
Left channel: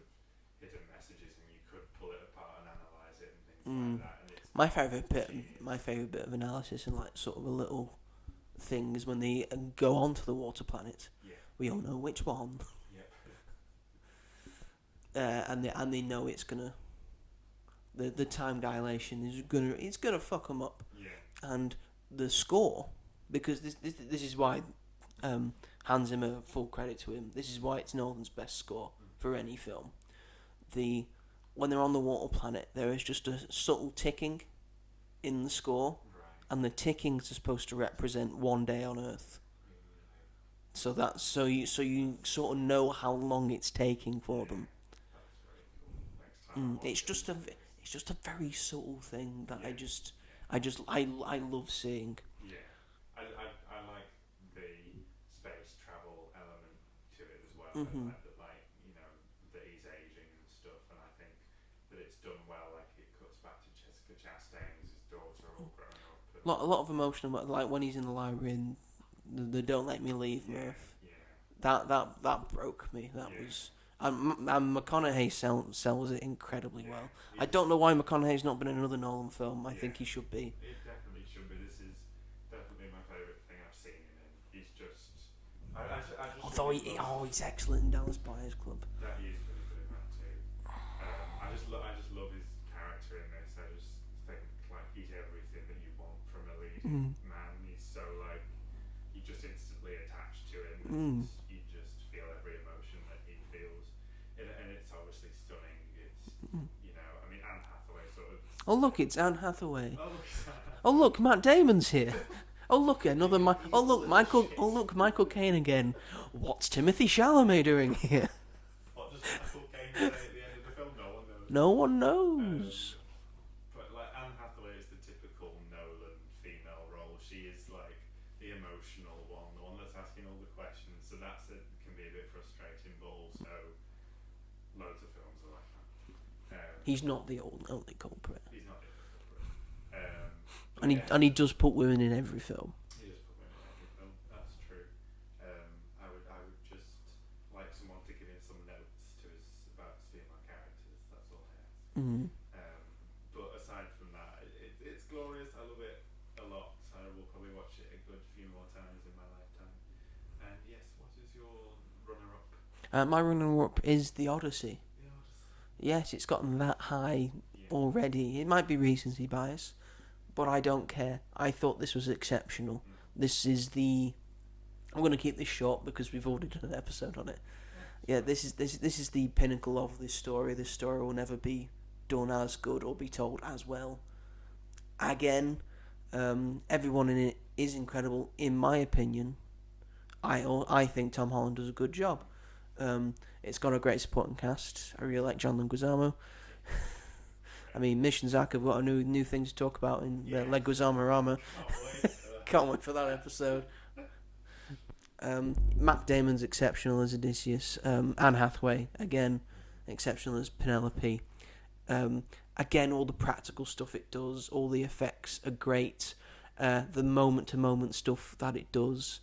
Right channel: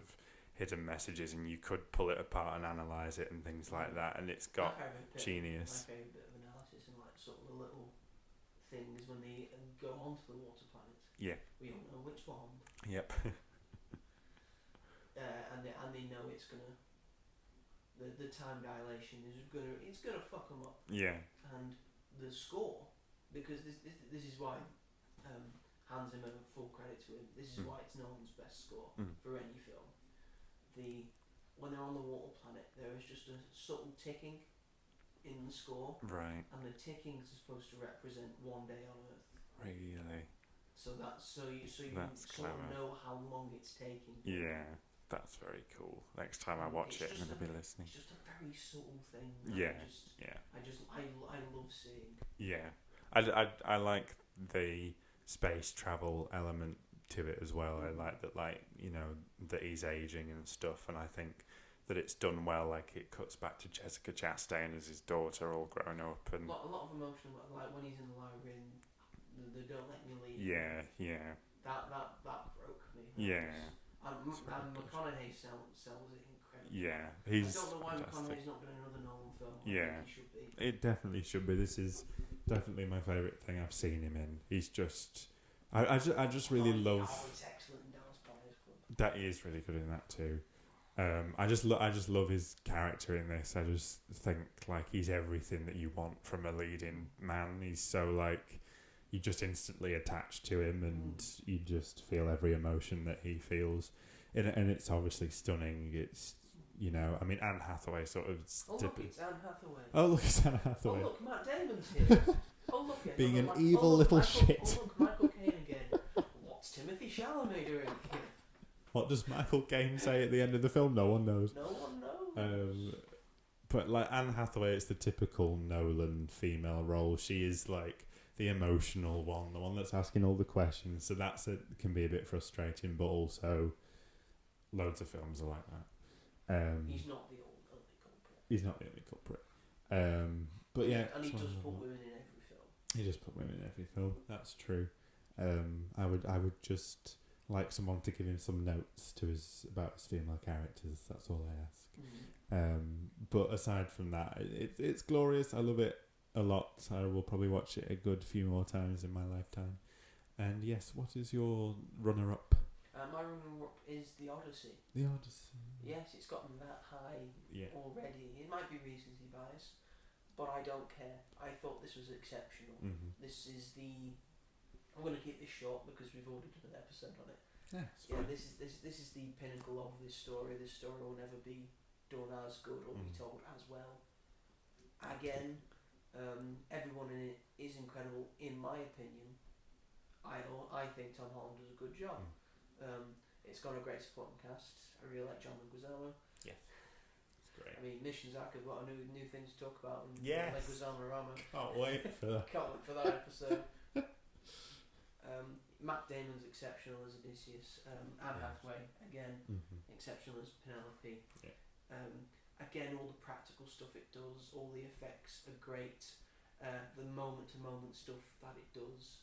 hidden messages, and you could pull it apart and analyze it and things like that. And it's got my favorite bit of analysis and like sort of a little thing is when they go onto the water planet. Yeah, we all know which one. Yep. And they know it's gonna. The time dilation is gonna fuck them up. Yeah. And the score, because this is why Hans Zimmer, full credit to him. This is why it's Nolan's best score for any film. When they're on the water planet, there is just a subtle ticking in the score, right? And the ticking is supposed to represent one day on Earth. Really? So you sort of know how long it's taking for them. That's very cool. Next time I watch it's just a very subtle thing that I love seeing. Yeah, I like the space travel element to it as well. I like that, like, you know, that he's aging and stuff, and I think that it's done well. Like, it cuts back to Jessica Chastain as his daughter, all grown up, and a lot of emotion, like when he's in the library and the "Don't Let Me Leave." That broke me. That was. And McConaughey sells it incredibly well. I don't know why McConaughey's not been in another Nolan film. I think he should be. It definitely should be. This is definitely my favourite thing I've seen him in. He's just... I just really love... Oh, he's excellent in Dallas Buyers Club. That he is really good in that too. I just love his character in this. I just think, like, he's everything that you want from a leading man. He's so, like... You just instantly attach to him, and you just feel every emotion that he feels. And it's obviously stunning. It's, you know, I mean, Anne Hathaway sort of... Oh, look, it's Anne Hathaway. Oh, look, it's Anne Hathaway. Oh, look, Matt Damon's here. Oh, look, another... Michael Caine again. What's Timothée Chalamet doing here? What does Michael Caine say at the end of the film? No one knows. No one knows. But, like, Anne Hathaway, it's the typical Nolan female role. She is, like... the emotional one, the one that's asking all the questions. So can be a bit frustrating, but also loads of films are like that. He's not the only culprit. He's not the only culprit. And he does put women in every film. He does put women in every film. That's true. I would just like someone to give him some notes about his female characters. That's all I ask. But aside from that, it's glorious. I love it a lot. I will probably watch it a good few more times in my lifetime. And yes, what is your runner-up? My runner-up is The Odyssey. The Odyssey. Yes, it's gotten that high already. It might be recency bias, but I don't care. I thought this was exceptional. This is I'm going to keep this short because we've already done an episode on it. This is the pinnacle of this story. This story will never be done as good or be told as well again. Everyone in it is incredible, in my opinion. I think Tom Holland does a good job. It's got a great supporting cast. I really like John Leguizamo. I mean, Mission Zach have got a new thing to talk about in Leguizamo-rama. Can't wait for that episode. Matt Damon's exceptional as Odysseus. Anne Hathaway, again, exceptional as Penelope. Again, all the practical stuff it does, all the effects are great. The moment-to-moment stuff that it does.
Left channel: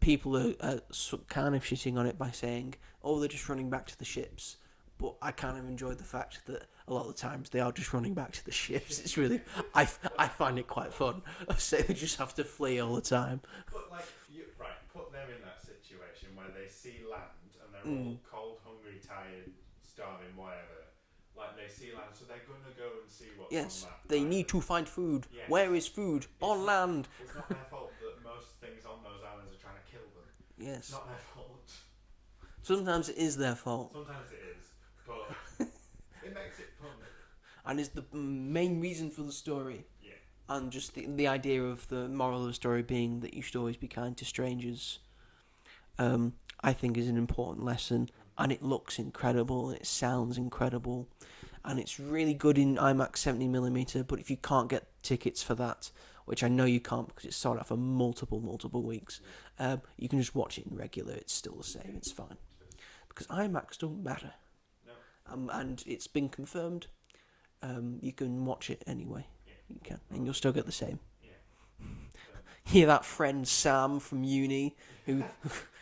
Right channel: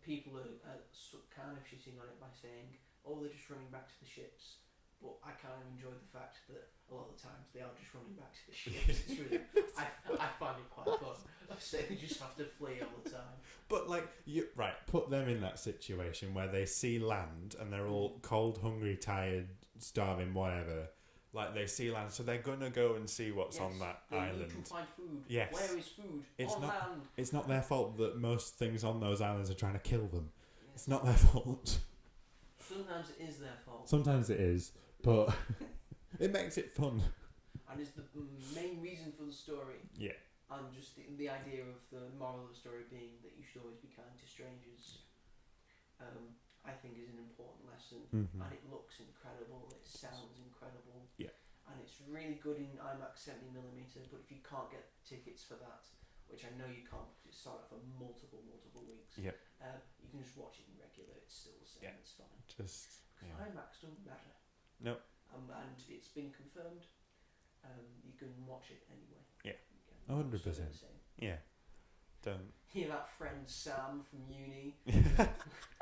People are kind of shitting on it by saying, oh, they're just running back to the ships. But I kind of enjoy the fact that a lot of the times they are just running back to the ships. It's really... I find it quite fun. So they just have to flee all the time. But, like, put them in that situation where they see land and they're all cold, hungry, tired, starving, whatever... Like, they see land, so they're going to go and see what's on that they island. need to find food. Yes. Where is food? On land. It's not their fault that most things on those islands are trying to kill them. Yes. It's not their fault. Sometimes it is their fault. Sometimes it is, but it makes it fun. And it's the main reason for the story. Yeah. And just the idea of the moral of the story being that you should always be kind to strangers. I think is an important lesson, and it looks incredible, and it sounds incredible, and it's really good in IMAX 70mm. But if you can't get tickets for that, which I know you can't because it's sold out for multiple weeks, you can just watch it in regular. It's still the same. It's fine because IMAX don't matter. No. And it's been confirmed. You can watch it anyway. Yeah, you can, and 100%. You'll still get the same. Yeah. Hear that friend Sam from uni who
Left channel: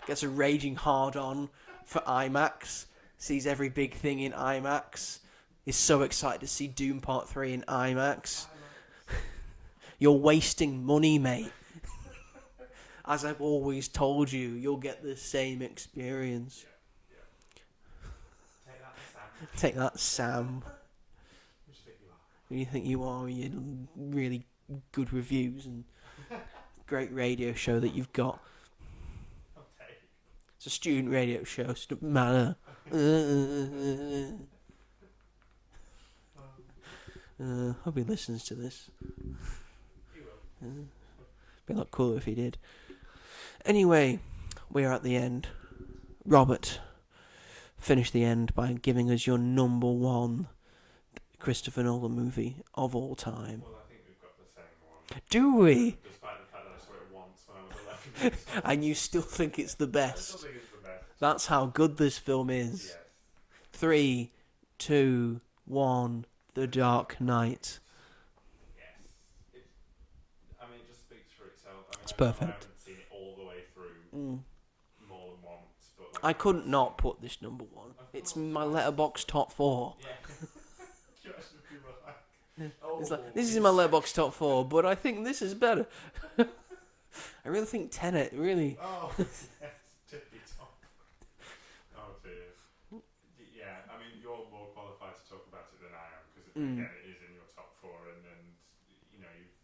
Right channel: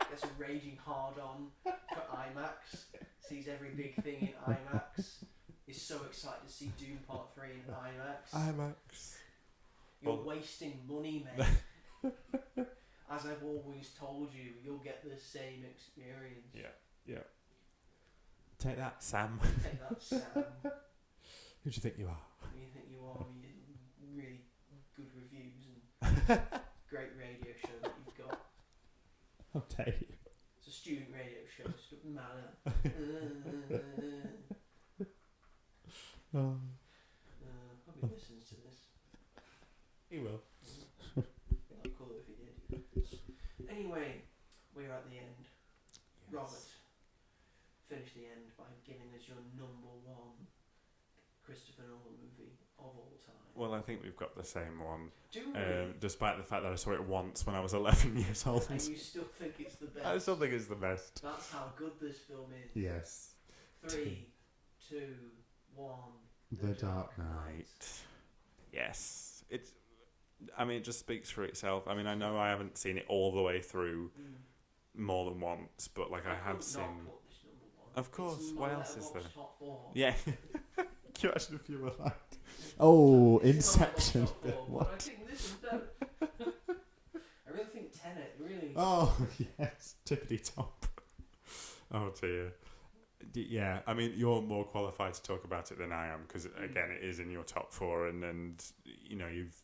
gets a raging hard-on for IMAX, sees every big thing in IMAX, is so excited to see Doom Part 3 in IMAX. You're wasting money, mate. As I've always told you, you'll get the same experience. Yeah. Take that, Sam. Take that, Sam. Who do you think you are? Who do you think you are? You really good reviews and great radio show that you've got. I'll tell you. It's a student radio show, so it doesn't matter. Hope he listens to this. He will. Be a lot cooler if he did. Anyway, we're at the end. Robert, finish the end by giving us your number one Christopher Nolan movie of all time. Well, I think we've got the same one. Do we? Despite the fact that I saw it once when I was 11 years old. And you still think it's the best? I still think it's the best. That's how good this film is. Yes. 3, 2, 1. The Dark Knight. Yes. It just speaks for itself. I mean, It's I know perfect. I haven't seen it all the way through more than once, but I couldn't not put this number 1. Of course. It's my Why else is Letterboxd there? top 4. Yeah. You imagine if you were like... This is my Letterboxd top 4, but I think this is better. I really think Tenet, really. Oh, yes. Tippity top. Oh, dear. Yeah, I mean, you're more qualified to talk about it than I am, because, again, it is in your top 4, and you know, you've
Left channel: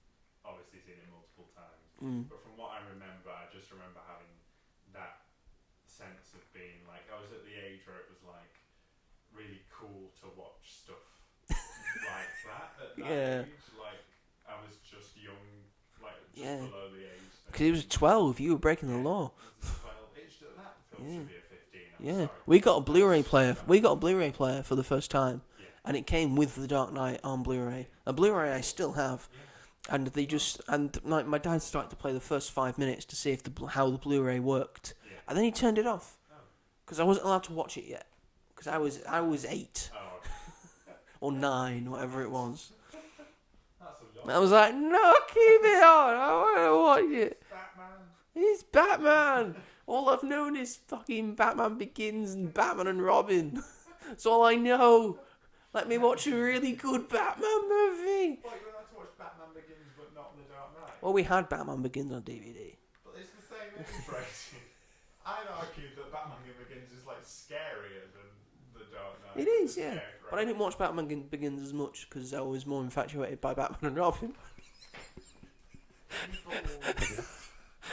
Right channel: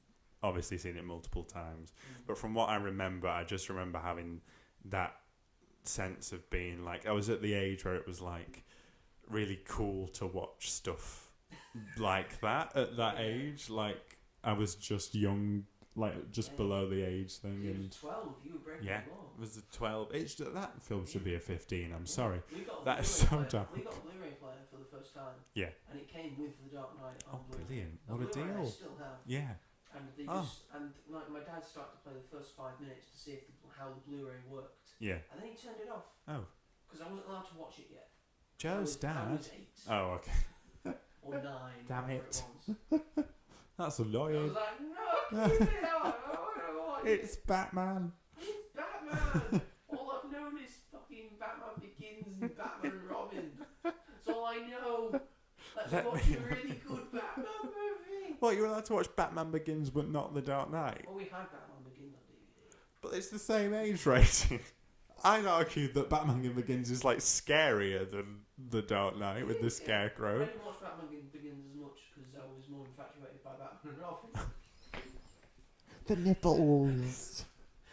obviously seen it multiple times. But from what I remember, I just remember having that sense of being like, I was at the age where it was like really cool to watch stuff like that at that age. Like, I was just young, like just below the age then. Because he was 12, you were breaking the law. It was 12. That film should be a 15. I'm sorry. We got a That's Blu-ray so player. dumb. We got a Blu-ray player for the first time. Yeah. And it came with The Dark Knight on Blu-ray. A Oh, Blu-ray I dear. still have. Yeah. And they just my dad started to play the first 5 minutes to see if how the Blu-ray worked. Yeah. And then he turned it off Oh. because I wasn't allowed to watch it yet. Because I was 8 Oh, okay. or 9, whatever it was. That's a lot. And I was like, no, keep it on. I want to watch It's it. Batman. It's Batman. All I've known is fucking Batman Begins and Batman and Robin. That's all I know. Let me watch a really good Batman movie. Well, you're allowed to watch Batman Begins, but not The Dark Knight. Well, we had Batman Begins on DVD. But it's the same age rating. I'd argue that Batman Begins is like scarier than The Dark Knight It with is, the yeah. scarecrow. But I didn't watch Batman Begins as much because I was more infatuated by Batman and Robin. The nipples.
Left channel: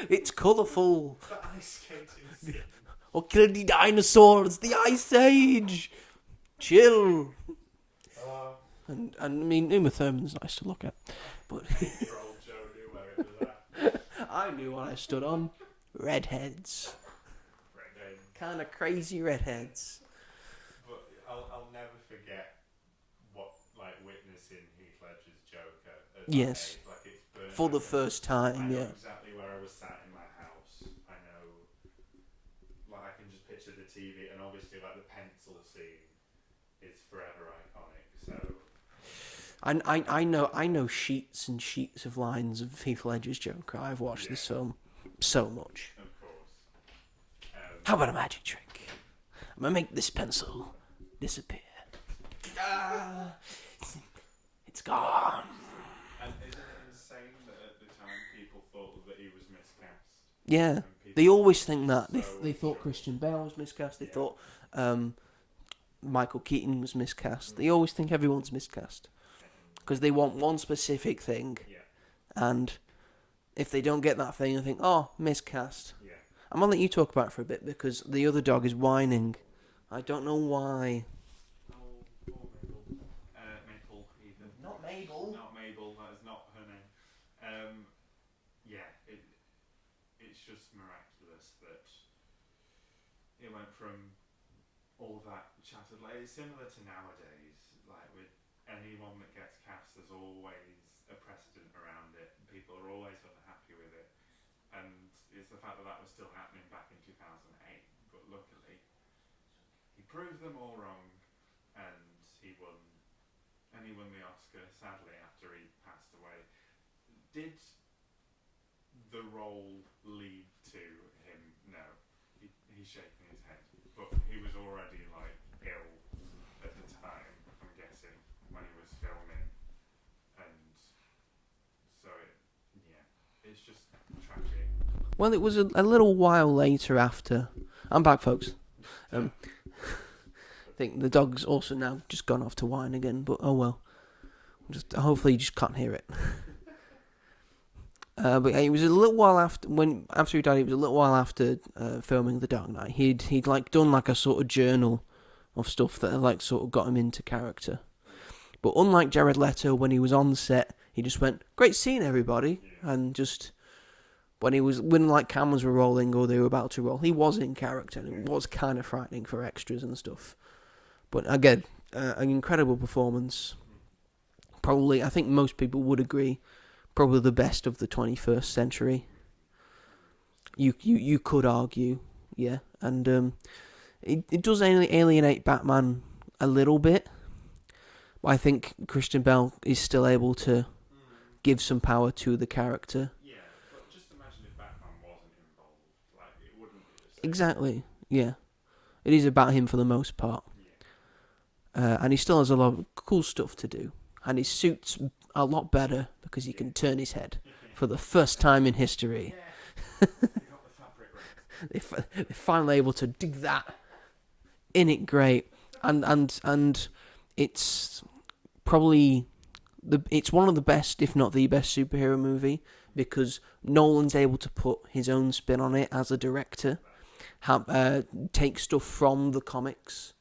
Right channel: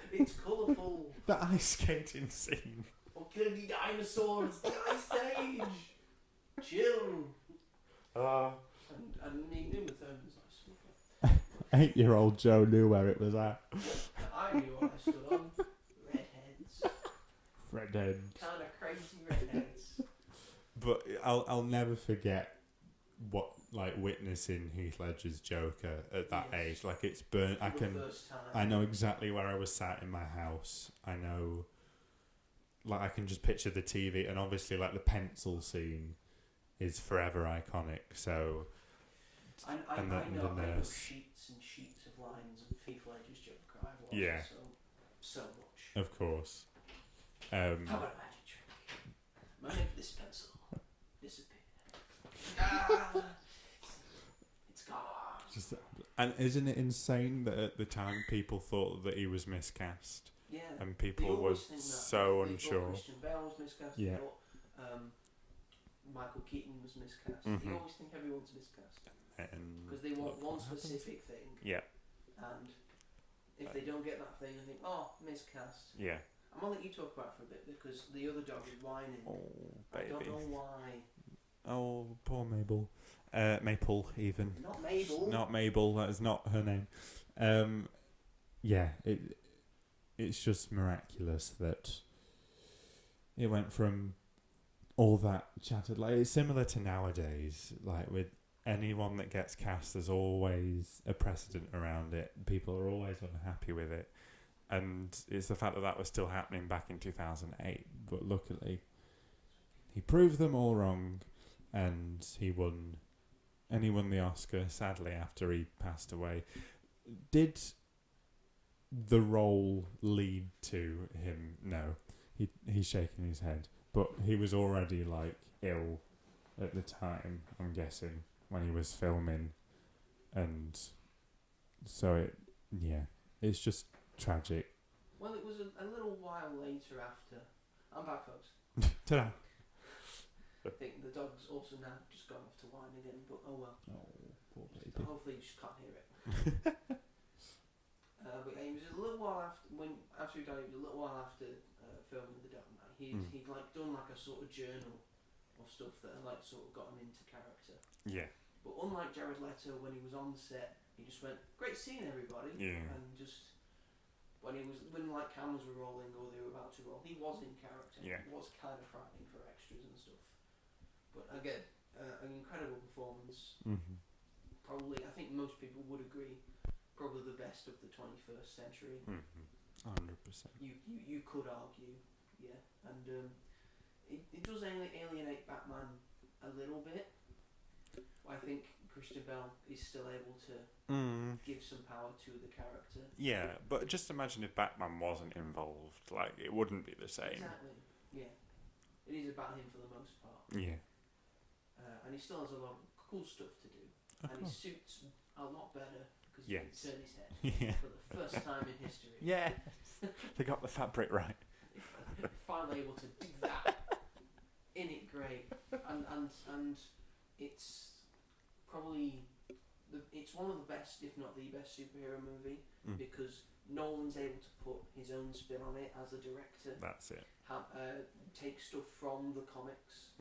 It's colourful. The ice skating scene. Or kill the dinosaurs. The Ice Age. Chill. And I mean, Uma Thurman's nice to look at. But 8-year-old Joe knew where it was at. I knew what I stood on. Redheads. Redhead. Kind of crazy redheads. But I'll never forget witnessing Heath Ledger's Joker at that age. Like, it's burnt For the first time. I know exactly where I was sat in my house. I know, like, I can just picture the TV, and obviously, like, the pencil scene is forever iconic. So I know sheets and sheets of lines of Heath Ledger's Joker. I've watched this film so much. Of course. How about a magic trick? I'm gonna make this pencil disappear. It's gone. And isn't it insane that at the time people thought that he was miscast? Yeah, And people they always were think that. So They unsure. thought Christian Bale was miscast. They Yeah. thought Michael Keaton was miscast. They Mhm. always think everyone's miscast And- because they want one specific thing, yeah, and if they don't get that thing, they think, oh, miscast. yeah. I'm gonna let you talk about it for a bit because the other dog is whining. I don't know why. Oh, poor Mabel. Maple, even. Not Mabel. Not Mabel. That is not her name. Yeah, it's just miraculous that it went from all that chattered. Like, it's similar to nowadays. Like, with anyone that gets cast, there's always a precedent around it. People are always unhappy with it, and it's the fact that that was still happening back in 2008. But luckily, he proved them all wrong, and he won. And he won the Oscar, sadly, after he passed away. Did the role lead to him? No. He's shaking his head. But he was already, like, ill at the time, I'm guessing, when he was filming. And so, it's just tragic. Well, it was a little while later after. I'm back, folks. I think the dog's also now just gone off to whine again, but oh well. Just hopefully you just can't hear it. But it was a little while after he died. It was a little while after filming The Dark Knight. He'd like done like a sort of journal of stuff that had like sort of got him into character. Yeah. But unlike Jared Leto, when he was on set, he just went, "Great scene, everybody," and just. When like cameras were rolling or they were about to roll, he was in character. Yeah. It was kind of frightening for extras and stuff. But again, an incredible performance. Mm-hmm. Probably, I think most people would agree, probably the best of the 21st century. 100%. You could argue, yeah, and it does alienate Batman a little bit. But I think Christian Bale is still able to give some power to the character. Yeah, but just imagine if Batman wasn't involved, like it wouldn't be the same. Exactly, yeah. It is about him for the most part. Yeah. And he still has a lot of cool stuff to do. And his suit's a lot better because he can turn his head for the first time in history. Yeah, they got the fabric right. They're finally able to do that. In it great. And it's probably it's one of the best, if not the best, superhero movie because Nolan's able to put his own spin on it as a director. That's it. Take stuff from the comics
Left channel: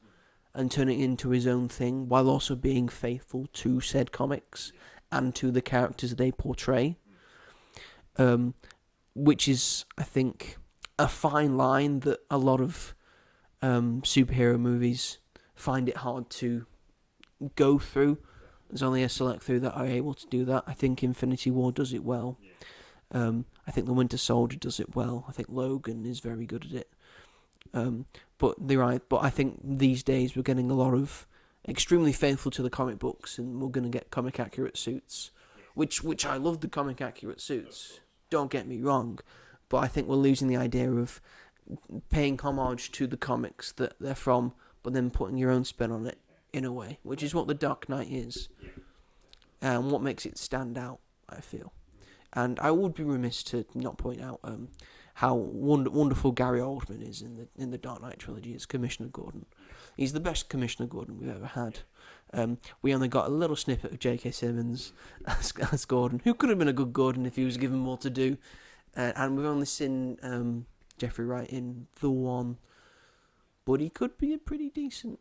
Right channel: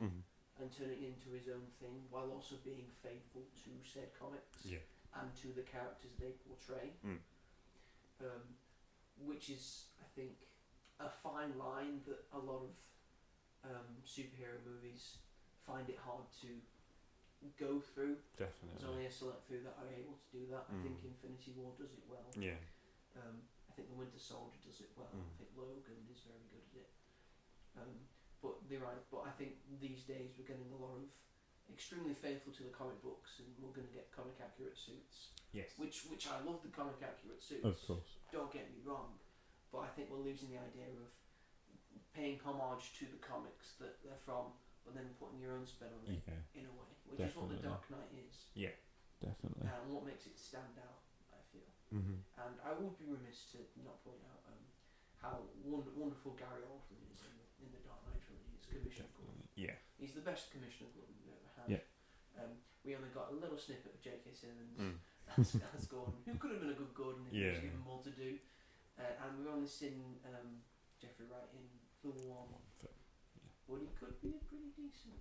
and turn it into his own thing while also being faithful to said comics and to the characters they portray. Which is, I think, a fine line that a lot of superhero movies find it hard to go through. Definitely. There's only a select few that are able to do that. I think Infinity War does it well. Yeah. I think The Winter Soldier does it well. I think Logan is very good at it. But they're right. But I think these days we're getting a lot of extremely faithful to the comic books, and we're going to get comic accurate suits. Yes. Which I love the comic accurate suits. Of course. Don't get me wrong, but I think we're losing the idea of paying homage to the comics that they're from, but then putting your own spin on it in a way, which is what The Dark Knight is. Yeah, definitely. And what makes it stand out, I feel. And I would be remiss to not point out how wonderful Gary Oldman is in the Dark Knight trilogy as Commissioner Gordon. Yeah. He's the best Commissioner Gordon we've ever had. Yeah. We only got a little snippet of J.K. Simmons as Gordon, who could have been a good Gordon if he was given more to do. And we've only seen Jeffrey Wright in The One, but he could be a pretty decent.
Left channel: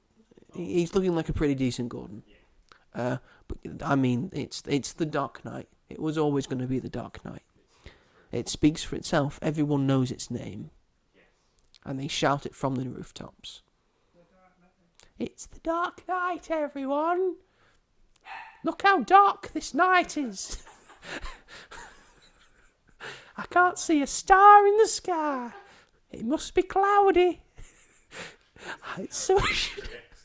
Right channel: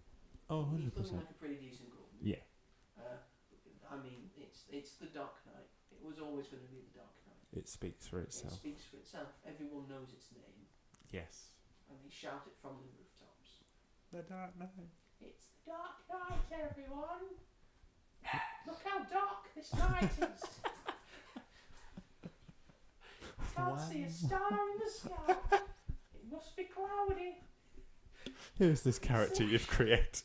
He's looking like a pretty decent Gordon. Yeah. But I mean, it's The Dark Knight. It was always going to be The Dark Knight. It speaks for itself. It speaks for itself. Everyone knows its name. Yes. And they shout it from the rooftops. The Dark Knight. It's The Dark Knight, everyone. Look how dark this night is. I can't see a star in the sky. It must be cloudy. Who is this It's character you've created?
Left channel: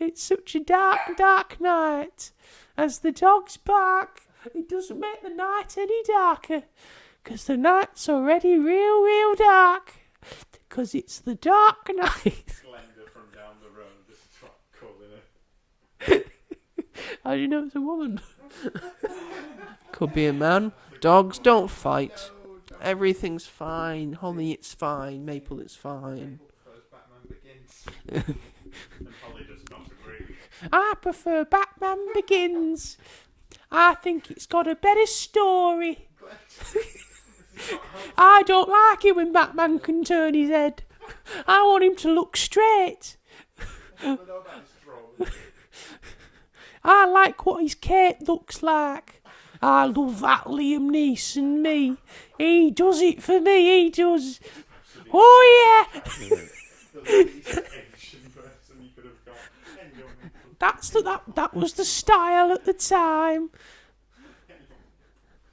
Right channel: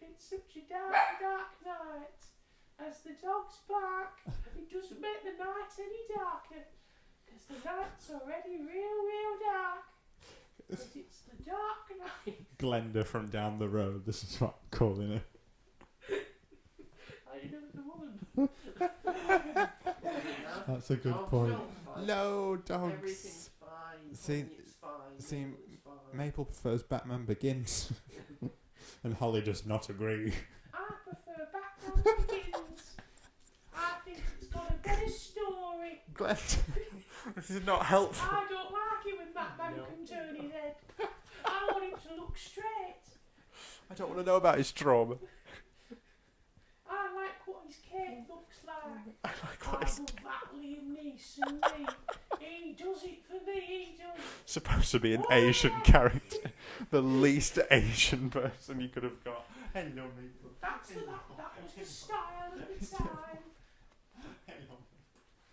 It's such a dark, dark night. As the dogs bark, it doesn't make the night any darker. 'Cause the night's already real, real dark. 'Cause it's the Dark Knight. Glenda from down the road. This is what I'm calling it. How do you know it's a woman? Could be a man. That's a good Dogs point. don't fight. No, dogs. Everything's fine. Holly, See- it's fine. see, Maple, it's fine. Maple prefers Batman Begins. And Holly does not agree. I prefer Batman Begins. I think it's got a better story. This is not helpful. I don't like it when Batman can turn his head. I want him to look straight. I don't want to know about his trauma. I like what his cape looks like. I love that Liam Neeson, me. He does it for me, he does. Supposed to be an Oh, Asian character. The least Asian person you could have got. That was the style at the time.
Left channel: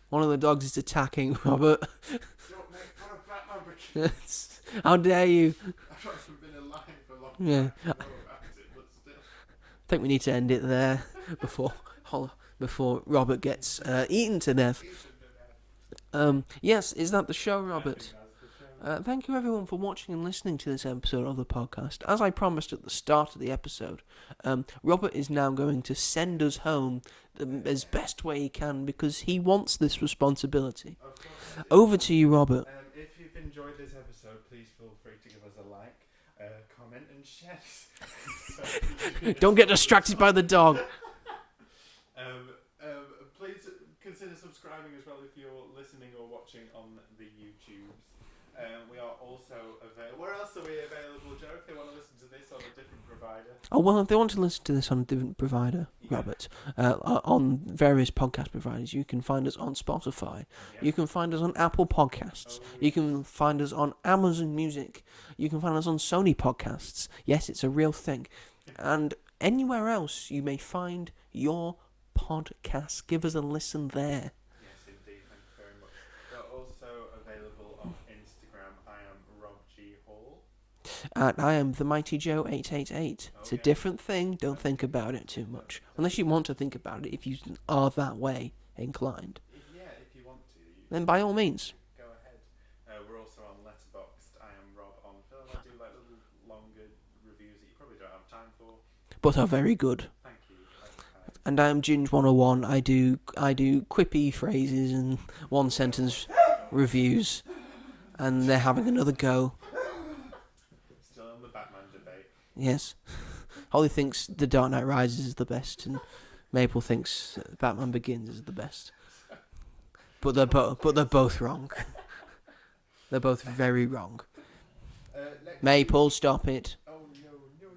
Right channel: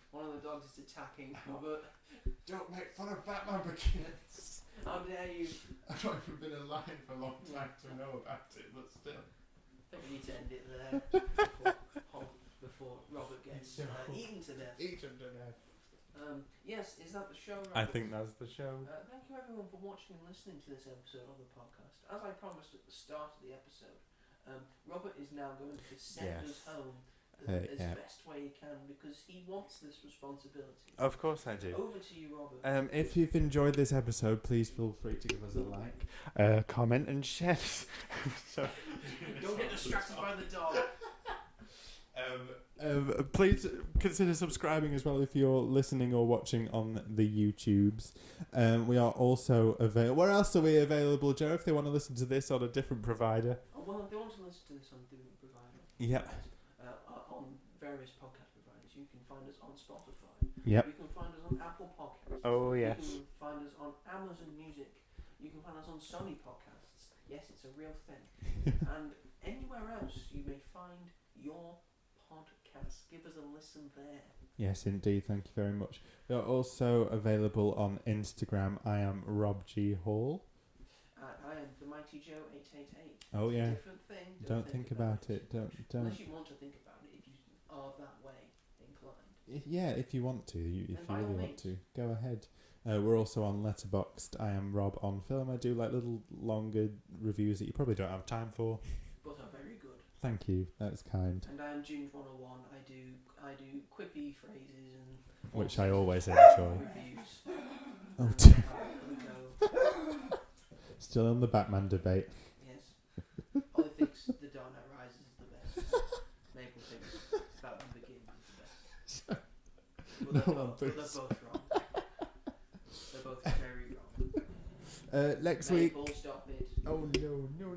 One of the dogs is attacking Robert. Don't make fun of Batman Begins. How dare you? I've not even been alive for a long Yeah. time to know about it, but still. I think we need to end it there before Robert gets eaten to death. Yes, is that the show, Robert? I think that's the show. Thank you everyone for watching and listening to this episode of the podcast. As I promised at the start of the episode, Robert is now going to send us home as best way he can because he wants this responsibility. Of course I do. Over to you, Robert. If you've enjoyed this episode, please feel free to give us a like, comment and share. Don't get distracted by the dog. Please consider subscribing as well if you're listening or watching on the YouTubes. We are also available. Where else are we available, Joe? If they want to listen to this on a different provider. Oh, well, if they want to listen to this on a different provider, Yeah. Robert, on various podcast providers, you can find us on Spotify. Yep. You can find us on Apple Podcasts. Oh, You can find us on Amazon Music. You can find us on Sony Podcasts. Yes, it's a real thing. And anywhere else you may find your podcast, give us a listen there. Yes, indeed. Thank you very much. We're also available on Instagram. I am robghall. And I am the Mighty Joe 888. Oh, It's yeah. a different thing. Don't think about it too much. Unless you want to think about it, if you are that way inclined. If you want to. Then by all means. Go ahead. We're also on Letterboxd. I am robonfilm. I do like little longer reviews that you probably don't have time for. But are very good. Thank you. That's kind. And I am Ginge 101. I do quippy phrases and one Which I sentence always enjoy. reviews. And they're having another go. Still on the Batman debate. Yes. Holly thinks The Dark Knight Rises is the best, and Maple thinks Batman Begins is the best. But they're both wrong. They're both very wrong. Next Maple, week. stop it. Oh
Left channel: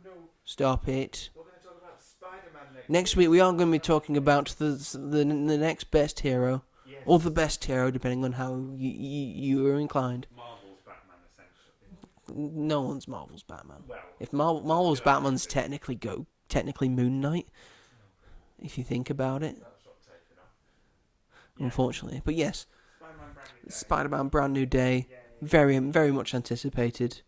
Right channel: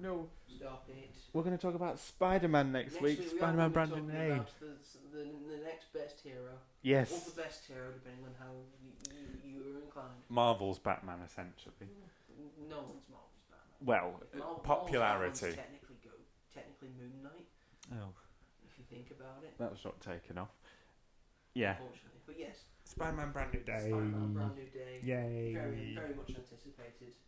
no! Stop it. We're going to talk about Spider-Man next week. Next week we are going to be Spider-Man talking Brandon about the next best hero, Yes. or the best hero, depending on how you are inclined. Marvel's Batman, essentially. No one's Marvel's Batman. Well, If Marvel's Batman's popularity. technically Moon Knight, Oh, if you think about it, that was not taken off. unfortunately. But yes, Spider-Man Brand New Day. Spider-Man Brand New Day, Yay. very much anticipated.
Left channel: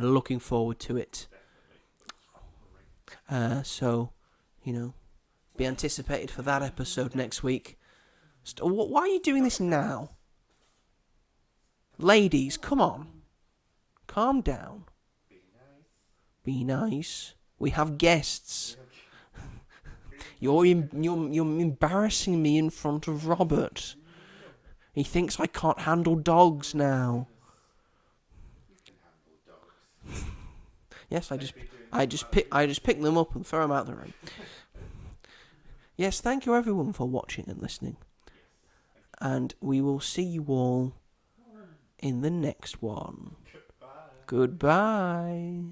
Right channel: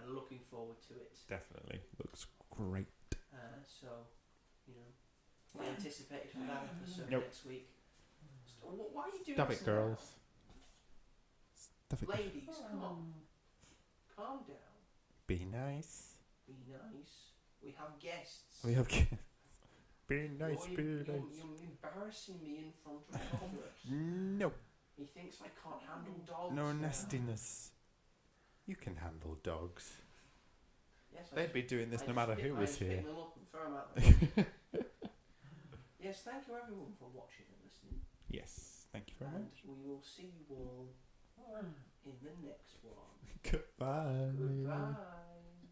Looking forward to it. Definitely. Looks great. So, be anticipated for that episode next week. Why are you doing this now? Ladies, come on. Calm down. Be nice. Be nice. We have guests. We have. Be nice, You're people. you're embarrassing me in front of Robert. No. He thinks I can't handle dogs No now. nastiness. You can handle dogs. Yes, They'd be doing this I no just matter pick who I was just pick here. them up and throw them out the room. Yes, thank you everyone for watching and listening, Yes. Thank you. and we will see you all in the next one. Goodbye. Goodbye.